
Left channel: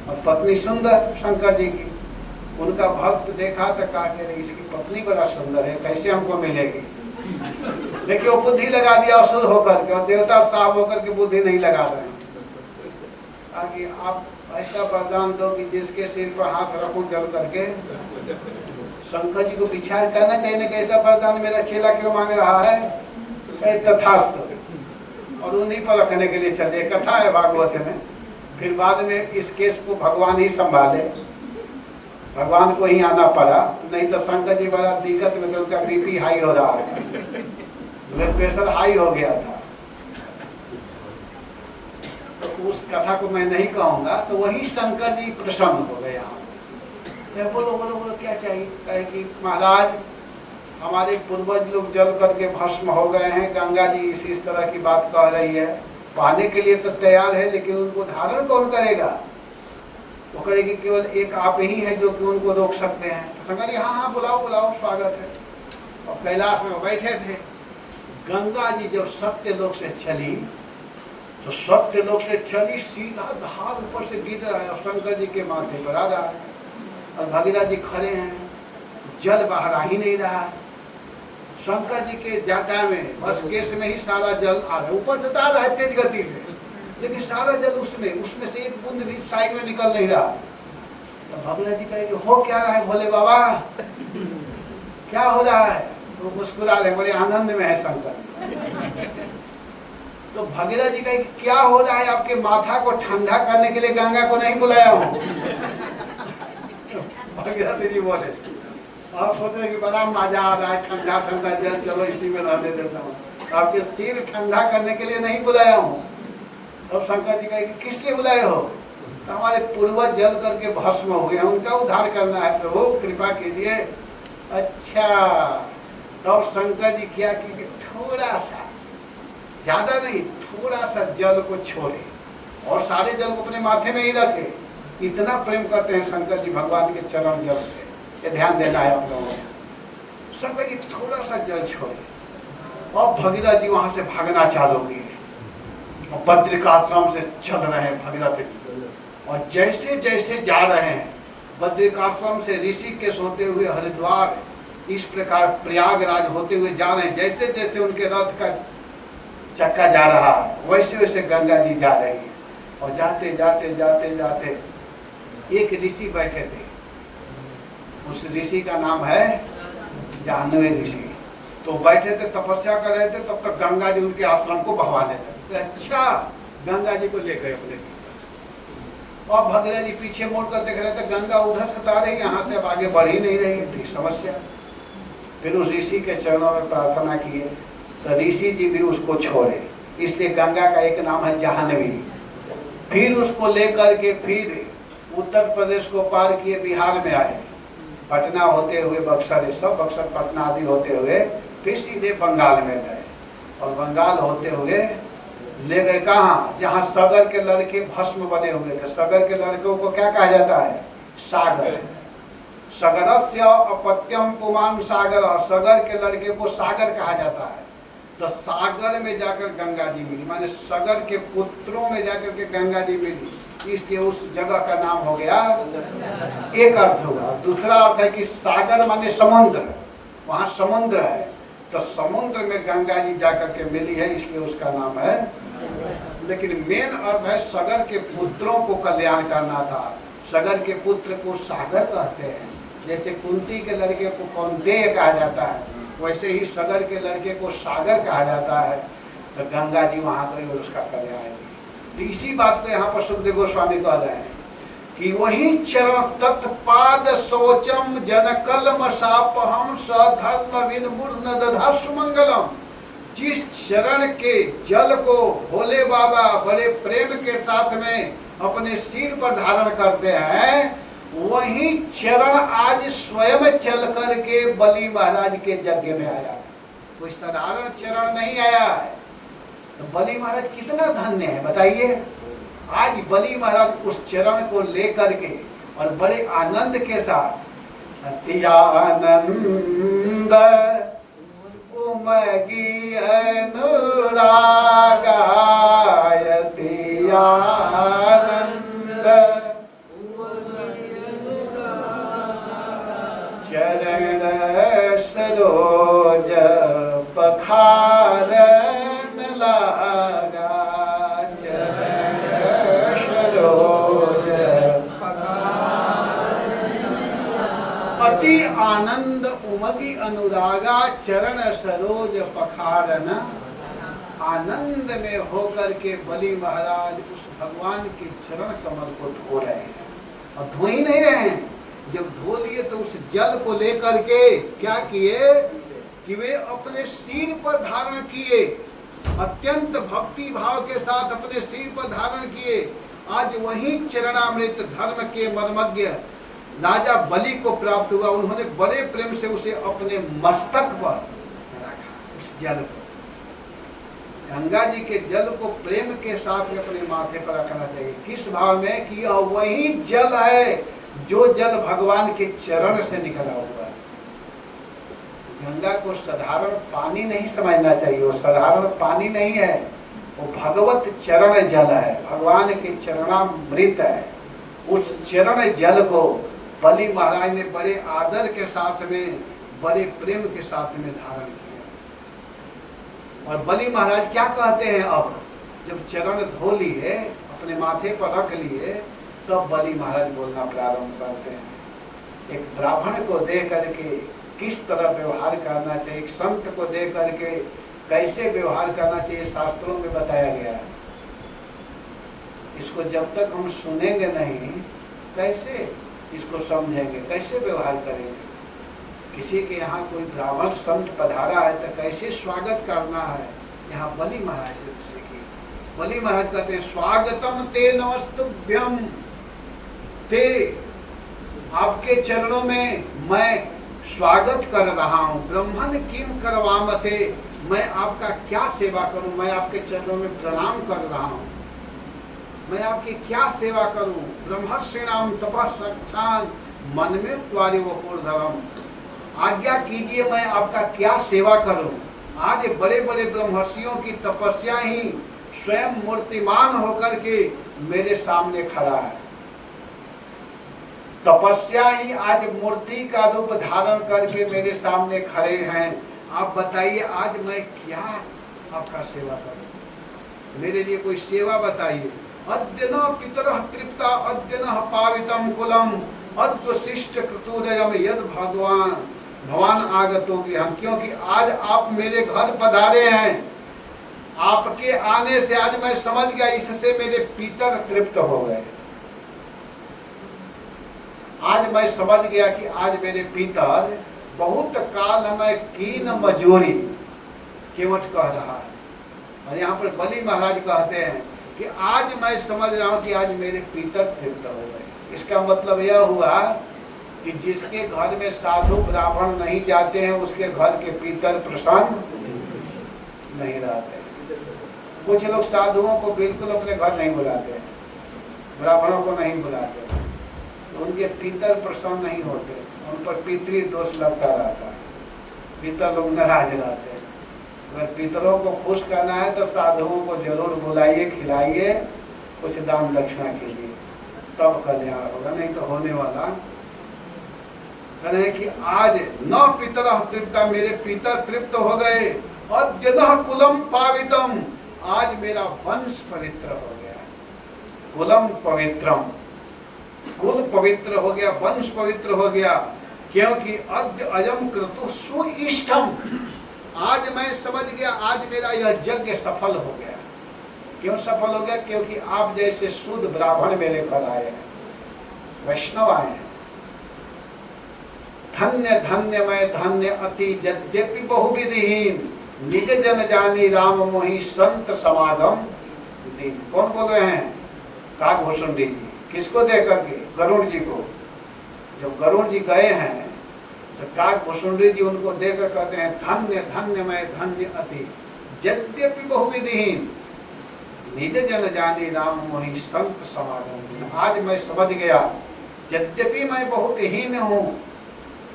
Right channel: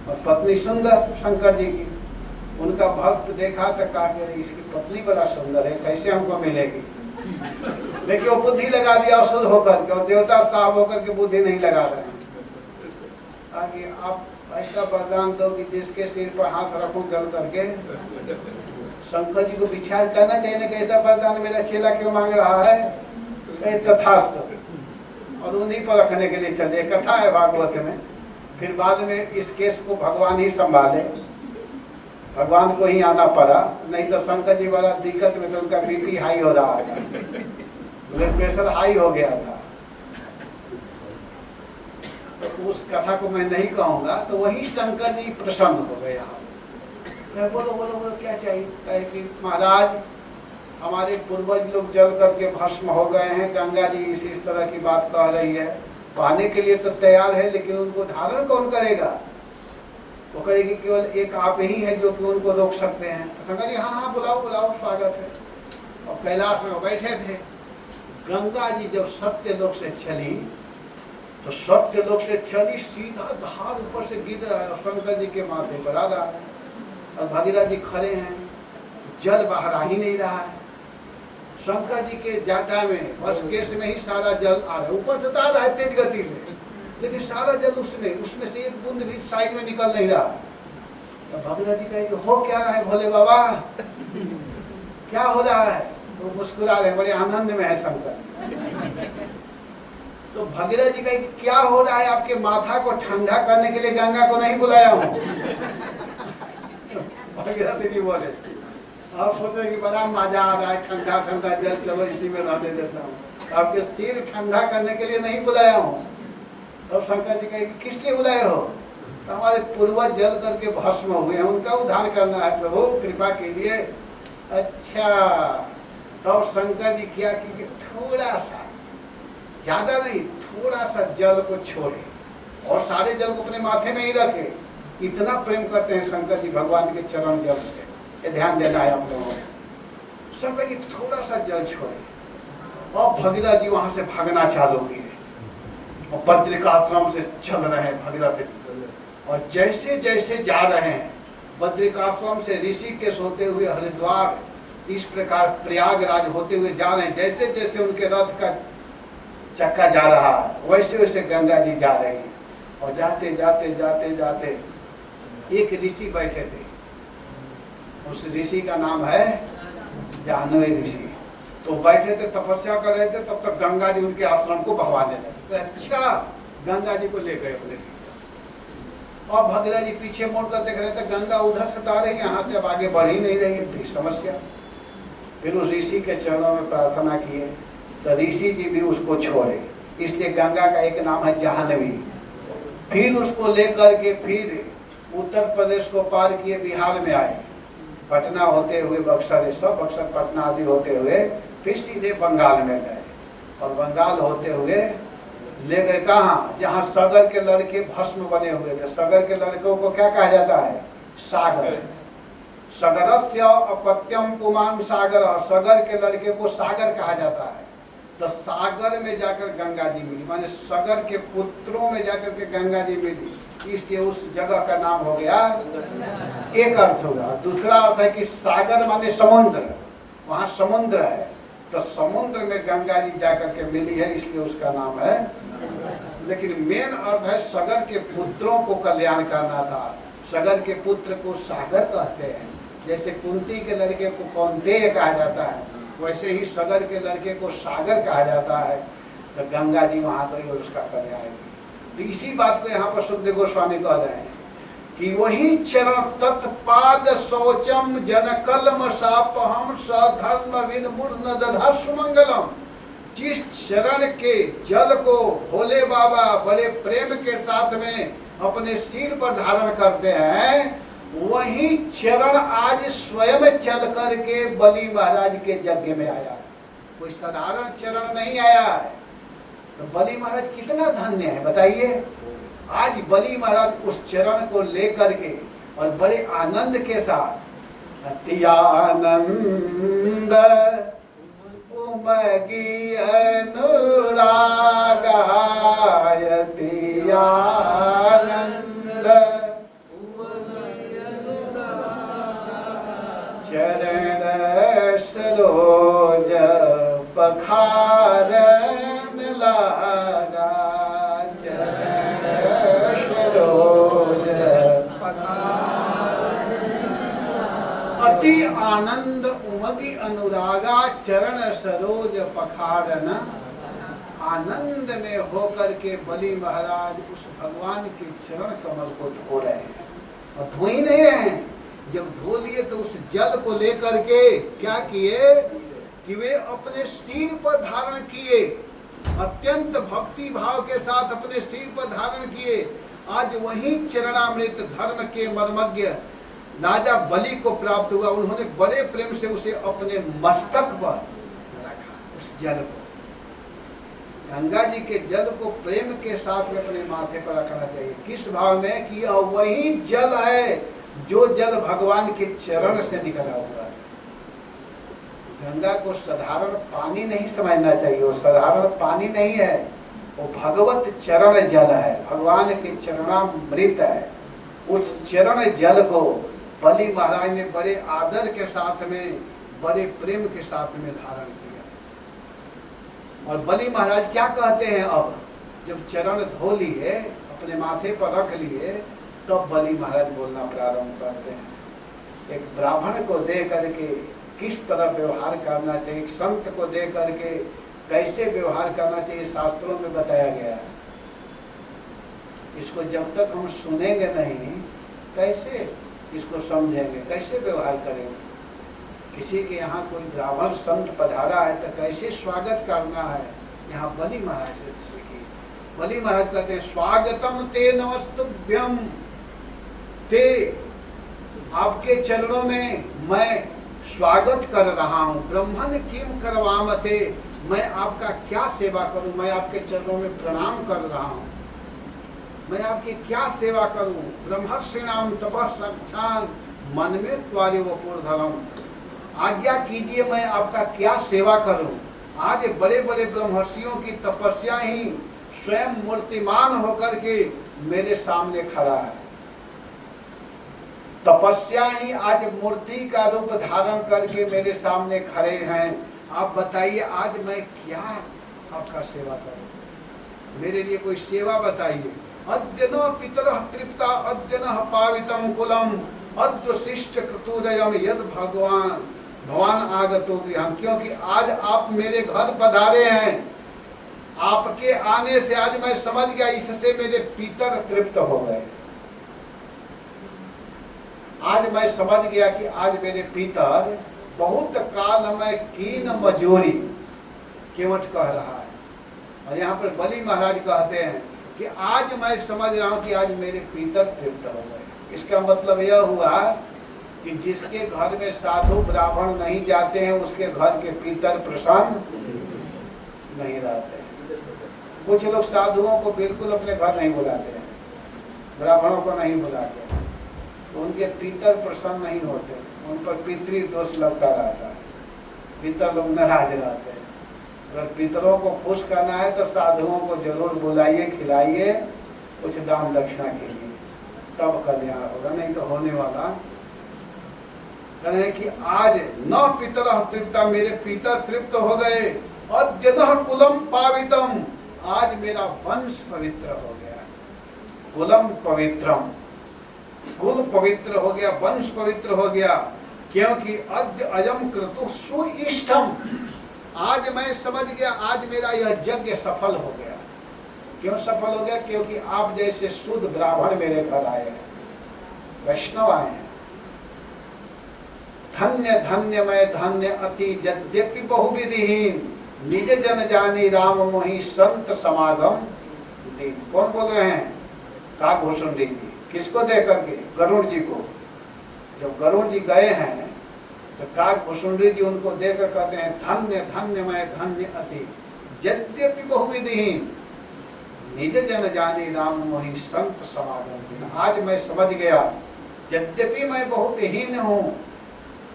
और पत्नी सुंदर शंकर जी की। उनका भक्त देखा तो कहा कि इसकी पत्नी बड़ा सुंदर है, कैसे हमको मिलेगी। लेकिन वो बुद्धि लगा दिया असुर होकर के, और देवता साहब होकर के बुद्धि नहीं लगा रहे हैं। आगे आप ऐसा वरदान दो कि जिसके सिर पर हाथ रखूं जल करके। शंकर जी को विचार करना चाहिए ना, कैसा वरदान मेरा चेला क्यों मांग रहा है। तथास्तु, और उन्हीं पर रखने के लिए चले। कथा है भागवत में। फिर बाद में इस केस को भगवान ही संभाले, भगवान को ही आना पड़ा, नहीं तो शंकर जी बड़ा दिक्कत में, उनका बीपी हाई हो रहा था, ब्लड प्रेशर हाई हो गया था। तो उस कथा को मैं नहीं कहूंगा। तो वही शंकर जी प्रसन्न हो गए। बोलो बोलो बोलो क्या चाहिए। कहे कि महाराज हमारे पूर्वज लोग जल करके भस्म हो गए हैं, गंगा जी इस तरह की बात कह रही है, पाने के लिए तो तैयार है, लेकिन उनको धारण कौन करेगा। वो कहेगी केवल एक आप ही है जो कि उनको रोक सकते हैं। तो शंकर जी हाँ हाँ बुलाओ बुलाओ, स्वागत है। और कैलाश में बैठे थे। गंगा जी जब सत्य लोक से चली, तो सत्य लोक से चली सीधा धार ऊपर से गिर रहा है, शंकर जी के माथे पर आ रहा है, और भगीरथ जी खड़े हैं, जल बाहर आ ही नहीं रहा है। शंकर जी के जाटा में बस केस में ही सारा जल आ रहा है, ऊपर से आ रहा है तेज गति से, लेकिन सारा जल उसमें से एक बूंद भी साइड में निकल नहीं रहा। तो भगीरथ जी कहेंगे हो क्या रहा है भोले बाबा, क्या हो रहा है। वो मुस्कुरा रहे, बड़े आनंद में है शंकर। तो भगीरथ जी कहेंगे क्या हो रहा है, आपके माथा को ठंडा करने के लिए गंगा को नहीं बुलाया हूँ। भगीरथ जी बोले आप सोचे कि बड़ा मजा आ रहा है, ठंडा ठंडा जल, चलो इसी में रहने देता हूँ, आपके सिर ठंडा करने के लिए नहीं बुलाया हूँ। तब शंकर जी कहे कि किस लिए बुलाए हो? तो हमारे पूर्वज जल करके भस्म हुए हैं, उनका उद्धार करना है प्रभु, कृपा कीजिए। अच्छा, तब शंकर जी क्या कि थोड़ा सा, ज्यादा नहीं, थोड़ा सा जल को छोड़े और सारे जल को अपने माथे में ही रखे। इतना प्रेम करते हैं शंकर जी भगवान के चरण जल से, ये ध्यान देना है आप लोगों को। शंकर जी थोड़ा सा जल छोड़े और भगीरथ जी वहां से भागना चालू किए और बद्रिकाश्रम से चल रहे हैं भगीरथ जी। और जैसे जैसे जा रहे हैं बद्रिकाश्रम से ऋषिकेश होते हुए हरिद्वार, इस प्रकार प्रयागराज होते हुए जा रहे हैं। जैसे जैसे उनके रथ का चक्का जा रहा है वैसे वैसे गंगा जी जा रही है। और जाते जाते जाते जाते एक ऋषि बैठे थे, उस ऋषि का नाम है जाह्नवी ऋषि। तो बैठे थे, तपस्या कर रहे थे, तब तक गंगा जी उनके आश्रम को बहवाने लगे। अच्छा, गंगा जी को ले गए अपने पीछे। और भगीरथ जी पीछे मुड़ कर देख रहे थे, गंगा उधर से आ रही है, यहाँ से अब आगे बढ़ ही नहीं रही है, समस्या। फिर उस ऋषि के चरणों में प्रार्थना किए तो ऋषि जी भी उसको छोड़े, इसलिए गंगा का एक नाम है जाह्नवी। फिर उसको लेकर के फिर उत्तर प्रदेश को पार किए, बिहार में आए, पटना होते हुए बक्सर, सब बक्सर पटना आदि होते हुए फिर सीधे बंगाल में गए। और बंगाल होते हुए ले गए कहाँ? जहाँ सगर के लड़के भस्म बने हुए थे। सगर के लड़कों को क्या कहा जाता है? सागर। सगरस्य अपत्यम पुमान सागर, सगर के लड़के को सागर कहा जाता है। तो सागर में जाकर गंगा जी मिली, माने सगर के पुत्रों में जाकर के गंगा जी मिली, इसलिए उस जगह का नाम हो गया। एक अर्थ होगा। दूसरा अर्थ है कि सागर माने समुद्र, वहाँ समुद्र है, तो समुद्र में गंगा जी जाकर के मिली है, इसलिए उसका नाम है। लेकिन मेन अर्थ है सगर के पुत्रों को कल्याण करना था। सगर के पुत्र को सागर कहते हैं, जैसे कुंती के लड़के को कौंतेय कहा जाता है, वैसे ही सगर के लड़के को सागर कहा जाता है। तो गंगा जी वहां गई और उसका कल्याण की। तो इसी बात को यहाँ पर सुखदेव गोस्वामी कह रहे हैं कि वही चरण तत्पाद शौचम जनकलम सापहम सधर्म विनमूर्ण दधा सुमंगलम। जिस चरण के जल को भोले बाबा बड़े प्रेम के साथ में अपने सिर पर धारण करते हैं, वही चरण आज स्वयं चल करके बलि महाराज के यज्ञ में आया। कोई साधारण चरण नहीं आया है। तो बलि महाराज कितना धन्य है बताइए। आज बलि महाराज उस चरण को लेकर के और बड़े आनंद के साथ, अति आनंद उमगी अनुरागायति आनंद चरण सरोज पखारन लगा, चरण सरोज अति आनंद उमगी अनुरागा चरण सरोज पखारन। आनंद में होकर के बलि महाराज उस भगवान के चरण कमल को धो रहे हैं। और धो ही नहीं रहे हैं, जब धो लिए तो उस जल को लेकर के क्या किए कि वे अपने सिर पर धारण किए, अत्यंत भक्ति भाव के साथ अपने सिर पर धारण किए। आज वही चरणामृत धर्म के मर्मज्ञ राजा बलि को प्राप्त हुआ। उन्होंने बड़े प्रेम से उसे अपने मस्तक पर रखा, उस जल को। गंगा जी के जल को प्रेम के साथ में अपने माथे पर रखना चाहिए। किस भाव में कि यह वही जल है जो जल भगवान के चरण से निकला हुआ है। गंगा को साधारण पानी नहीं समझना चाहिए, वो साधारण पानी नहीं है, वो भगवत चरण जल है, भगवान के चरणामृत है। उस चरण जल को बलि महाराज ने बड़े आदर के साथ में, बड़े प्रेम के साथ में धारण किया। और बलि महाराज क्या कहते हैं, अब जब चरण धो लिए, अपने माथे पर रख लिए, तब बलि महाराज बोलना प्रारंभ करते हैं। एक ब्राह्मण को देख करके किस तरह व्यवहार करना चाहिए, एक संत को देख करके कैसे व्यवहार करना चाहिए, शास्त्रों में बताया गया है। इसको जब तक हम सुनेंगे नहीं, कैसे इसको समझेंगे, कैसे व्यवहार करेंगे। किसी के यहाँ कोई ब्राह्मण संत पधारा है तो कैसे स्वागत करना है, यहाँ बलि महाराज से सीखिए। बलि महाराज कहते हैं स्वागतम ते नमस्तुभ्यम, ते आपके चरणों में मैं स्वागत कर रहा हूँ। ब्रह्मन किम करवामते, मैं आपका क्या सेवा करूं, मैं आपके चरणों में प्रणाम कर रहा हूं, मैं आपकी क्या सेवा करूं। ब्रह्मर्षिणाम तपः सक्षान मन में त्वारे वपुर्धवम, आज्ञा कीजिए मैं आपका क्या सेवा करूं। आज बड़े बड़े ब्रह्मर्षियों की तपस्या ही स्वयं मूर्तिमान होकर के मेरे सामने खड़ा है। तपस्या ही आज मूर्ति का रूप धारण करके मेरे सामने खड़े हैं। आप बताइए आज मैं क्या आपका सेवा करूं, मेरे लिए कोई सेवा बताइए। अद्य न पितरः तृप्ता अद्य न पावितम कुलम अद्य शिष्ट कृतुदयम यद भगवान आगतो गृहम्, क्योंकि आज आप मेरे घर पधारे हैं। आपके आने से आज मैं समझ गया, इससे मेरे पितर तृप्त हो गए। आज मैं समझ गया कि आज मेरे पितर बहुत काल में कीन मजूरी केवट कह रहा है। और यहाँ पर बलि महाराज कहते हैं कि आज मैं समझ रहा हूँ कि आज मेरे पितर तृप्त हो गए। इसका मतलब यह हुआ कि जिसके घर में साधु ब्राह्मण नहीं जाते हैं उसके घर के पितर प्रसन्न नहीं रहते हैं। कुछ लोग साधुओं को बिल्कुल अपने घर नहीं बुलाते हैं, ब्राह्मणों को नहीं बुलाते हैं, उनके पितर प्रसन्न नहीं होते, उन पर पितृ दोष लगता रहता है, पितर लोग नाराज रहते हैं। अगर पितरों को खुश करना है तो साधुओं को जरूर बुलाइए, खिलाइए, कुछ दान दक्षिणा कीजिए, तब कल्याण होगा, नहीं तो होने वाला है कि आज न पितरः तृप्ता, मेरे पितर तृप्त हो गए। अद्यनः कुलम पावितम, आज मेरा वंश पवित्र हो गया। कुलम पवित्रम, कुल पवित्र हो गया, वंश पवित्र हो गया, क्योंकि अद्य अयम क्रतु सुइष्टम, आज मैं समझ गया आज मेरा यह यज्ञ सफल हो गया। क्यों सफल हो गया? क्योंकि आप जैसे शुद्ध ब्राह्मण मेरे घर आए हैं, वैष्णव आए हैं। धन्य धन्य मैं धन्य अति यद्यपि बहुविधिहीन, निज जन जानी राम मोहि संत समागम दीन। कौन बोल रहे हैं? काकभूषण जी। किसको दे करके? गरुड़ जी को। जब गरुड़ जी गए हैं तो काकभूषण जी उनको देकर कहते हैं धन्य धन्य मैं धन्य अति यद्यपि बहुविधिहीन, निज जन जानी राम मोहि संत समागम दीन। आज मैं समझ गया, यद्यपि मैं बहुत हीन हूँ,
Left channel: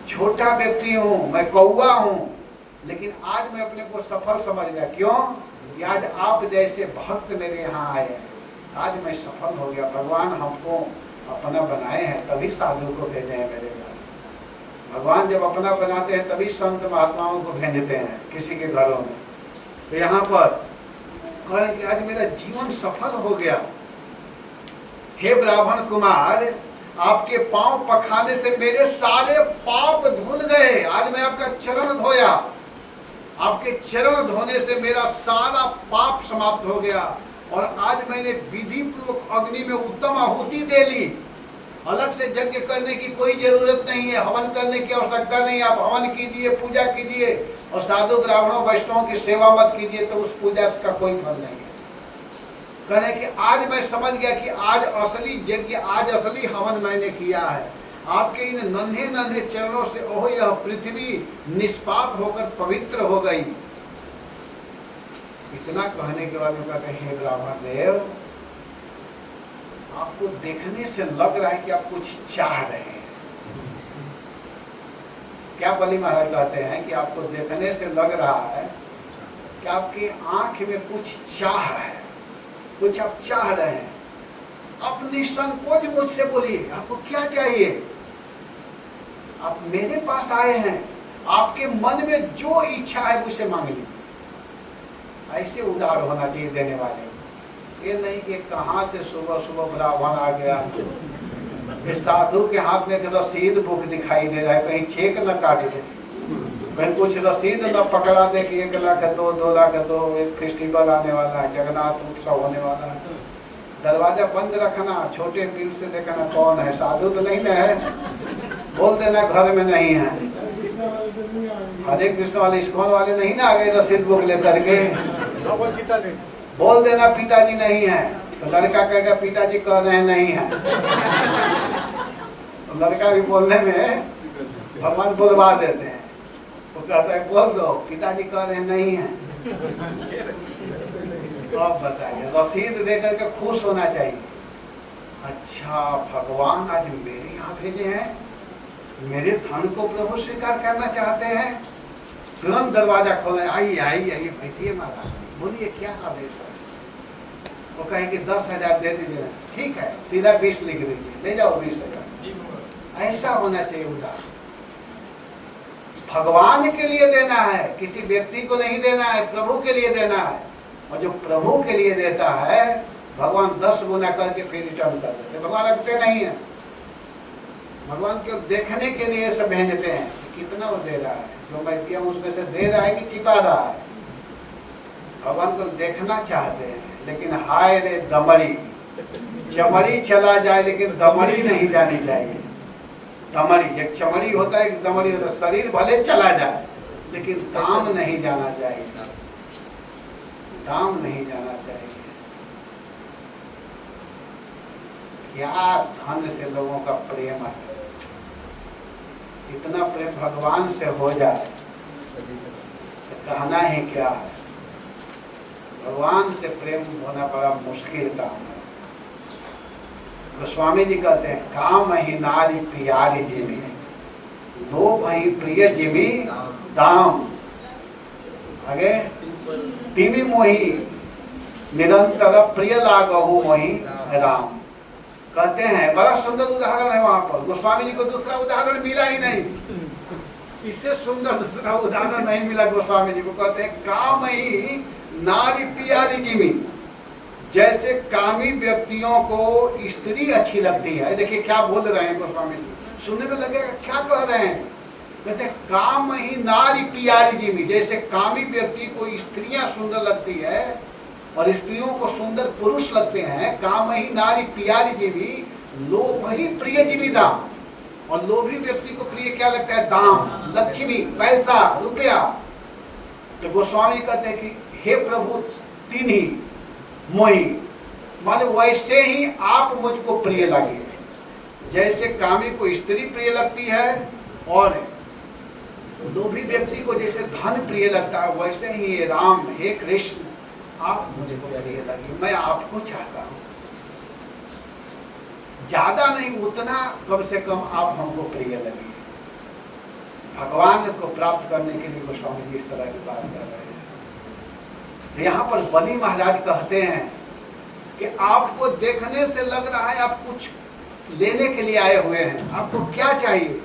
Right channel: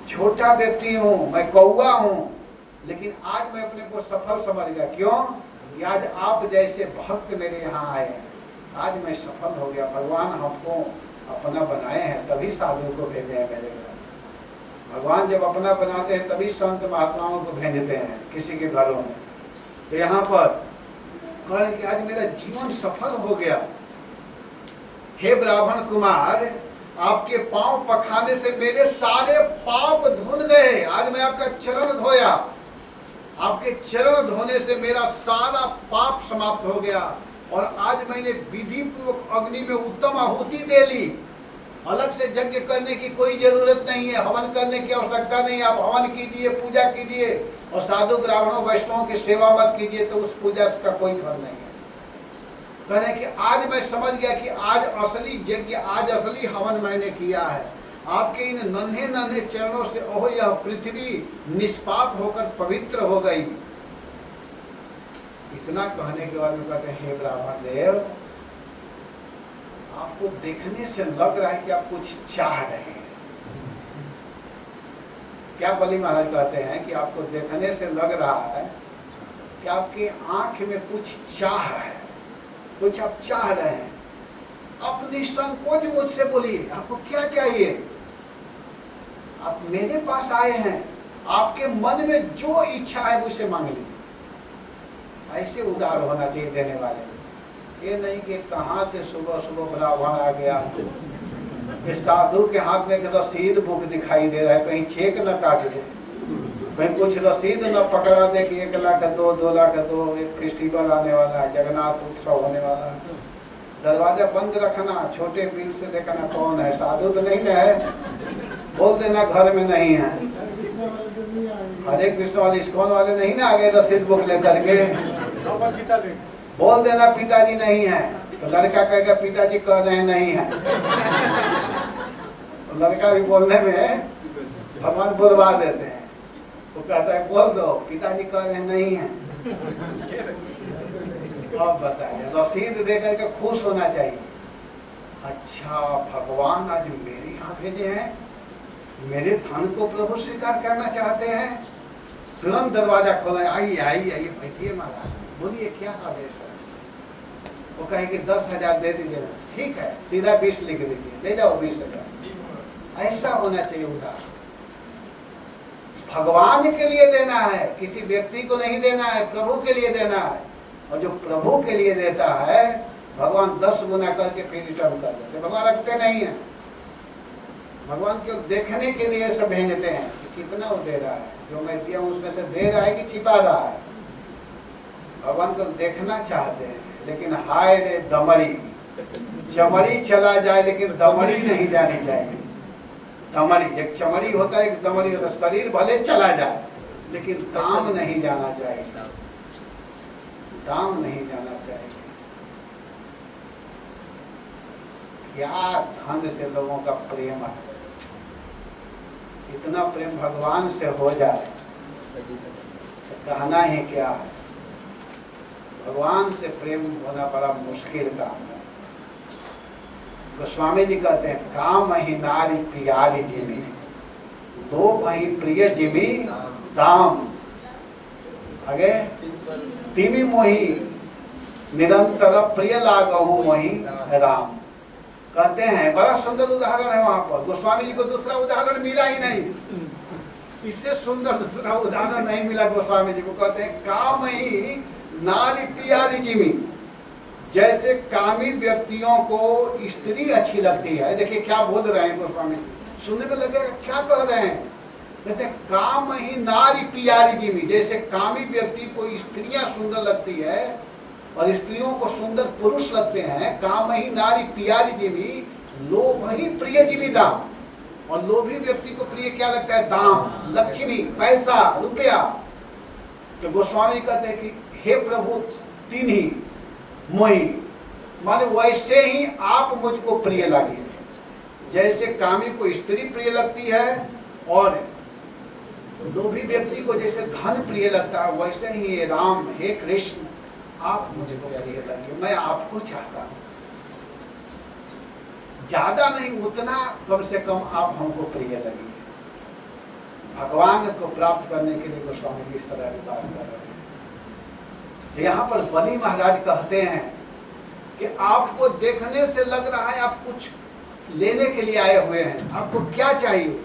छोटा व्यक्ति हूँ, मैं कौआ हूँ, लेकिन आज मैं अपने को सफल समझ गया। क्यों? कि आज आप जैसे भक्त मेरे यहाँ आए हैं, आज मैं सफल हो गया। भगवान हमको अपना बनाए हैं तभी साधु को भेजे हैं मेरे घर। भगवान जब अपना बनाते हैं तभी संत महात्माओं को भेजते हैं किसी के घरों में। तो यहाँ पर कह रहे कि आज मेरा जीवन सफल हो गया। हे ब्राह्मण कुमार, आपके पांव पखाने से मेरे सारे पाप धुल गए। आज मैं आपका चरण धोया, आपके चरण धोने से मेरा सारा पाप समाप्त हो गया। और आज मैंने विधि पूर्वक अग्नि में उत्तम आहुति दे ली। अलग से यज्ञ करने की कोई जरूरत नहीं है, हवन करने की आवश्यकता नहीं। आप हवन कीजिए, पूजा कीजिए, और साधु ब्राह्मणों वैष्णवों की सेवा मत कीजिए, तो उस पूजा का कोई फल नहीं है। कहे कि आज मैं समझ गया कि आज असली यज्ञ, आज असली हवन मैंने किया है। आपके इन नन्हे नन्हे चरणों से ओह यह पृथ्वी निष्पाप होकर पवित्र हो गई। इतना कहने के बाद में कहते हैं हे ब्राह्मण देव, आपको देखने से लग रहा है कि आप कुछ चाह रहे हैं। क्या बलि महाराज कहते हैं कि आपको देखने से लग रहा है कि आपकी आंख में कुछ चाह है, कुछ आप चाह रहे हैं। आप निसंकोच मुझसे बोलिए, आपको क्या चाहिए? आप मेरे पास आए हैं, आपके मन में जो इच्छा है मुझसे मांग लीजिए। ऐसे उदार होना चाहिए देने वाले। ये नहीं कि कहाँ से सुबह सुबह ब्राह्मण आ गया, ये साधु के हाथ में रसीद बुक दिखाई दे रहा है, कहीं चेक न काट दे, कहीं कुछ रसीद न पकड़ा दे कि 1 लाख दो, 2 लाख दो, एक फेस्टिवल आने वाला है, जगन्नाथ उत्सव होने वाला है। दरवाजा बंद रखना, छोटे बिल से देखना कौन है, साधु तो नहीं ना है, बोल देना घर में नहीं है। हरे कृष्ण वाले इस्कॉन वाले नहीं ना आ गए रसीद बुक लेकर के। भगवत गीता ले, बोल देना पिताजी नहीं है, तो लड़का कहेगा पिताजी कह रहे हैं नहीं है। तो लड़का भी बोलने में भगवान बुलवा देते हैं, वो कहता है बोल दो पिताजी कह रहे हैं नहीं है। तो आप बताइए, रसीद देकर के खुश होना चाहिए। अच्छा भगवान आज मेरे यहाँ भेजे हैं, मेरे धन को प्रभु स्वीकार करना चाहते हैं। तुरंत दरवाजा खोला, आइए आइए आइए बैठिए महाराज, बोलिए क्या आदेश है। वो कहे कि 10,000 दे दीजिए ना, ठीक है सीधा 20 लिख दीजिए, ले जाओ 20,000। ऐसा होना चाहिए उदार। भगवान के लिए देना है, किसी व्यक्ति को नहीं देना है, प्रभु के लिए देना है। और जो प्रभु के लिए देता है भगवान 10 गुना करके फिर रिटर्न कर देते। भगवान रखते नहीं है, भगवान केवल देखने के लिए सब भेजते हैं कि कितना वो दे रहा है, जो मैं दिया उसमें से दे रहा है कि छिपा रहा है। भगवान को देखना चाहते हैं, लेकिन हाय रे दमड़ी, चमड़ी चला जाए लेकिन दमड़ी नहीं जानी चाहिए। दमड़ी, एक चमड़ी होता है, एक दमड़ी होता है। शरीर भले चला जाए लेकिन दाम नहीं जाना चाहिए, दाम नहीं जाना चाहिए। क्या धन से लोगों का प्रेम है, इतना प्रेम भगवान से हो जाए तो कहना ही क्या है। भगवान से प्रेम होना बड़ा मुश्किल काम है। गोस्वामी जी कहते हैं काम ही नारी प्यारी जिमी, लोभ ही प्रिय जिमी दाम। आगे तिमी मोही निरंतर प्रिय लागहु मोही राम। कहते हैं बड़ा सुंदर उदाहरण है वहां पर। गोस्वामी जी को दूसरा उदाहरण मिला ही नहीं, इससे सुंदर दूसरा उदाहरण नहीं मिला गोस्वामी जी को। कहते हैं काम ही नारी प्यारी जिमी, जैसे कामी व्यक्तियों को स्त्री अच्छी लगती है। देखिए क्या बोल रहे हैं गोस्वामी जी, सुनने में लगेगा क्या कह रहे हैं। कहते हैं काम ही नारी प्यारी जिमी, जैसे कामी व्यक्ति को स्त्रियां सुंदर लगती है और स्त्रियों को सुंदर पुरुष लगते हैं। काम ही नारी प्यारी जिमी, लोभ ही प्रिय जिमी दाम। और लोभी व्यक्ति को प्रिय क्या लगता है, दाम, लक्ष्मी, पैसा, रुपया। तो गोस्वामी कहते हैं कि हे प्रभु तीन ही मोही, माने वैसे ही आप मुझको प्रिय लगे। जैसे कामी को स्त्री प्रिय लगती है और लोभी व्यक्ति को जैसे धन प्रिय लगता है, वैसे ही राम, हे कृष्ण, आप मुझको प्रिय लगे। मैं आपको चाहता हूँ, ज्यादा नहीं उतना कम से कम आप हमको प्रिय लगे। भगवान को प्राप्त करने के लिए गोस्वामी जी इस तरह की बात कर रहे हैं। यहाँ पर बलि महाराज कहते हैं कि आपको देखने से लग रहा है आप कुछ लेने के लिए आए हुए हैं। आपको क्या चाहिए,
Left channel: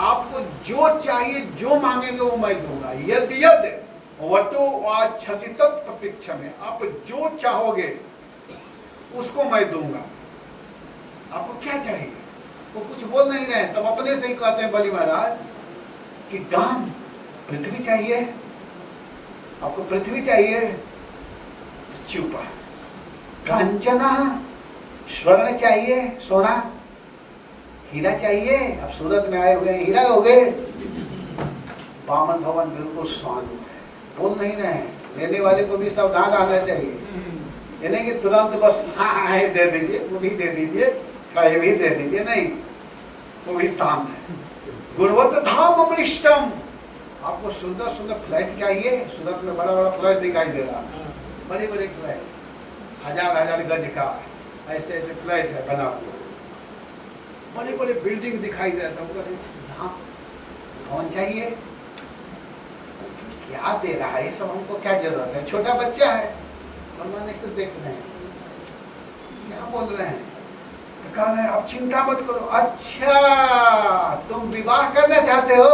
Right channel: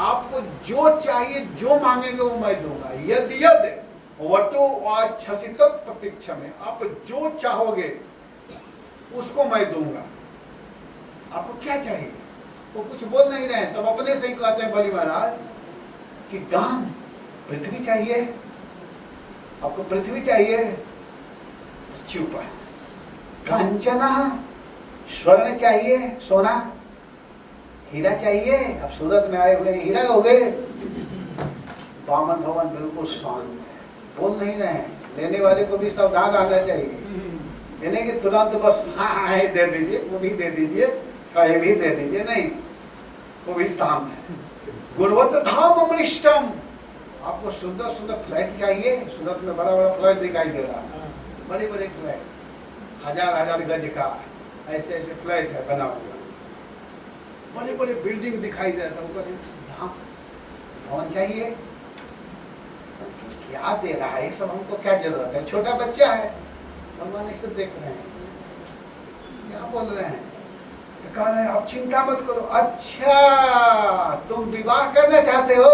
आपको जो चाहिए, जो मांगेंगे वो मैं दूंगा। यदि यद वटो वाछसित प्रतीक्षा में, आप जो चाहोगे उसको मैं दूंगा। आपको क्या चाहिए, वो कुछ बोल नहीं रहे, तब अपने से ही कहते हैं बलि महाराज कि दान, पृथ्वी चाहिए, आपको पृथ्वी चाहिए, चुप है। कंचना, स्वर्ण चाहिए, सोना, हीरा चाहिए, अब सूरत में आए हुए हीरा हो गए। बामन भवन बिल्कुल शांत है, बोल नहीं रहे हैं। लेने वाले को भी सावधान रहना चाहिए, ये नहीं कि तुरंत बस हाँ हाँ दे दीजिए, वो भी दे दीजिए, ये भी दे दीजिए, नहीं, वो भी शांत है। गुणवत्त धाम अमृष्टम, आपको सुंदर सुंदर फ्लैट चाहिए। सूरत में बड़ा बड़ा फ्लैट दिखाई दे रहा है, बड़े बड़े फ्लैट, 1000 गज का ऐसे ऐसे फ्लैट है बना हुआ, बड़े बड़े बिल्डिंग दिखाई दे रहा है। धाम कौन चाहिए, क्या दे रहा है, ये सब हमको क्या जरूरत है। छोटा बच्चा है, भगवान इसे देख रहे हैं, क्या बोल रहे हैं, कह रहे हैं आप चिंता मत करो। अच्छा तुम विवाह करना चाहते हो,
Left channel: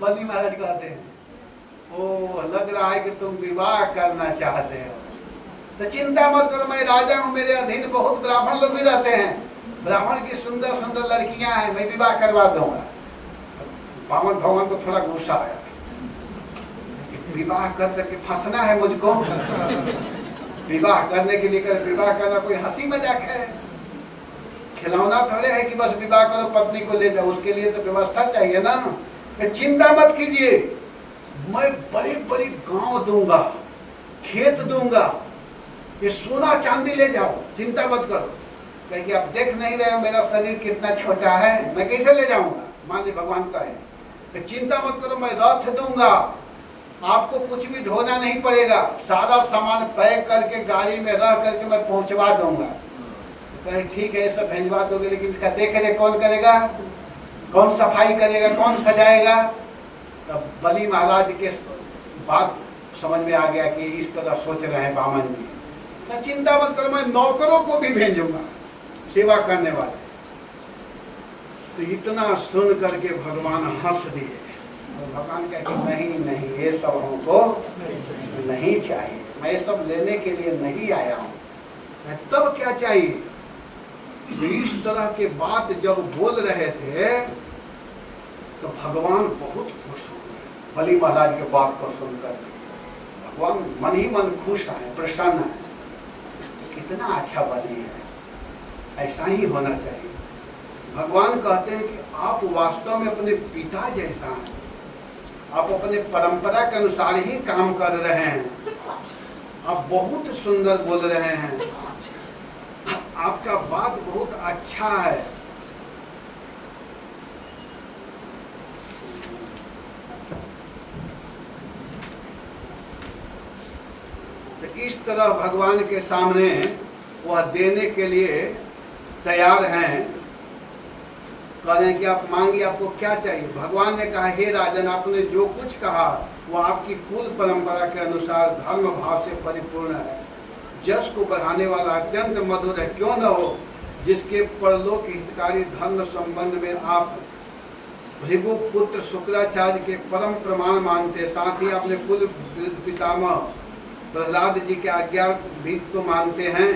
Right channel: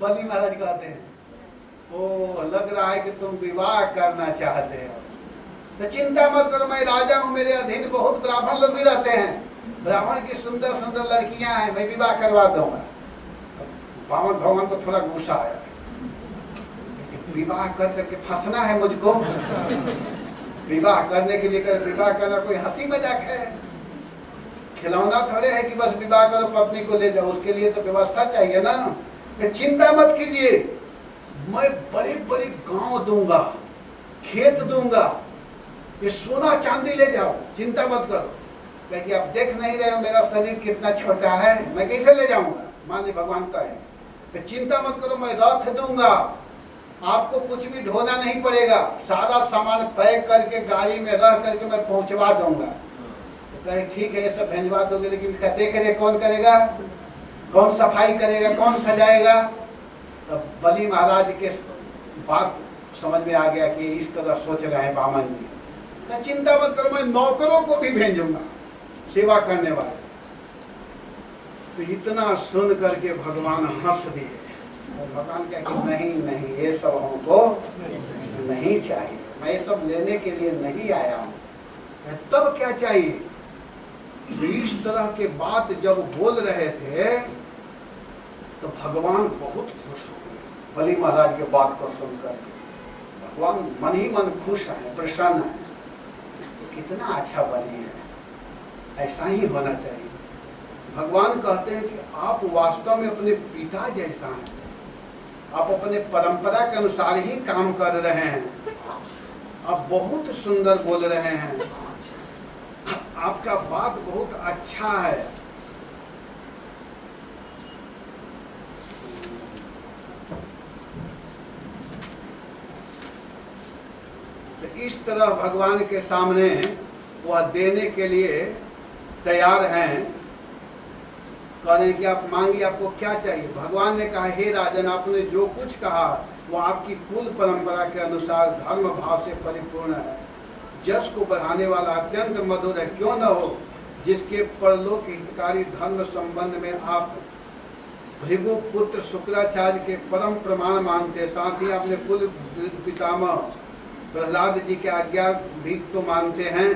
बलि महाराज कहते हैं, ओ लग रहा है कि तुम विवाह करना चाहते हो, तो चिंता मत करो, मैं राजा हूँ, मेरे अधीन बहुत ब्राह्मण लोग भी रहते हैं, ब्राह्मण की सुंदर सुंदर लड़कियां हैं, मैं विवाह करवा दूंगा। बामन भगवान को थोड़ा गुस्सा आया, विवाह कर करके फंसना है मुझको, विवाह करने के लिए कर, विवाह करना कोई हंसी मजाक है, खिलौना थोड़े है कि बस विवाह करो पत्नी को ले जाओ, उसके लिए तो व्यवस्था चाहिए ना। चिंता मत कीजिए, मैं बड़े बड़े गांव दूंगा, खेत दूंगा, ये सोना चांदी ले जाओ, चिंता मत करो। क्योंकि आप देख नहीं रहे हो मेरा शरीर कितना छोटा है, मैं कैसे ले जाऊंगा। मान ली भगवान का है तो चिंता मत करो, मैं रथ दूंगा, आपको कुछ भी ढोना नहीं पड़ेगा, सारा सामान पैक करके गाड़ी में रह करके मैं पहुंचवा दूंगा। तो कहे ठीक है सब भिजवा दोगे, लेकिन इसका देख रेख कौन करेगा, कौन सफाई करेगा, कौन सजाएगा। तो बलि महाराज के बात समझ में आ गया कि इस तरह सोच रहे हैं बामन जी। तो चिंता मत करो, मैं नौकरों को भी भेजूंगा सेवा करने वाले। तो इतना सुन करके भगवान हंस दिए। और भगवान क्या कि नहीं नहीं, ये सब हमको नहीं चाहिए, मैं ये सब लेने के लिए नहीं आया हूँ। तब क्या चाहिए? तो इस तरह के बात जब बोल रहे थे तो भगवान बहुत खुश हो गए बलि महाराज के बात को सुनकर के। भगवान मन ही मन खुश है, प्रसन्न है। कितना अच्छा बलि है, ऐसा ही होना चाहिए। भगवान कहते हैं कि आप वास्तव में अपने पिता जैसा हैं, आप अपने परंपरा के अनुसार ही काम कर रहे हैं, आप बहुत सुंदर बोल रहे हैं, आपका बात बहुत अच्छा है। तो इस तरह भगवान के सामने वह देने के लिए तैयार हैं। कह रहे हैं कि आप मांगिए, आपको क्या चाहिए। भगवान ने कहा हे राजन, आपने जो कुछ कहा वो आपकी कुल परंपरा के अनुसार धर्म भाव से परिपूर्ण है, जस को बढ़ाने वाला अत्यंत मधुर है। क्यों न हो, जिसके परलोक हितकारी धर्म संबंध में आप भृगु पुत्र शुक्राचार्य के परम प्रमाण मानते, साथ ही अपने कुल पितामह प्रहलाद जी के आज्ञा भी तो मानते हैं,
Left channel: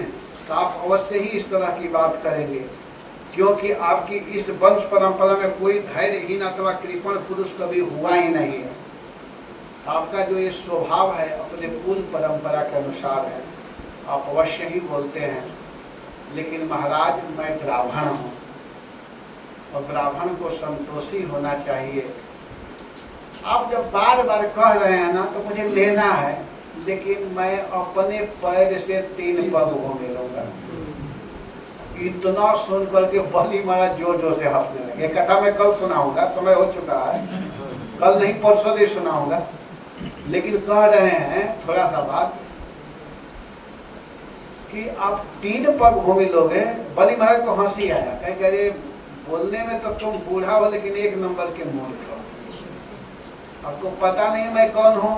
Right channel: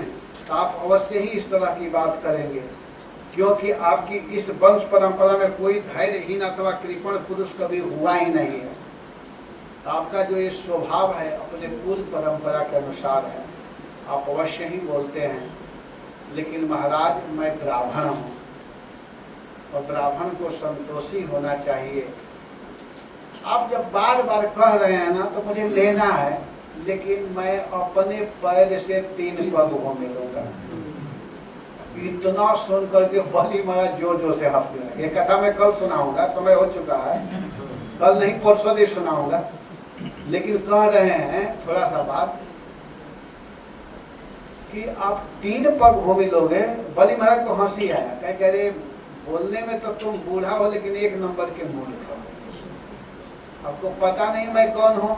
तो आप अवश्य ही इस तरह की बात करेंगे, क्योंकि आपकी इस वंश परंपरा में कोई धैर्यहीन अथवा कृपण पुरुष कभी हुआ ही नहीं है। आपका जो ये स्वभाव है अपने कुल परंपरा के अनुसार है, आप अवश्य ही बोलते हैं। लेकिन महाराज मैं ब्राह्मण हूँ और ब्राह्मण को संतोषी होना चाहिए। आप जब बार बार कह रहे हैं ना तो मुझे लेना है, लेकिन मैं अपने पैर से 3 पग घूमे लूंगा। इतना सुन करके बलि महाराज जोर जोर से हंसने लगे। कथा मैं कल सुनाऊंगा, समय हो चुका है, कल नहीं परसों दिन सुनाऊंगा। लेकिन कह रहे हैं थोड़ा सा बात कि आप 3 पग भूमि लोगे। बलि महाराज को हंसी आया, कहे अरे बोलने में तो तुम बूढ़ा हो, लेकिन 1 नंबर के मूर्ख हो। आपको पता नहीं मैं कौन हूँ।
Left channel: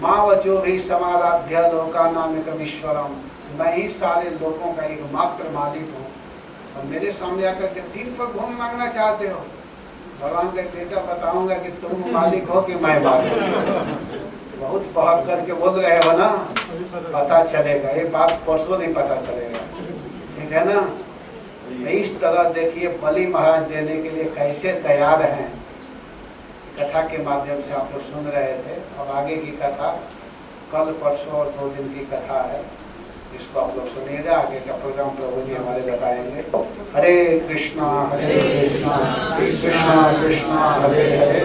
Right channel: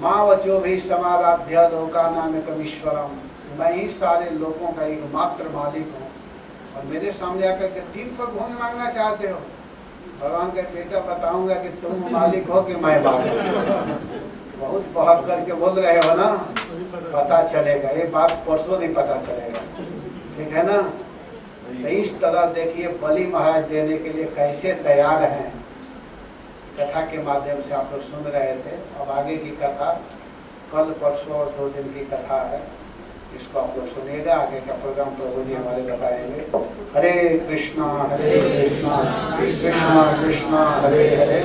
माँ वचो भी समाराध्य लोका नाम कमीश्वरम, मैं ही सारे लोगों का एकमात्र मालिक हूँ, और मेरे सामने आकर के 3 पग भूमि मांगना चाहते हो। भगवान का बेटा बताऊंगा कि तुम मालिक हो कि मैं मालिक। बहुत बहुत करके बोल रहे हो ना, पता चलेगा, ये बात परसों नहीं पता चलेगा, ठीक है ना। इस तरह देखिए बलि महाराज देने के लिए कैसे तैयार हैं। कथा के माध्यम से आप लोग सुन रहे थे। अब आगे की कथा कल परसों और 2 दिन की कथा है, इसको आप लोग सुनिएगा। आगे का प्रोग्राम प्रभु जी हमारे बताएंगे। हरे कृष्णा कृष्णा कृष्णा कृष्णा हरे हरे,